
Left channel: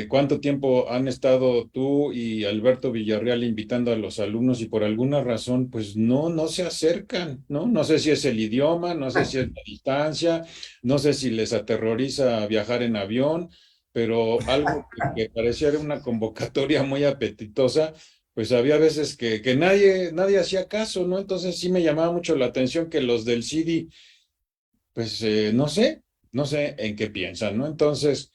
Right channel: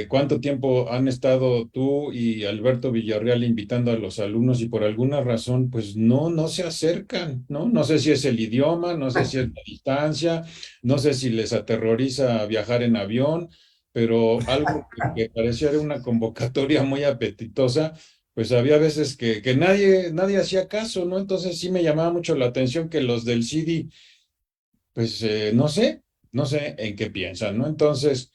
cuánto tiempo han estado tú y Alberto Villarreal invitando a los alumnos y por alguna razón, pues no se acercan, ¿no? No sé si es el idioma, no sé si es la distancia, no sé si les aterroriza viajar en avión, pero algo que parecía una convocatoria muy apetitosa, pues había veces que nadie hacía caso, ¿no? Entonces sí me llamaba mucho la atención que los del CIDI pues no sé en qué piensan, ¿no? Entonces,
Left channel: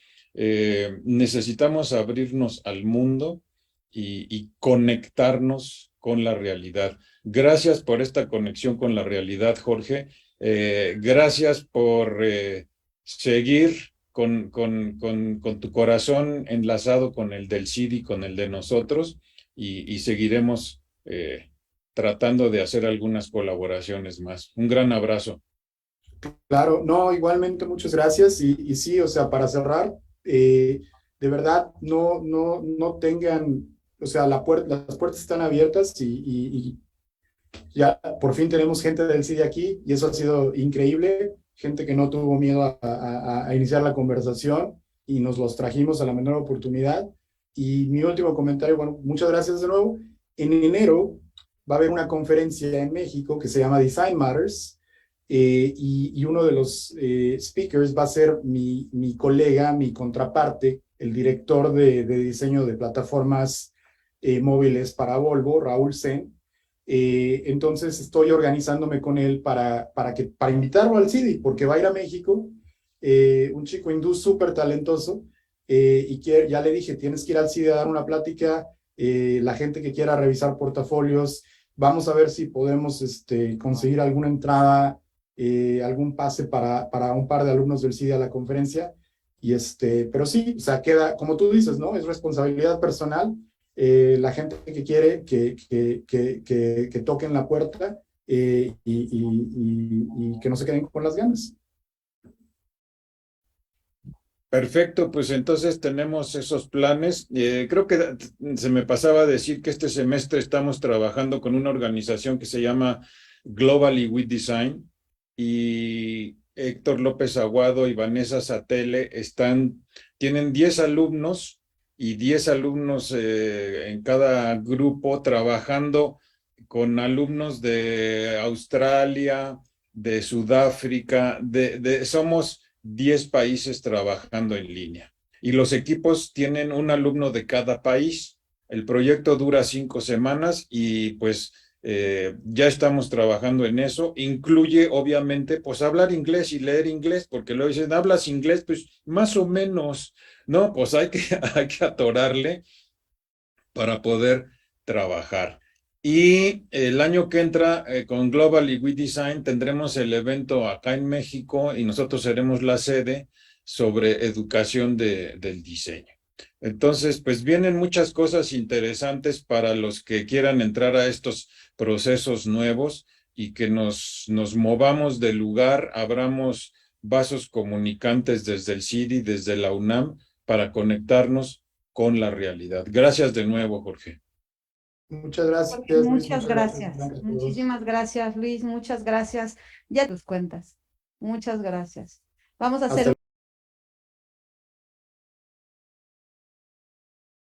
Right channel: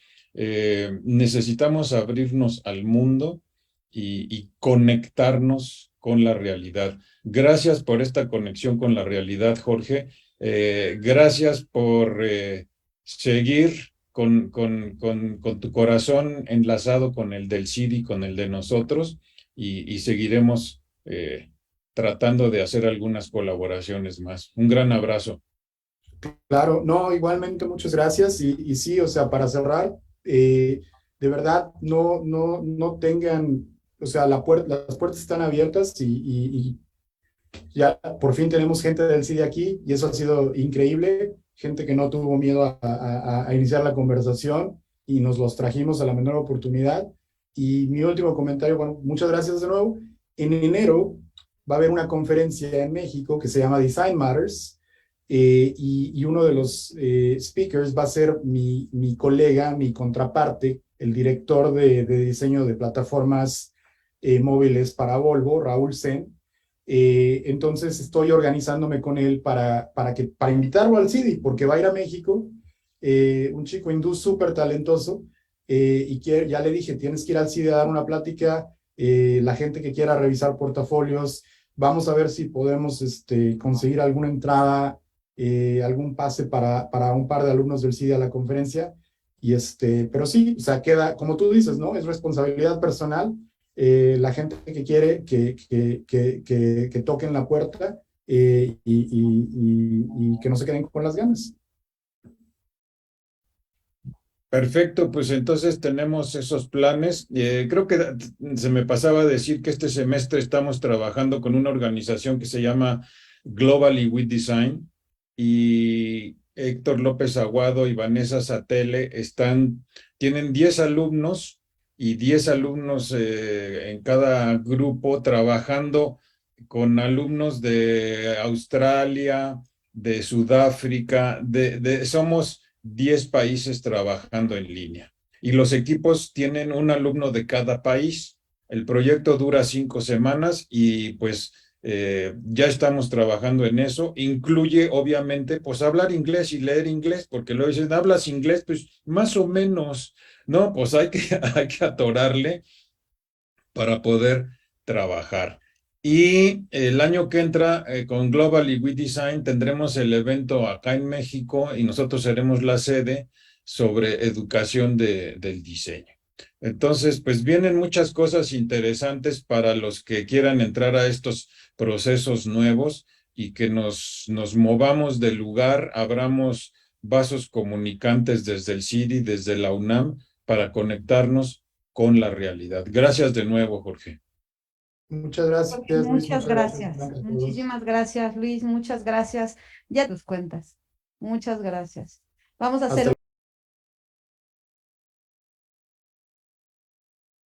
necesitamos abrirnos al mundo y conectarnos con la realidad. Gracias por esta conexión con la realidad, Jorge. Gracias por seguir con tu corazón enlazado con el del CIDI, con el de nosotros, y seguiremos tratando de hacer algunas colaboraciones más. Un gran abrazo. Claro, no, igualmente muchas gracias y sí, o sea, para cerrar, de verdad, no tengan, o sea, las puertas están abiertas y ya por fin tenemos gente del CIDI aquí y eso ha sido increíble, gente que no tuvo miedo a iniciar la conversación y nos los trajimos a la menor oportunidad. Y mi último comentario, bueno, muchas gracias de nuevo. En enero va a haber una conferencia en México que se llama Design Matters, y uno de los speakers va a ser mi colega, mi contraparte, el director de diseño de plataformas móviles para Volvo, Raúl Sen. Entonces estoy organizándome con él para invitarlo al CIDI, porque va a ir a México, un chico hindú súper talentoso, ya le dije, tienes que ir al CIDI a dar una plática, la gente que quiera revisar portafolios, vamos a ver si podemos conseguir alguna entrada, algún pase para un par de alumnos del CIDI a la conferencia, pero sí, o sea, queda, como tú dices, ¿no? Es responsabilidad personal. La gente que quiere que toquen la puerta, y que no se queden con las ganas. Perfecto, pues entonces tenemos esos planes. Creo que se me pasaba a decir que este semestre estamos trabajando con una organización que se llama Globally with Design, y Héctor López Aguado y Vanessa Satele tienen 10 alumnos y 10 alumnos en cada grupo, trabajando con alumnos de Australia, de Sudáfrica, somos 10 países trabajando en línea. Y los equipos tienen un alumno de cada país. El proyecto dura 5 semanas y pues ya estamos trabajando en eso. Incluye, obviamente, pues hablar inglés y leer inglés, porque luego dicen, ¿hablas inglés? Pues más o menos, ¿no? Pues hay que atorarle para poder trabajar. Y el año que entra, con Globally We Design, tendremos el evento acá en México y nosotros seremos la sede sobre educación del diseño. Entonces, pues vienen muchas cosas interesantes para los que quieran entrar a estos procesos nuevos y que nos movamos del lugar, abramos vasos comunicantes desde el CIDI, desde la UNAM, para conectarnos con la realidad. Gracias de nuevo, Jorge. Muchas gracias, Jorge, Luis. muchas gracias. Gracias a todos. Muchísimas gracias, Luis. Muchas gracias. Ya tus cuentas. Muchas gracias. Vamos a Hasta hacer